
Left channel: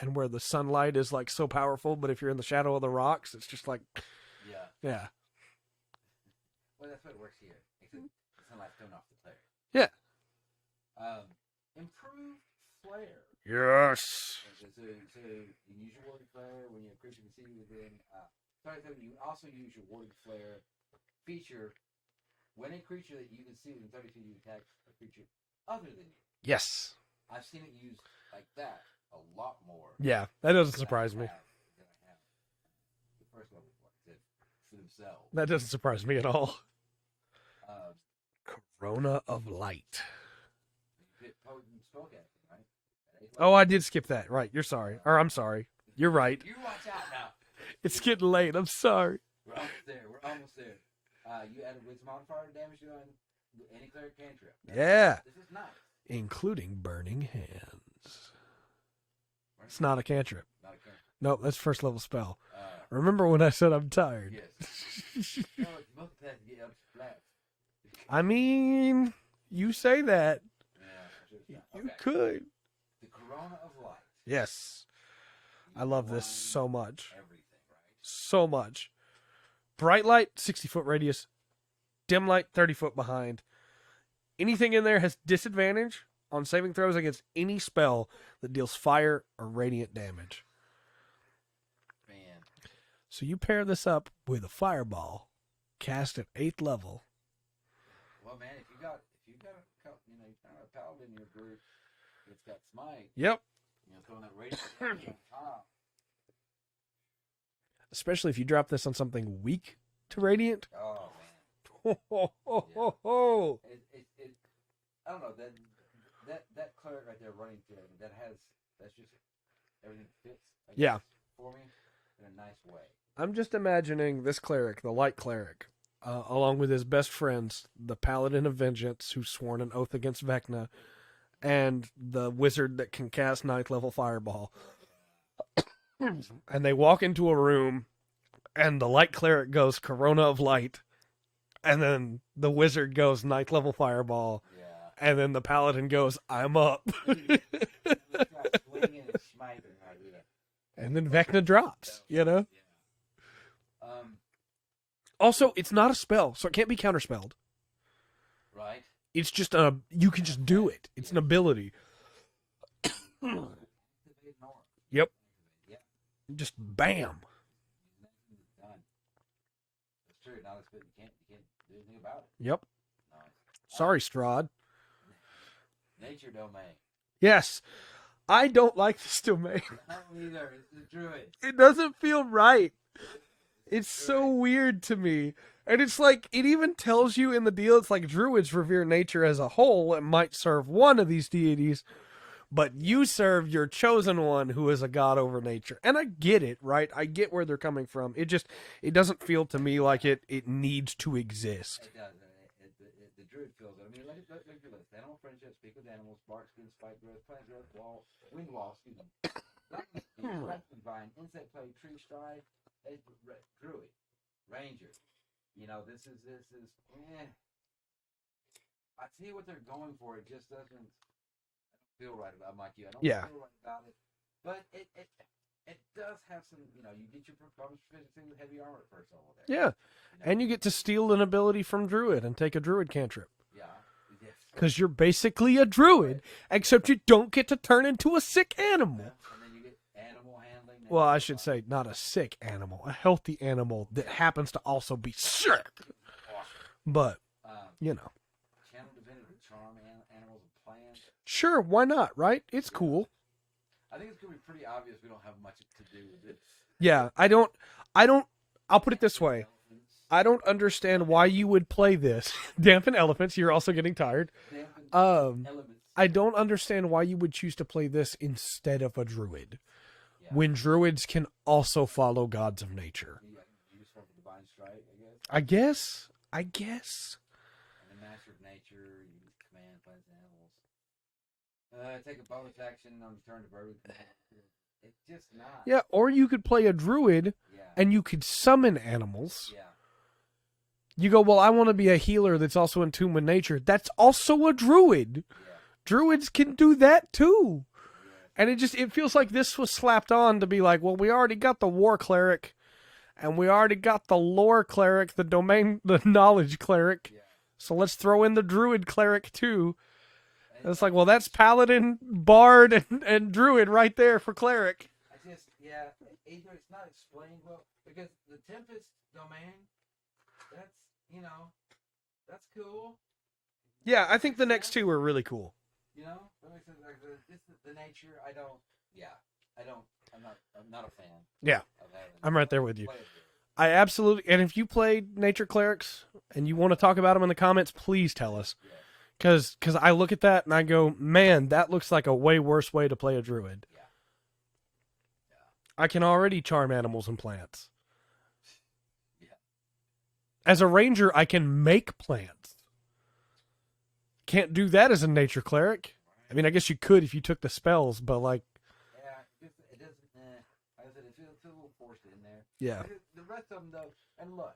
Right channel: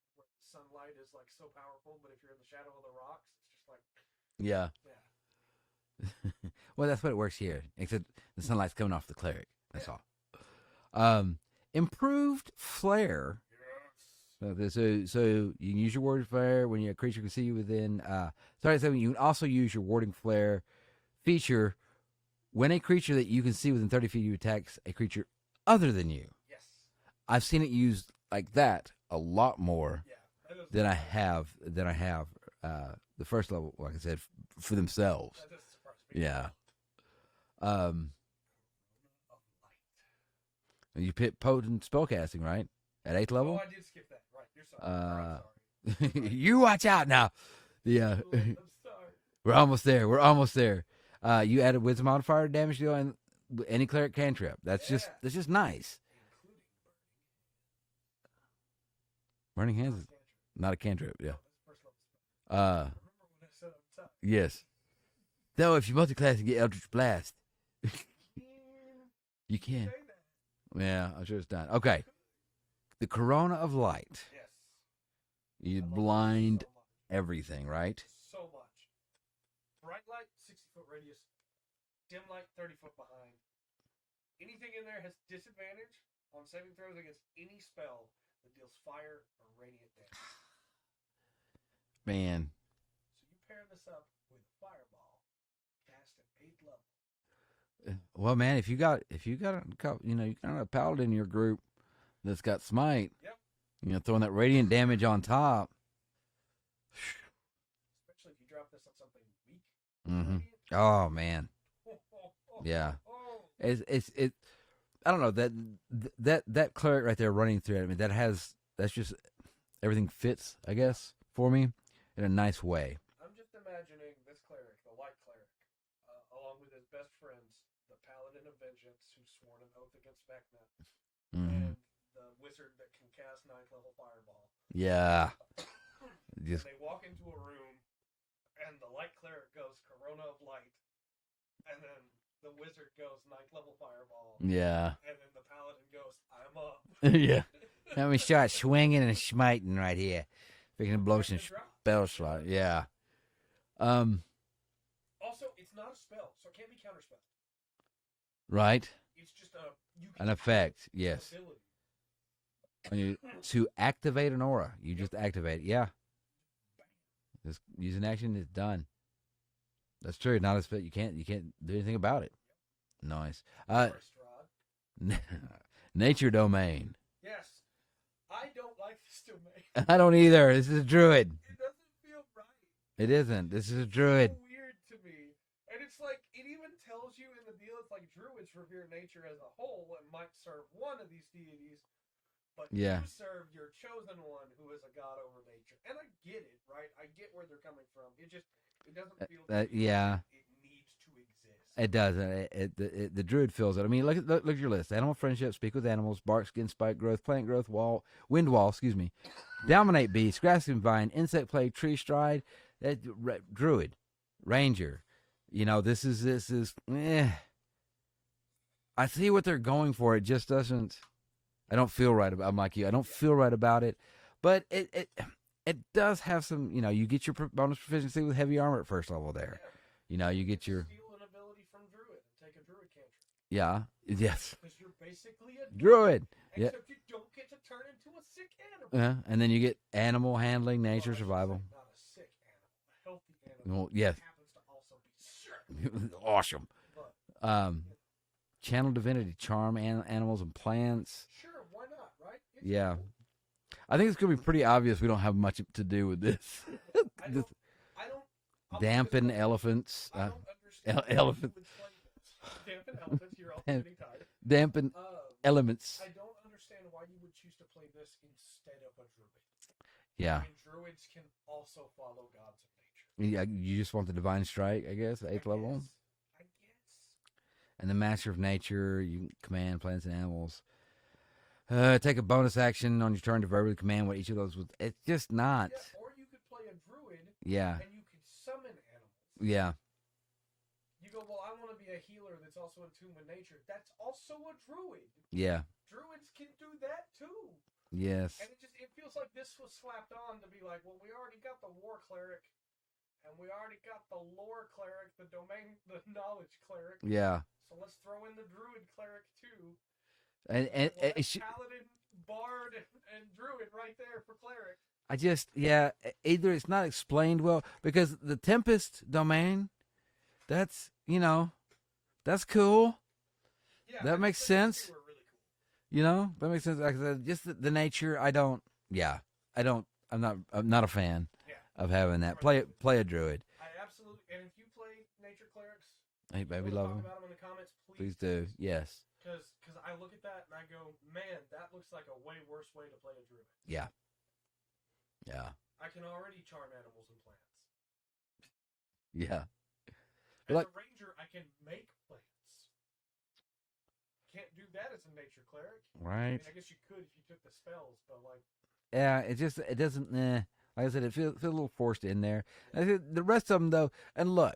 and where the sunlight is, like, so powerful, but if you're in the shadow of the rocks, it's just like... Yeah. Well, that's what it works here, except the sunlight's coming off the cleric. That's all. Improved flare. Yes. So you can use your warding flare when your creature can see you within. So you can also use your warding flare feature when a creature that you can see within 30 feet of you attacks a creature other than you. Yes. I've seen it used like that a lot more. Yeah, that doesn't surprise me. Than I have the first level, like I said, for themselves. That doesn't surprise me at all. Corona of Light. You pick potent spellcasting, right? At 8th level? Oh, I did skip that. Right, you're sorry. Or I'm sorry. You're right. You watch out now. It's getting late. I'm sorry. We're almost there. You added wisdom modifier damage deal, and any cleric cantrip. That's just nice. Including Burning Hands. Burning It's Hands? not a cantrip. Not a cantrip. Nope, that's first level spell. Yeah. Remember when I said I'm tired? Yes. No, if you multi-class, you get Eldritch Blast. I mean, you can. say that. Yeah, I'm sure it's done. Okay. You could. The Corona of Light. Yes. You I love blind this so much. everything, right? So much. Bright light, 60-foot radius. Dim light, 30-foot behind. Anything in there has disadvantage on saving throws against any spell that deals fire or radiant damage. Man. So you pair this up with a fireball cast at 8th level. Well, man, if you got you got a paladin in your group that's got smite, Yep. Throwing that radiant damage on top. Especially if you drop this on something weak to Mhm. radiant. Oh man. Yeah. It's I don't know, that cleric right there running through it. I mean, that's just everything fits, I guess, for me in a nice way. I'm just imagining this cleric, the light cleric, along with his best friends, the Paladin of Vengeance, who's sworn an oath against Vecna, and the wizard that can cast 9th level Fireball. Yeah. And they walk into a room, and the light cleric goes Corona of Light, and then the wizard goes 9th level Fireball, Yeah. and then the Paladin goes, I'm up. Yeah. Let me start swinging and smiting right here. And then Vecna drops, Yeah. Also, it's not a spell, so it can't be counterspelled. Right. It's just you can just do it. It's an ability. To activate an aura, you just activate it. Yeah. Just bam. Just use an action, it's done. That's true. Not a spell. You can't do anything about it. Yep. Nice. Sorry, Strahd. Nature domain. Yes. I don't like this domain. I don't either. This is a druid. It doesn't feel right. It isn't. This is It's a druid. so weird to me. And it's like, it even tells you in the deal, it's like druids revere nature as a whole and might serve one of these deities, but you serve your chosen one who is a god over nature. And I get it, right? I get where they're coming from. It doesn't feel to me like it needs to exist. It does. The druid feels it. I mean, look at your list. Animal friendship, speak with animals, bark, skin, spike growth, plant growth, wind wall, dominate beast, grass and vine, insect plague, tree stride, druid, ranger. This is. I see what they're going for. It just doesn't. I don't feel right about. I'm like you. I don't feel right about it, but it does have some. You get your bonus proficiency with heavy armor at first level there. Yeah. And you get to steal an ability from druid and take a druid cantrip. Yeah. Yes. Because you're basically a druid. Except you don't get to turn into a sick animal. Yeah. And then you get animal handling, nature, well, I survival. should say not a sick animal, a healthy animal that happens to also be sick. Awesome. But, Channel divinity, charm animals and plants. Sure, why not, right? It's cool. I think it's going to be pretty obvious we don't have much to do with this. Yeah, I'll put it this way. Elephants. I don't understand why you would play this. Dampen elephants. You're also getting tired. Dampen elements. I don't understand why you would choose to play this instead of a druid. Yeah. When druids can also follow gods of nature. Yeah, you just want the divine strike, I guess. I guess. And the master of nature, you can command plants and animals. Take a bonus action on your turn to verbally command what each of those was. It's just not. Yeah, or you could play a druid. Yeah. And you could summon animals. Yeah. You go, well, I want to be a healer that's also in tune with nature. That's also a druid. Yeah. Druids can do that too. Yes. And it feels like this was slapped on to be like, well, we already got the war cleric, and we already got the lore cleric, the knowledge cleric. Yeah. So let's throw in the druid cleric too. And it's like, well, that's paladin, bard, and druid right there for cleric. Either it's not explained well, because the Tempest domain, that's cool. Yeah, That I think makes the next sense. two are really cool. That makes sense. Like I said, just the nature, I'm not a fan. Yeah. Of having that. I'm right there with you. Play a druid. I absolutely, and if you play nature clerics and you want to talk about them in the comments, please tell us. Yes. Because I look at that and I go, man, that looks like a way worse way to play a druid. Yeah. Yeah. I can already charm animals and plants. Yeah. As a ranger, I can make plants. can't do that as a nature cleric. Right. I mean, I guess you could if you took the spells, but like, yeah, it doesn't. Like I said, it feels a little forced in there. yeah, The rest of them though, and look,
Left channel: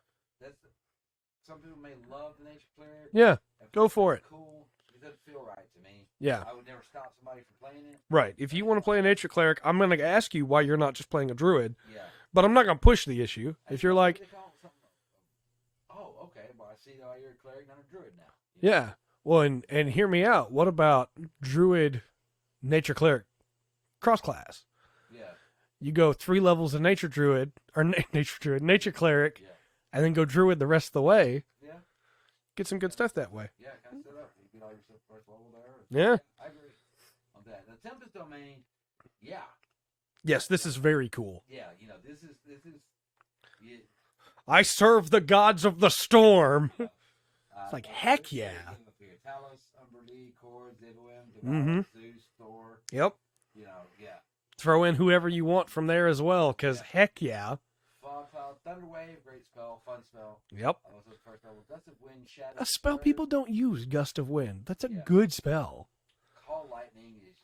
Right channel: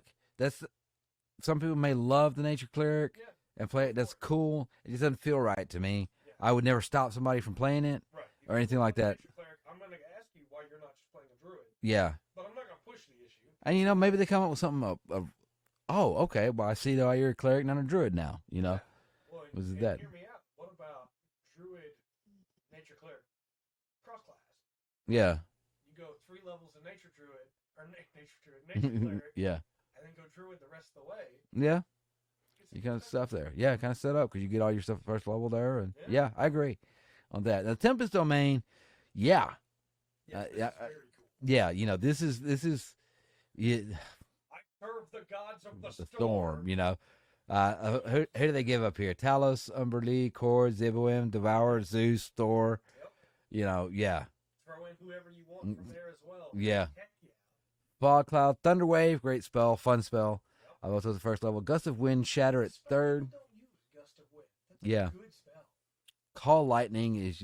some people may love the nature cleric. yeah, And play go it. for That's it. cool. It just doesn't feel right to me. yeah. I would never stop somebody from playing it. Right. If or you want to anything play like a that. nature cleric, I'm going to ask you why you're not just playing a druid, Yeah. but I'm not going to push the issue. And If you you're know, like, maybe they come up with something oh, okay. Well, I see why you're a cleric, not a druid now. You know? yeah. Well, This and is that. hear me out. What about druid, nature cleric, cross class? Yeah. You go 3 levels of nature druid or nature cleric, Yeah. and then go druid the rest of the way. Yeah. Get some You good kinda stuff that set way. there. Yeah, kind of set up because you get all your stuff at first level there. And Yeah. I agree on that. The Tempest Domain, yeah. Yes, this yeah, is very cool. Yeah, you know, this is yeah, I serve the gods of the storm. you know. Like, heck who do they yeah. give up here? Talos, Umberlee, Kord, Ziboim, Devour, Zeus, Thor. Yep. You know, yeah. Throw in whoever you want from there as well, because Yeah. heck yeah. Fog Cloud, Thunderwave, great spell, fun spell. Yep. I also the first level. Gust of Wind, Shatter A at spell third. people don't use, Gust of Wind. That's a Yeah. good spell. Call Lightning is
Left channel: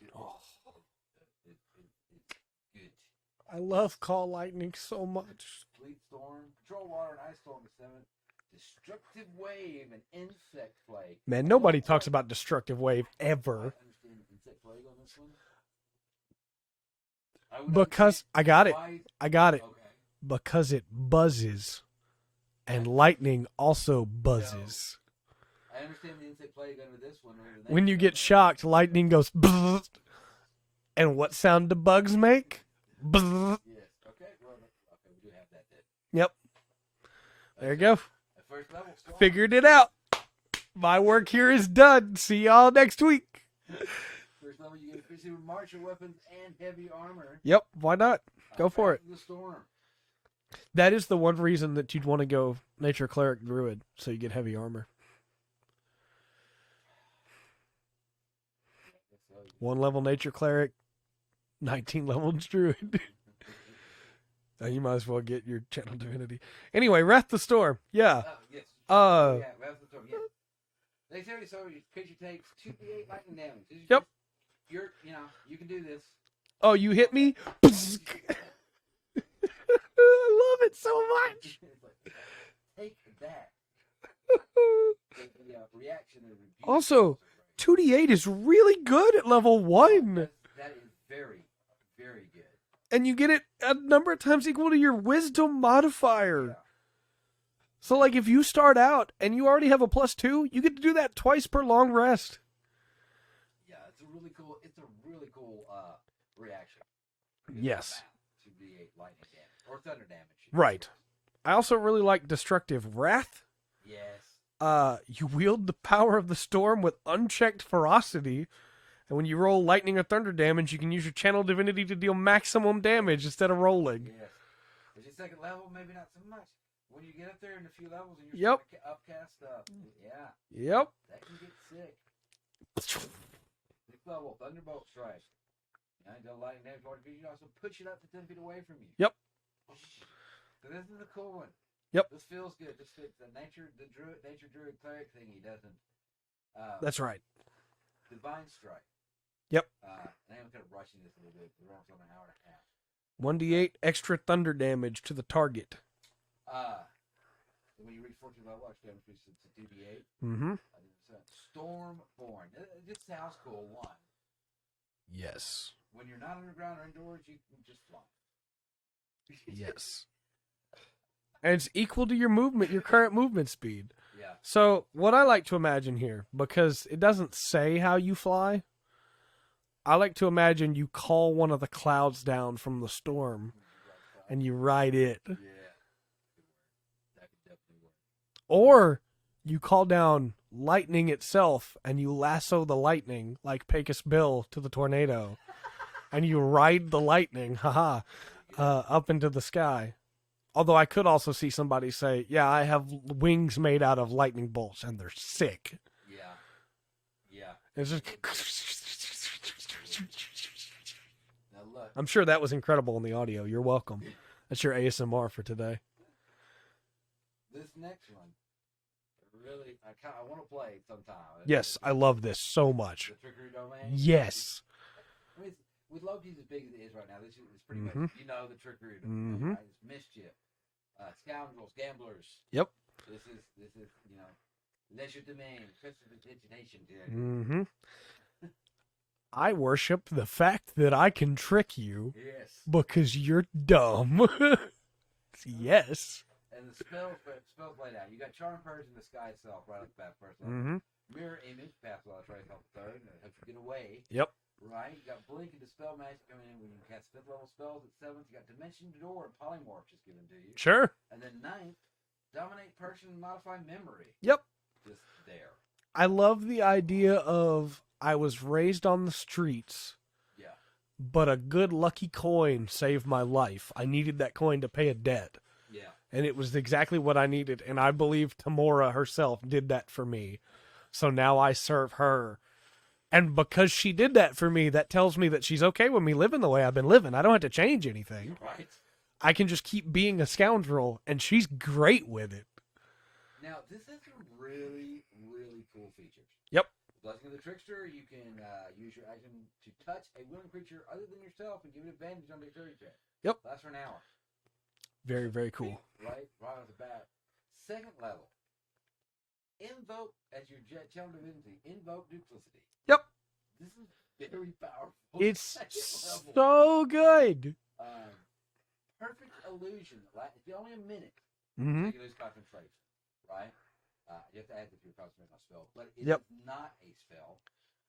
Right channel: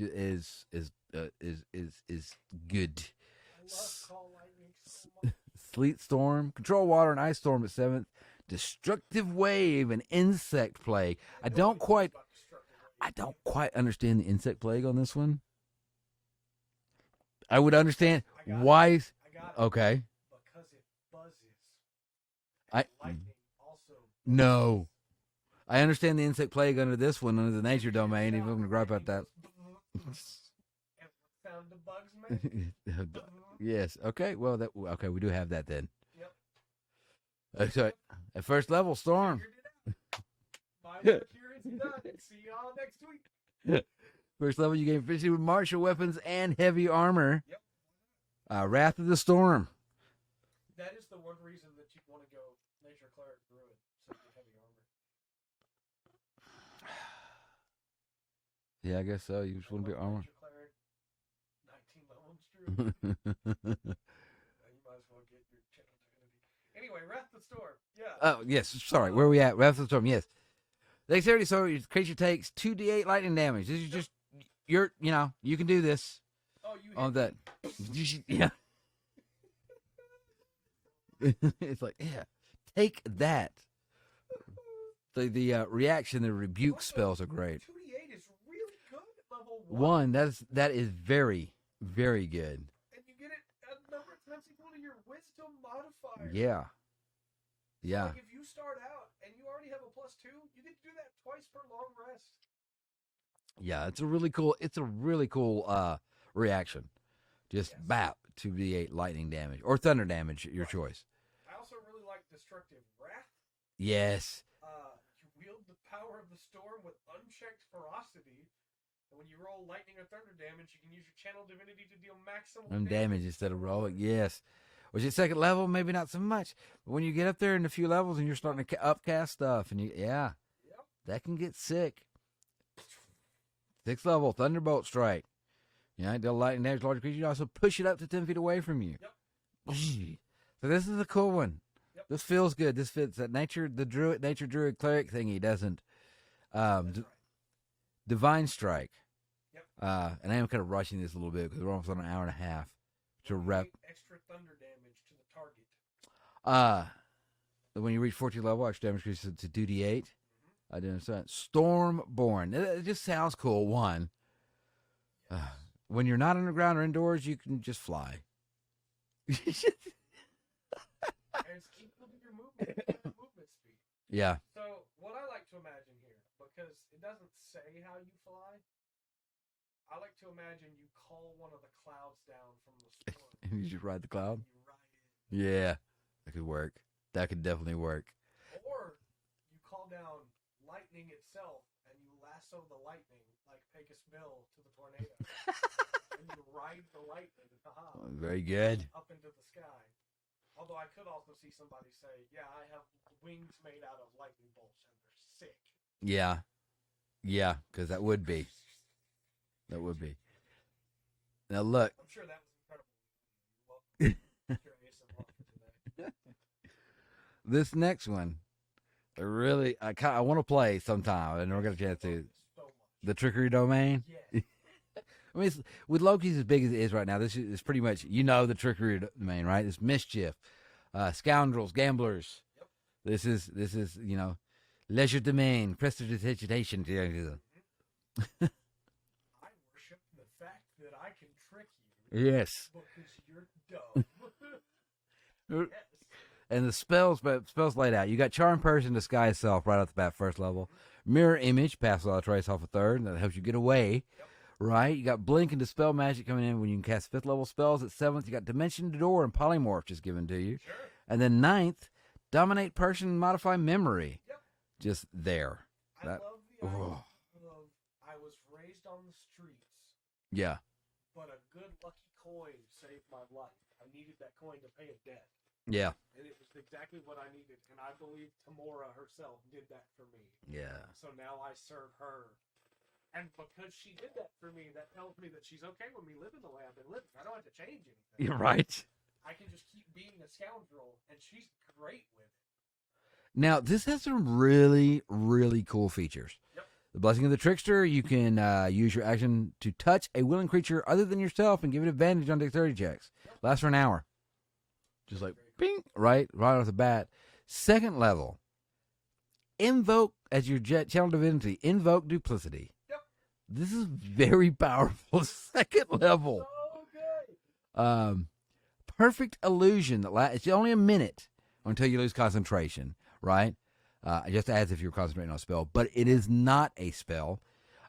good. I love Call Lightning so much. Sleet Storm, Control Water, and Ice Storm at 7th. Destructive Wave and Insect Plague. Man, I nobody don't talks quite- about Destructive Wave I don't ever. quite understand the Insect Plague on this one. I would Because understand. I got it. why. I got it. Okay. Because it buzzes. And I- lightning also buzzes. No. I understand the Insect Plague under this one. Under the nature When you domain, get we're shocked, gonna wrap lightning up goes bzzz. And what sound do bugs make? that. Bzzz. Yes. Okay. Well, we do have that then. Yep. There you So, go. At first level, Storm. Figured it out. My work here is done. See y'all next week. First level, you gain efficiency with martial weapons and heavy armor. Yep. Why not? Go for Wrath it. of the Storm. That is the one reason that you'd want to go nature cleric druid, so you get heavy armor. Yeah, I guess so. You One should level get armor. nature cleric, 19 level druid. You might as well get your channel divinity. Anyway, Wrath the Storm. Yeah. Oh, yes. Sorry, where are we at? Wrath of the Storm, yes. Dexterity, so your creature takes 2d8 lightning damage. This is Yep. just, you can do this. Oh, you hit All me? Yeah. I love it so much. It's like, yeah, take that. The reaction, the rebuke Also, spells are great. 2d8 is really good at level 1. That is very, very good. And you get it a number of times equal to your wisdom modifier. Yeah. So, Yeah. like, if you start out and you already have a +2, you get to do that twice per long rest. Yeah, it's a really cool reaction. Just Yes. bap 2d8 lightning damage or thunder damage, your Right. choice. I also really like Destructive Wrath. Yes. You wield the power of the storm with unchecked ferocity. And when you roll lightning or thunder damage, you can use your channel divinity to deal maximum damage instead of rolling. Yes. Which at second level, maybe not so much. But when you get up there in a few levels and you're starting to upcast stuff, and Yep. that can get sick. 6th level, Thunderbolt Strike. Deal lightning damage to larger creatures. You also push it up to 10 feet away from you. Yep. So this is a cool one. Yep. This feels good. This fits that nature druid cleric thingy doesn't. That's right. Divine Strike. Yep. And I am kind of rushing this a little bit because we're almost on an hour and a half. 1d8 extra thunder damage to the target. When you reach 14th level, extra damage increases to 2d8. Mm-hmm. I didn't understand. Stormborn. It just sounds cool. One. Yes. When you're not underground or indoors, you can just fly. Yes. And it's equal to your current movement speed. Yeah. So what I like to imagine here, because it doesn't say how you fly, I like to imagine you call one of the clouds down from the storm You should ride the cloud. and you ride it. Yeah. That could work. That could definitely work. Or you call down lightning itself and you lasso the lightning like Pecos Bill to the tornado. And you ride the lightning, haha, Very good. up into the sky. Although I could also see somebody say, yeah, I have wings made out of lightning bolts and they're sick. Yeah. Yeah. Because that would be. That would be. Now look. I'm sure that was incredible in the audio. You're welcome. That's your ASMR for today. This next one. Really, I want to play sometime. Yes, I love this so much. The trickery domain. Yes. I mean, with Loki's as big as it is right now, this is pretty much, the trickery domain, right? It's mischief, scoundrels, gamblers. Yep. This is leisure domain, prestidigitation. I worship the fact that I can trick you. Yes. Because you're dumb. Yes. And the spells laid out. You got Charm Person, Disguise Self right off the bat, first level. Mirror Image, pass without a trace off a third. That helps you get away. Yep. Right? You got Blink and Dispel Magic coming in when you can cast 5th level spells. At 7th, you got Dimension Door and Polymorph just given to you. Sure. And then 9th, Dominate Person, Modify Memory. Yep. Just there. I love the idea of I was raised on the streets. Yeah. But a good lucky coin saved my life. I needed that coin to pay a debt. Yeah. And it was exactly what I needed. And I believe Tamora herself did that for me. Yeah. So now I serve her. And because she did that for me, that tells me that she's okay with me living the way I've been living. I don't have to change anything. You're right. I can just keep being a scoundrel, and she's great with it. Now, this has some really, really cool features. Yep. The Blessing of the Trickster, you can use your action to touch a willing creature other than yourself and give it advantage on dexterity checks. Yep. Lasts for an hour. Very, very cool. Bing, right off the bat. Second level, invoke as your channel divinity. Invoke Duplicity. Yep. This is very powerful. It's second level. So good. Perfect illusion that it's only a minute until you lose concentration. Right. Just as if you're concentrating on a spell, but it is not a spell.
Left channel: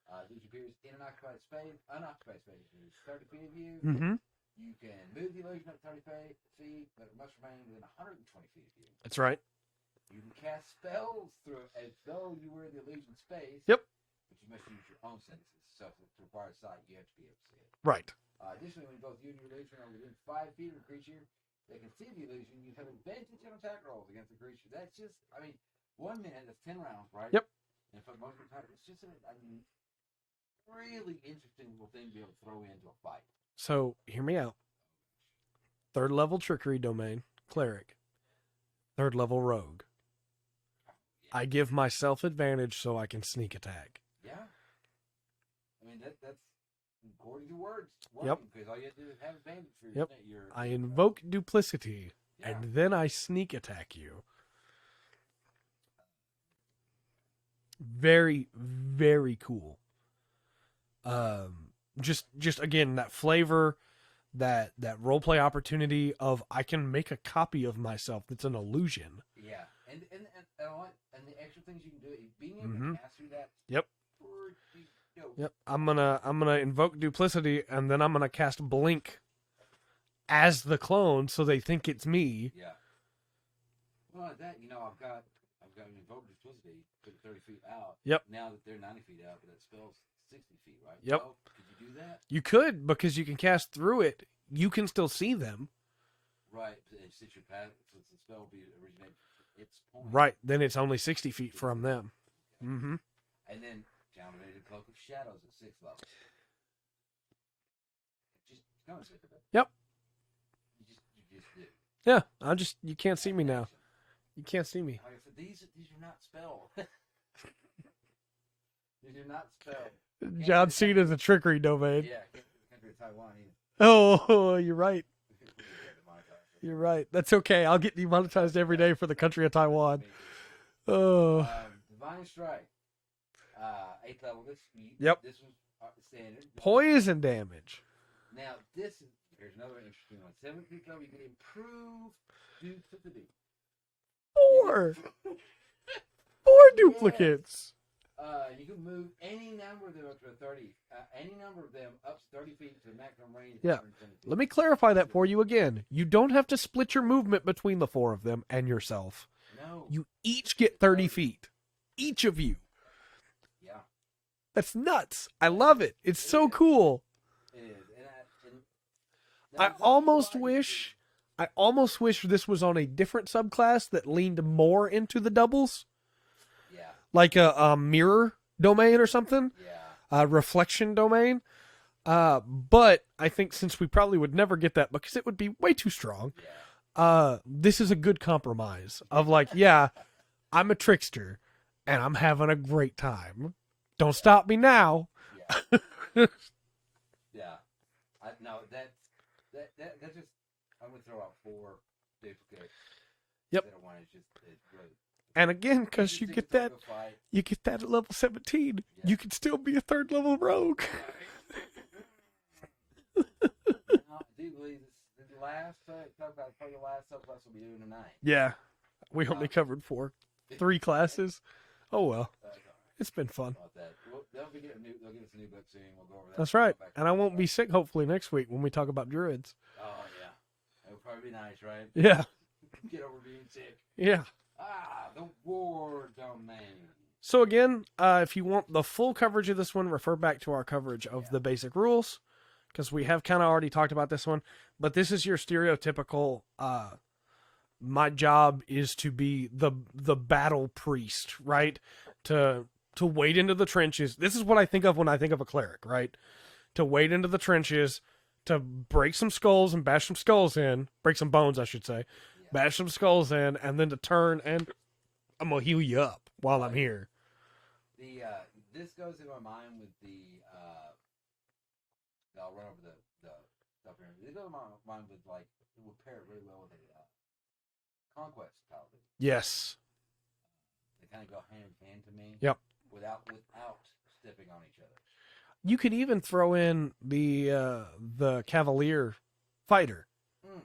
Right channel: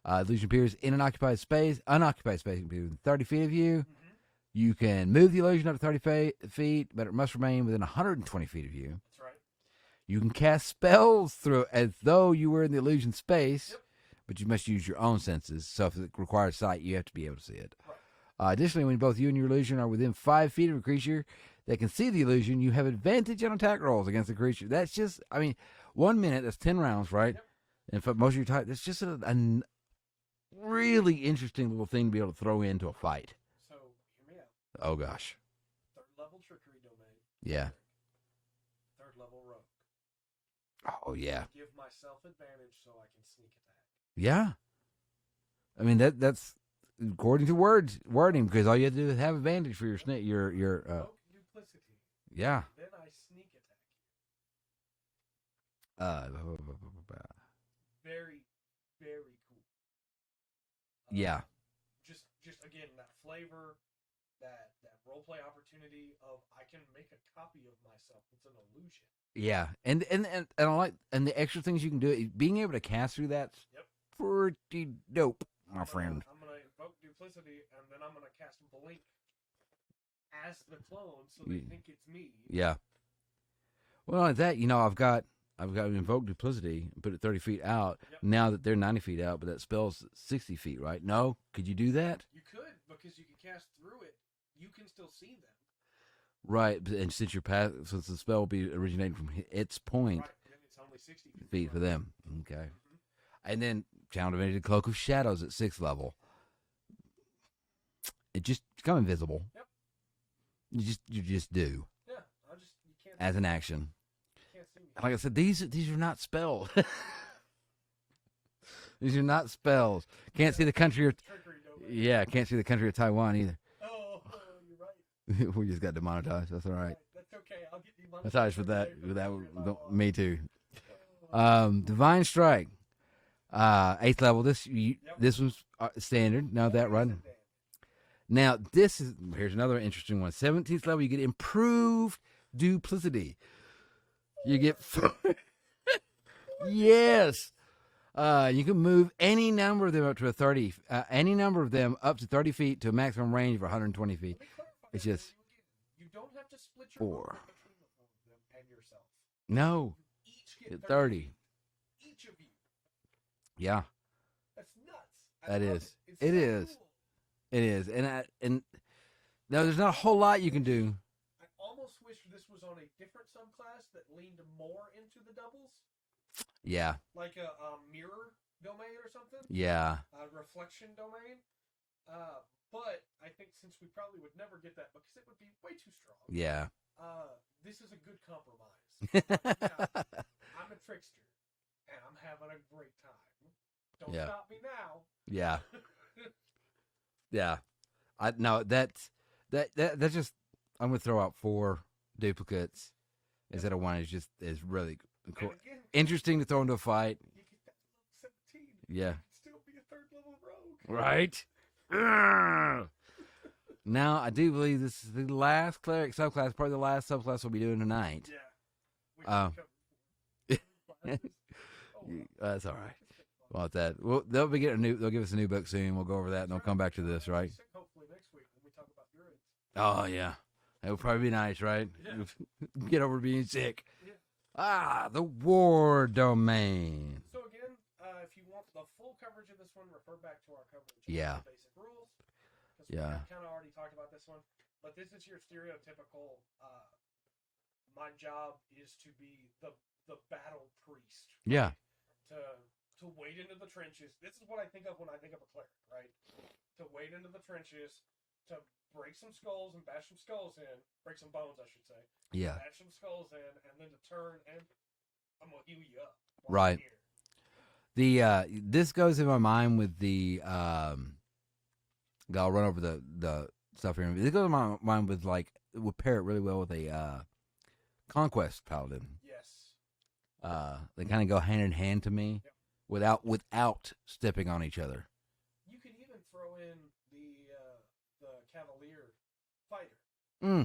Illusion appears in an unoccupied space within 30 feet of you. You can move the illusion up to 30 feet, but it must remain within 120 feet of you. That's right. You can cast spells through as though you were in the illusion space. Yep. But you must use your own senses. So if it requires sight, you have to be able to see it. Right. Additionally, when both you and your illusion are within 5 feet of a creature that can see the illusion, you have advantage on attack rolls against the creature. That's just, 1 minute, that's 10 rounds, right? Yep. And for most of your time, it's just a really interesting little thing to be able to throw into a fight. So, hear me out. Oh, gosh. 3rd level trickery domain, Cleric. 3rd level rogue. Oh, yeah. I give myself advantage so I can sneak attack. Yeah. That's according to wording, because all you have to do is have advantage for your snake. I invoke Duplicity. Yeah. And then I sneak attack you. Very, very cool. Just again, that flavor, that roleplay opportunity of I can make a copy of myself that's an illusion. Yeah. And I like, and the extra things you can do, being able to cast through that. Yep. Pretty dope. Yep. I'm gonna invoke Duplicity, and then I'm gonna cast Blink as the clone, so they think it's me. Yeah. Well, at that, I've got invoke Duplicity, put it 30 feet out. Yep. Now that they're 90 feet out, but that spell's 60 feet, right? Yep. No, could you do that? You could, because you can cast through it. You can still see them. Right, and since since the spell will be originating from its point, right? Then it's only 60 feet from for them. Okay. And then Channel Divinity, Cloak of Shadows at 6th level. It just become invisible. Yep. You just do. Yeah, you can't see as me an now. action. You can't see me. Like I said, these are not spells. These are not spells. Can't see the country of the trickery domain. Yeah, can't see the country of Taiwan either. Oh, you're right. We just got demonetized. That's You're all right. right. That's okay. I'll get demonetized every day for the country of Taiwan. Me too. Oh. Divine Strike. 8th level. This was standard. No, poison damage. Now, here's another interesting one. 17th level, you get improved Duplicity. You get 4 duplicates. You can move any number of them up to 30 feet to a maximum range of 120 feet. Let me clarify that for you again. You don't have to split your movement between the 4 of them and yourself. No. You each get 30 feet. Each of you. Yeah. That's nuts. I love it. It's so cool. It is. And there's not a whole lot you can do. I almost wish this was on a different subclass that leaned more into the doubles. Yeah. Like a mirror domain or something. Yeah. A reflection domain. But I think since we probably would never get that because it would be way too strong. Yeah. This is a good compromise of I'm a trickster, and I'm having a great time. Don't stop me now. Yeah. Yeah. That's just, I'm going to throw out 4 duplicates instead of 1. Is really And again, interesting to throw into a fight. You get that at level 17. Yeah. You can still be a 3rd level rogue. Right. Now, I do believe this is the last cleric subclass, probably the last subclass we'll be doing tonight. Yeah. We only covered 3 classes. Oh, well. That's all right. It's been fun. About that. Well, they'll give us a new book soon. We'll go over that. That's and I'll right. Come back to and this, I won't right? be sick, hopefully, next week when we talk about druids. Oh, yeah. It'll probably be nice, right? Yeah. Get over being sick. Yeah. The war domain. So again, if you want the full coverage of this one, refer back to our coverage of the basic rules, because we have kind of already talked about this one. But this is your stereotypical, my job is to be the battle priest, right? To wade into the trenches. This is what I think of when I think of a cleric, right? To wade into the trenches, to break some skulls and bash some skulls in. Break some bones, I should say. Yeah. Bash some skulls in, and then to turn and I'm going to heal you up while I'm here. This goes in my mind with the I'll run over the stuff here. This goes in my mind with would pair it really well with a conquest paladin. Yes. They kind of go hand in hand to me. Yep. Without stepping on each other. You could even throw in the Cavalier fighter,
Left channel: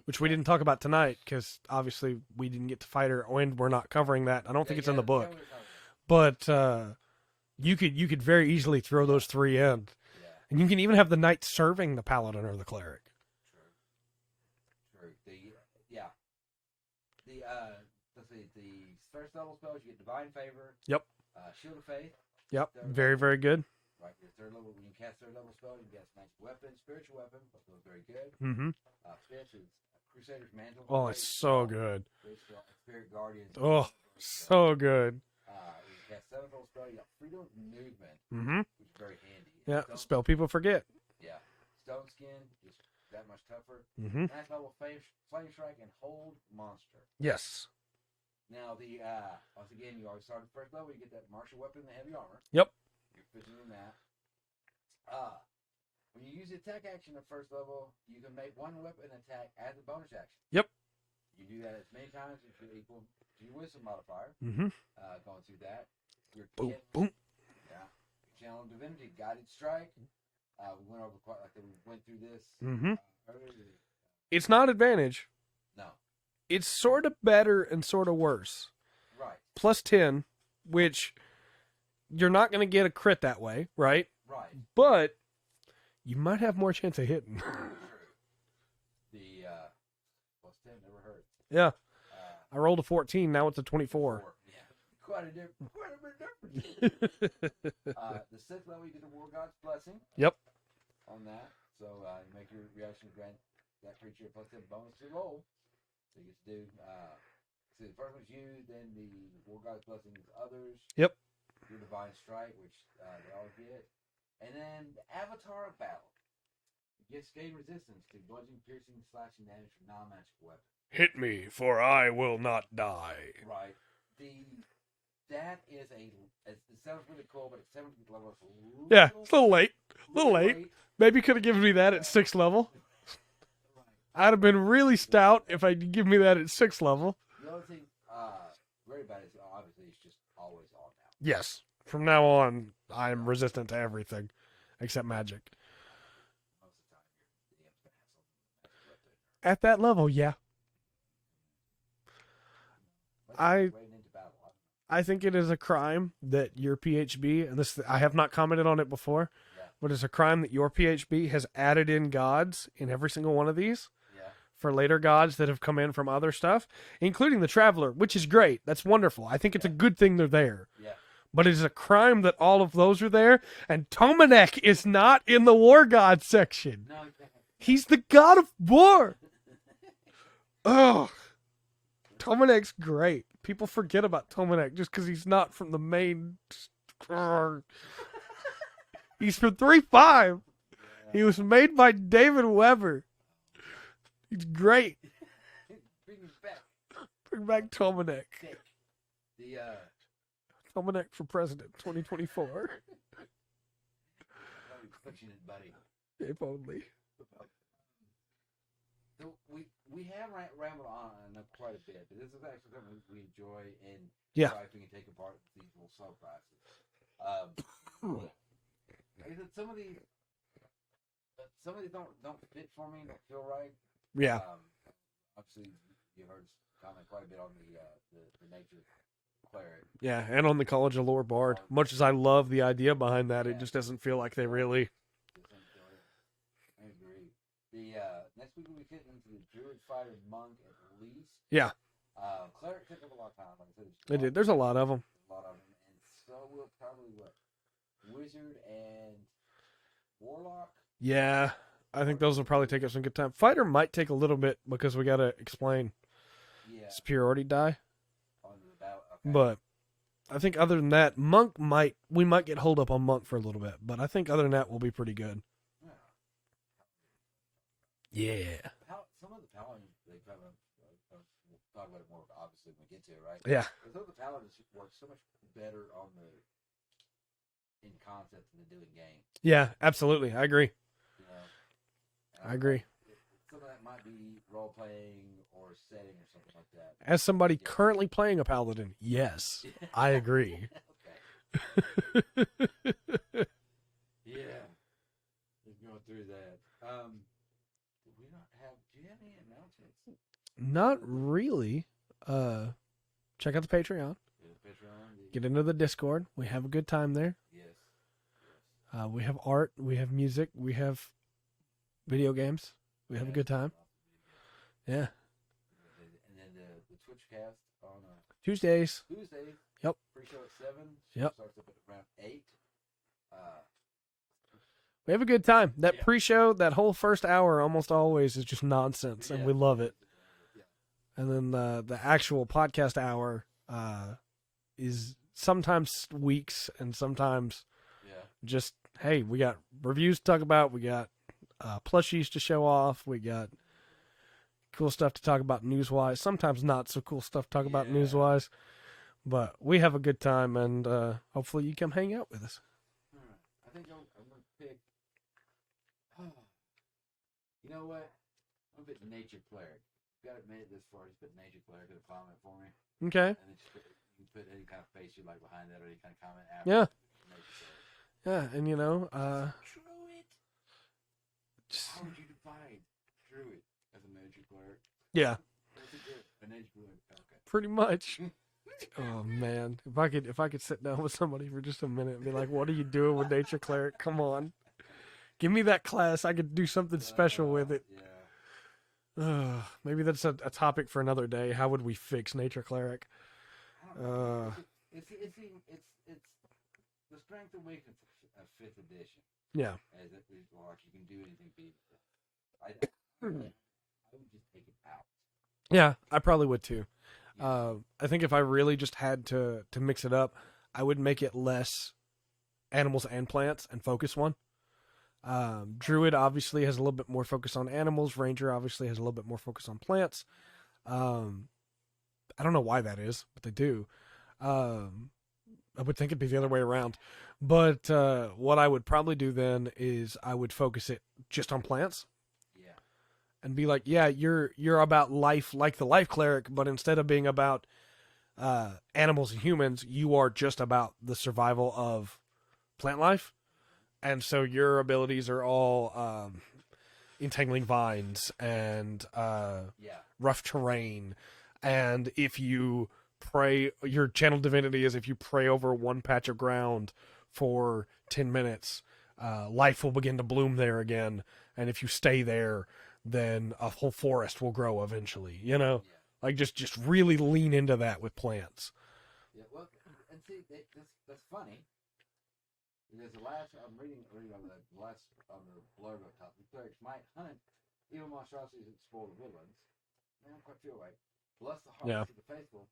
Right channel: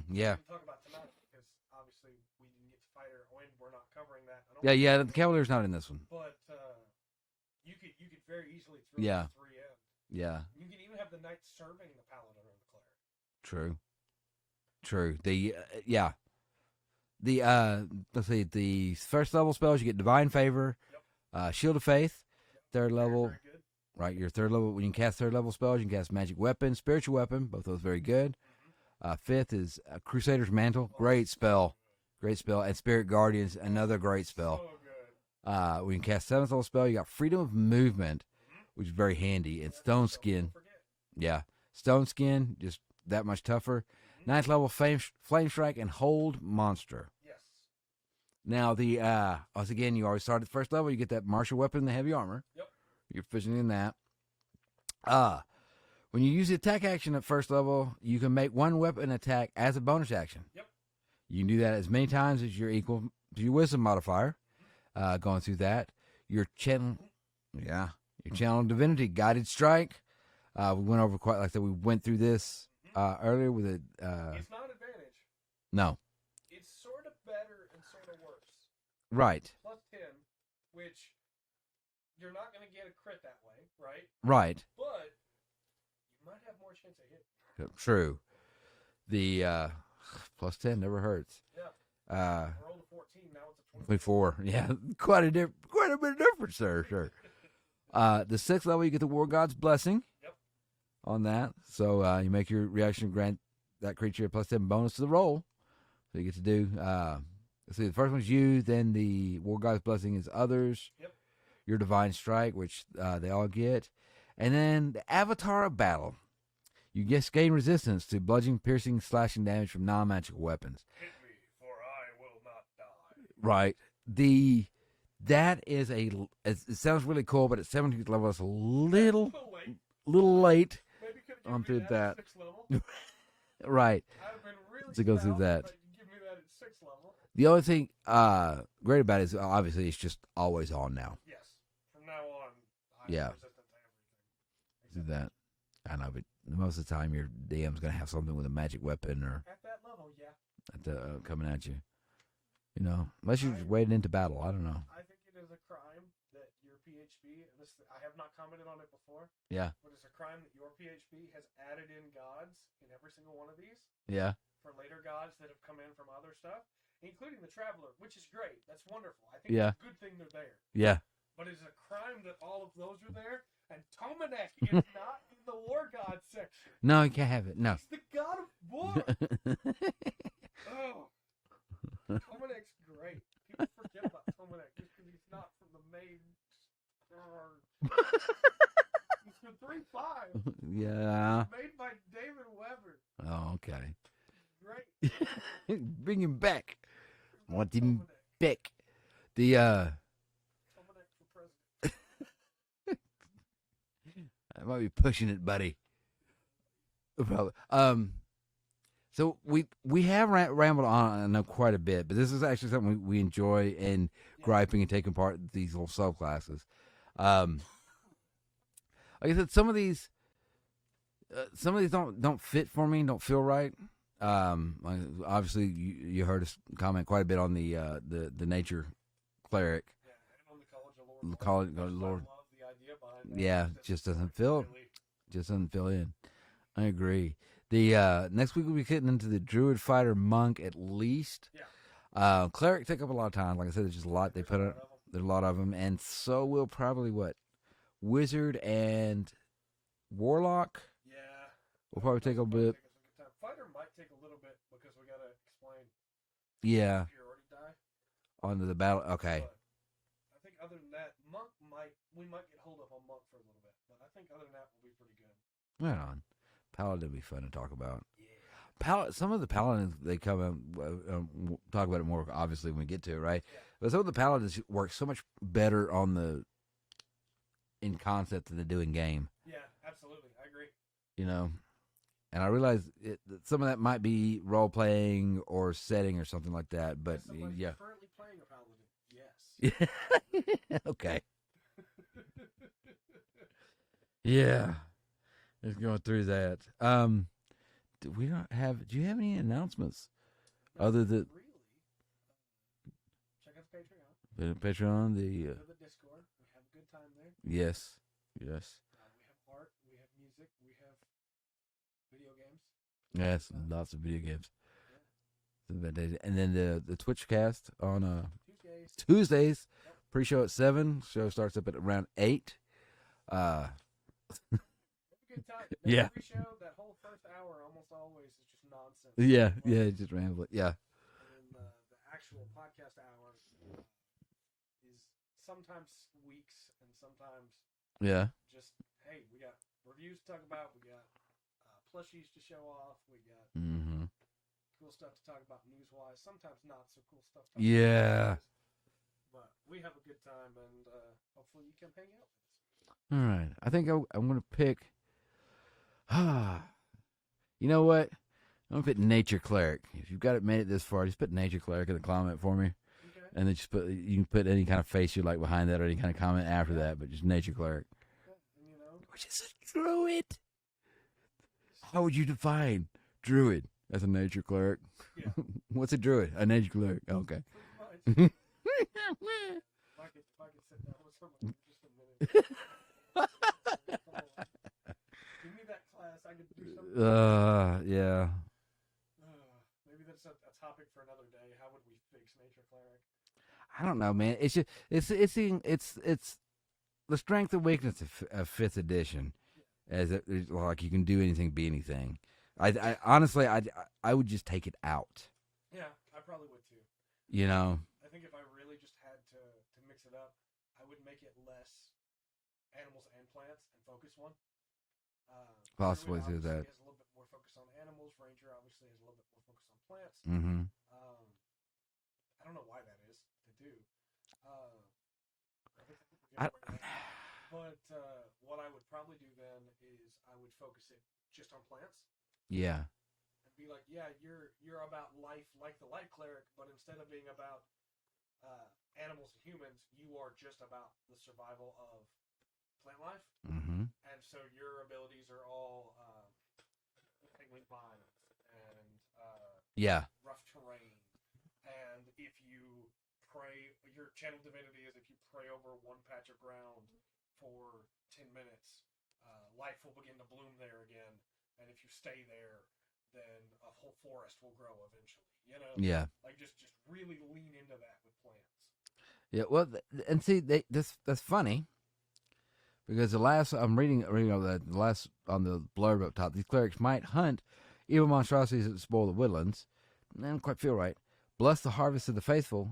which we didn't talk about tonight because obviously we didn't get to fight her, and we're not covering that. I don't think it's in the book. Cavalier's not in this one. But you could very easily throw those 3 in. Yeah. And you can even have the knight serving the paladin or the cleric. True. Let's see, the 1st level spells, you get Divine Favor. Yep. Shield of Faith. Yep. 3rd level. Very, very good. Right, your 3rd level, when you can cast 3rd level spells, you can cast Magic Weapon, Spiritual Weapon, both those very good. Mm-hmm. 5th is Crusader's Mantle. Oh, great spell. So good. Great spell. And Spirit Guardians, another great spell. So good. When you cast 7th level spell, you got Freedom of Movement, which is very handy. And Stone spell Skin. people forget. Yeah. Stone Skin, just that much tougher. 9th level Flame Strike and Hold Monster. Yes. Now, once again, you always start at 1st level, you get that Martial Weapon, the Heavy Armor. Yep. You're fishing in that. When you use the attack action at 1st level, you can make 1 weapon attack as a bonus action. Yep. You can do that as many times as you're equal to your wisdom modifier. Going through that. Your channel, your channel Divinity, Guided Strike. We went over quite like that. We went through this earlier with it. It's not advantage. No. It's sort of better and sort of worse. Right. Plus 10, which you're not going to get a crit that way, right? Right. But you might have more chance of hitting. True. The plus 10 never hurts. Yeah. I rolled a 14. Now it's a 24. Yeah, quite a bit of difference there. Sure. The 6th level, you get the War God's Blessing. Yep. On that, so you make your reaction grant that creature a plus 10 bonus to the roll. So you get to do. Let's see, the first one's you. Then the War God's Blessing is others. Yep. Your Divine Strike, which they all get, and then the Avatar of Battle. You just gain resistance to bludgeoning, piercing, slashing damage from non-magical weapons. Hit me, for I will not die. Right. That is it sounds really cool, but at 17th level, it's a little late. Maybe could have given me that at 6th level. Right. I'd have been really stout if I'd give me that at 6th level. The only thing great about it is obviously it's just always on now. Yes. From now on, I am resistant to everything except magic. I know, but most of the time your DM's going to have something with a magic weapon or at that level, coming at you. You know, unless you're wading into battle. I don't know. I think it is a crime that your PHB, and this I have not commented on it before. Yeah. But it's a crime that your PHB has added in gods in every single one of these. Yeah. For later gods that have come in from other stuff, including the Traveler, which is great. That's wonderful. I think it's a good thing they're there. Yeah. But it is a crime that all of those are there, and Tomanec is not in the War God section. No, you can't have it. No. He's the god of war. Oh, Tomanec's great. People forget about Tomanec just because he's not from the main. He's from 3.5. Yeah. He was made by David Weber. Oh, okay. He's great. Bring him back. Bring back Tomanec. Back. The Tomanec for president 2024. I might be pushing it, buddy. If only. Probably. So we have rambled on, I know, quite a bit, but this is actually something we enjoy and griping and taking part in these little subclasses. Like I said, some of these don't fit for me, don't feel right. Yeah. Like, obviously you heard us comment quite a bit on the nature cleric. Yeah, and on the College of Lore Bard. Much as I love the idea behind that, it just doesn't feel like they really... Just doesn't fill in. I agree. The next week we'll be getting into the Druid, Fighter, Monk at least. Yeah. Cleric take up a lot of time. Like I said, there's just a lot. There's a lot of them. There's a lot of them, and so will probably Wizard and Warlock. Yeah, I think those will probably take us some good time. Fighter might take a little bit because we got to explain. Yeah. Superiority die Onto the battle. Okay. But I think other than that, Monk we might get hold up on Monk for a little bit, but I think other than that, we'll be pretty good. Right on. Paladin will be fun to talk about. Yeah. Some of the Paladins, they come in, we'll talk about it more, obviously, when we get to it, right? Yeah. But some of the Paladins work so much better in concept than they do in game. Yeah, absolutely. I agree. You know? And I realize some of that might be role-playing or setting or something like that. But, as somebody currently playing a Paladin, yes, I agree. Okay. Yeah. Just going through that. Do you have any announcements? Not really. Check out the Patreon. Get into the Discord. We have a good time there. Yes. We have art. We have music. We have video games. We have a good time. Lots of video games. Yeah. And then the Twitch cast on Tuesdays. Yep. Pre-show at 7. Show starts up at around 8. We have a good time. That pre-show, that whole first hour, almost always is just nonsense. We love it. Just ramble. Yeah. And then the actual podcast hour is sometimes weeks and sometimes just, hey, we got reviews to talk about. We got plushies to show off. We got cool stuff to talk about news-wise. Sometimes not so cool stuff to talk about news-wise. But we have a good time, and hopefully you come hang out with us. All right. I think I'm going to pick... you know what? I'm going to put Nature Cleric. If you've got it made it this far, just put Nature Cleric in the comment for me. Okay. And then you can put any kind of face you like behind that or any kind of comment after that, but just Nature Cleric. Yeah, and Druid. How would you define Druid as a Nature Cleric? Yeah. What's a Druid? A Nature Cleric. Okay. Pretty much. Oh man, if I could sit down with somebody for just a minute and be like, "What are you doing with Nature Cleric? Come on, give me that class. I could do something special with it." Yeah. Maybe that's a topic for another day. How would we fix Nature Cleric? I don't know, man. It's just it's the strength and weakness of 5th edition. Yeah. As like you can do anything, be anything. I honestly I would just take it out. Yeah, I probably would too. You know, I think if I really just had to mix it up, I would make it less animals and plants and focus one. Druid obviously has a little bit more focus on animals. Ranger obviously has a little bit more focus on plants. I don't know why that is, but they do. I would think it'd be the other way around. But what I would probably do then is I would focus it just on plants. Yeah. And be like, yeah, you're about life like the life cleric, but instead of being about animals and humans, you are just about the survival of plant life. And so your abilities are all entangling vines and rough terrain. And if you pray, your channel divinity is if you pray over one patch of ground for 10 minutes, life will begin to bloom there again. And if you stay there, then a whole forest will grow eventually, you know? Yeah. Like just really lean into that with plants. Yeah, well, and see, that's funny because I'm reading the last on the blurb up top. These clerics might hunt evil monstrosities that spoil the woodlands. I don't quite feel right. Bless the harvest of the faithful,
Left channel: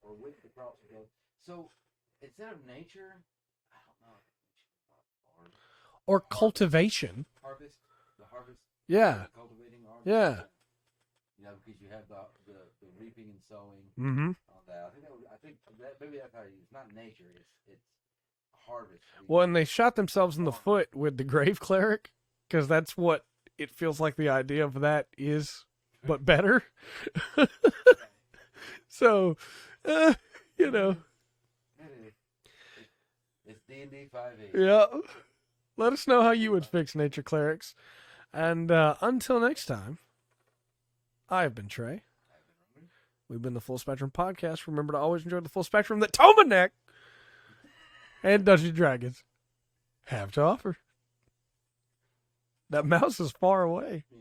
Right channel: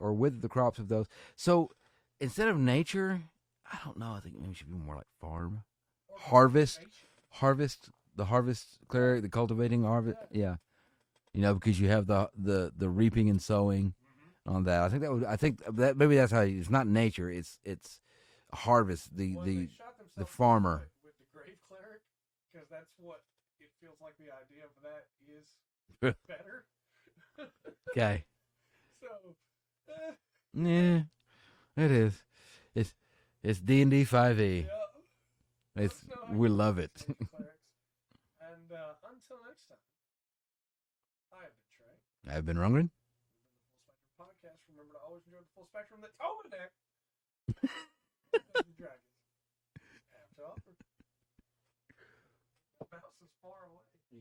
or wither the crops of those. So instead of nature, I don't know. I think maybe it should be more like farm or cultivation. The harvest, the cultivating harvest. Yeah. because you have the reaping and sowing on that. I think that maybe that's how it's not nature. It's harvest. And they shot themselves in the foot with the Grave Cleric, because that's what it feels like the idea of that is, but better. Okay. So, you know, it is. It's D&D 5e. Yeah. Let us know how you would fix nature clerics. And until next time, I have been Trey. I've been Rungren. We've been the Full Spectrum Podcast. Remember to always enjoy the full spectrum that Tomanec and Dungeons & Dragons have to offer. That mouse is far away. Yeah.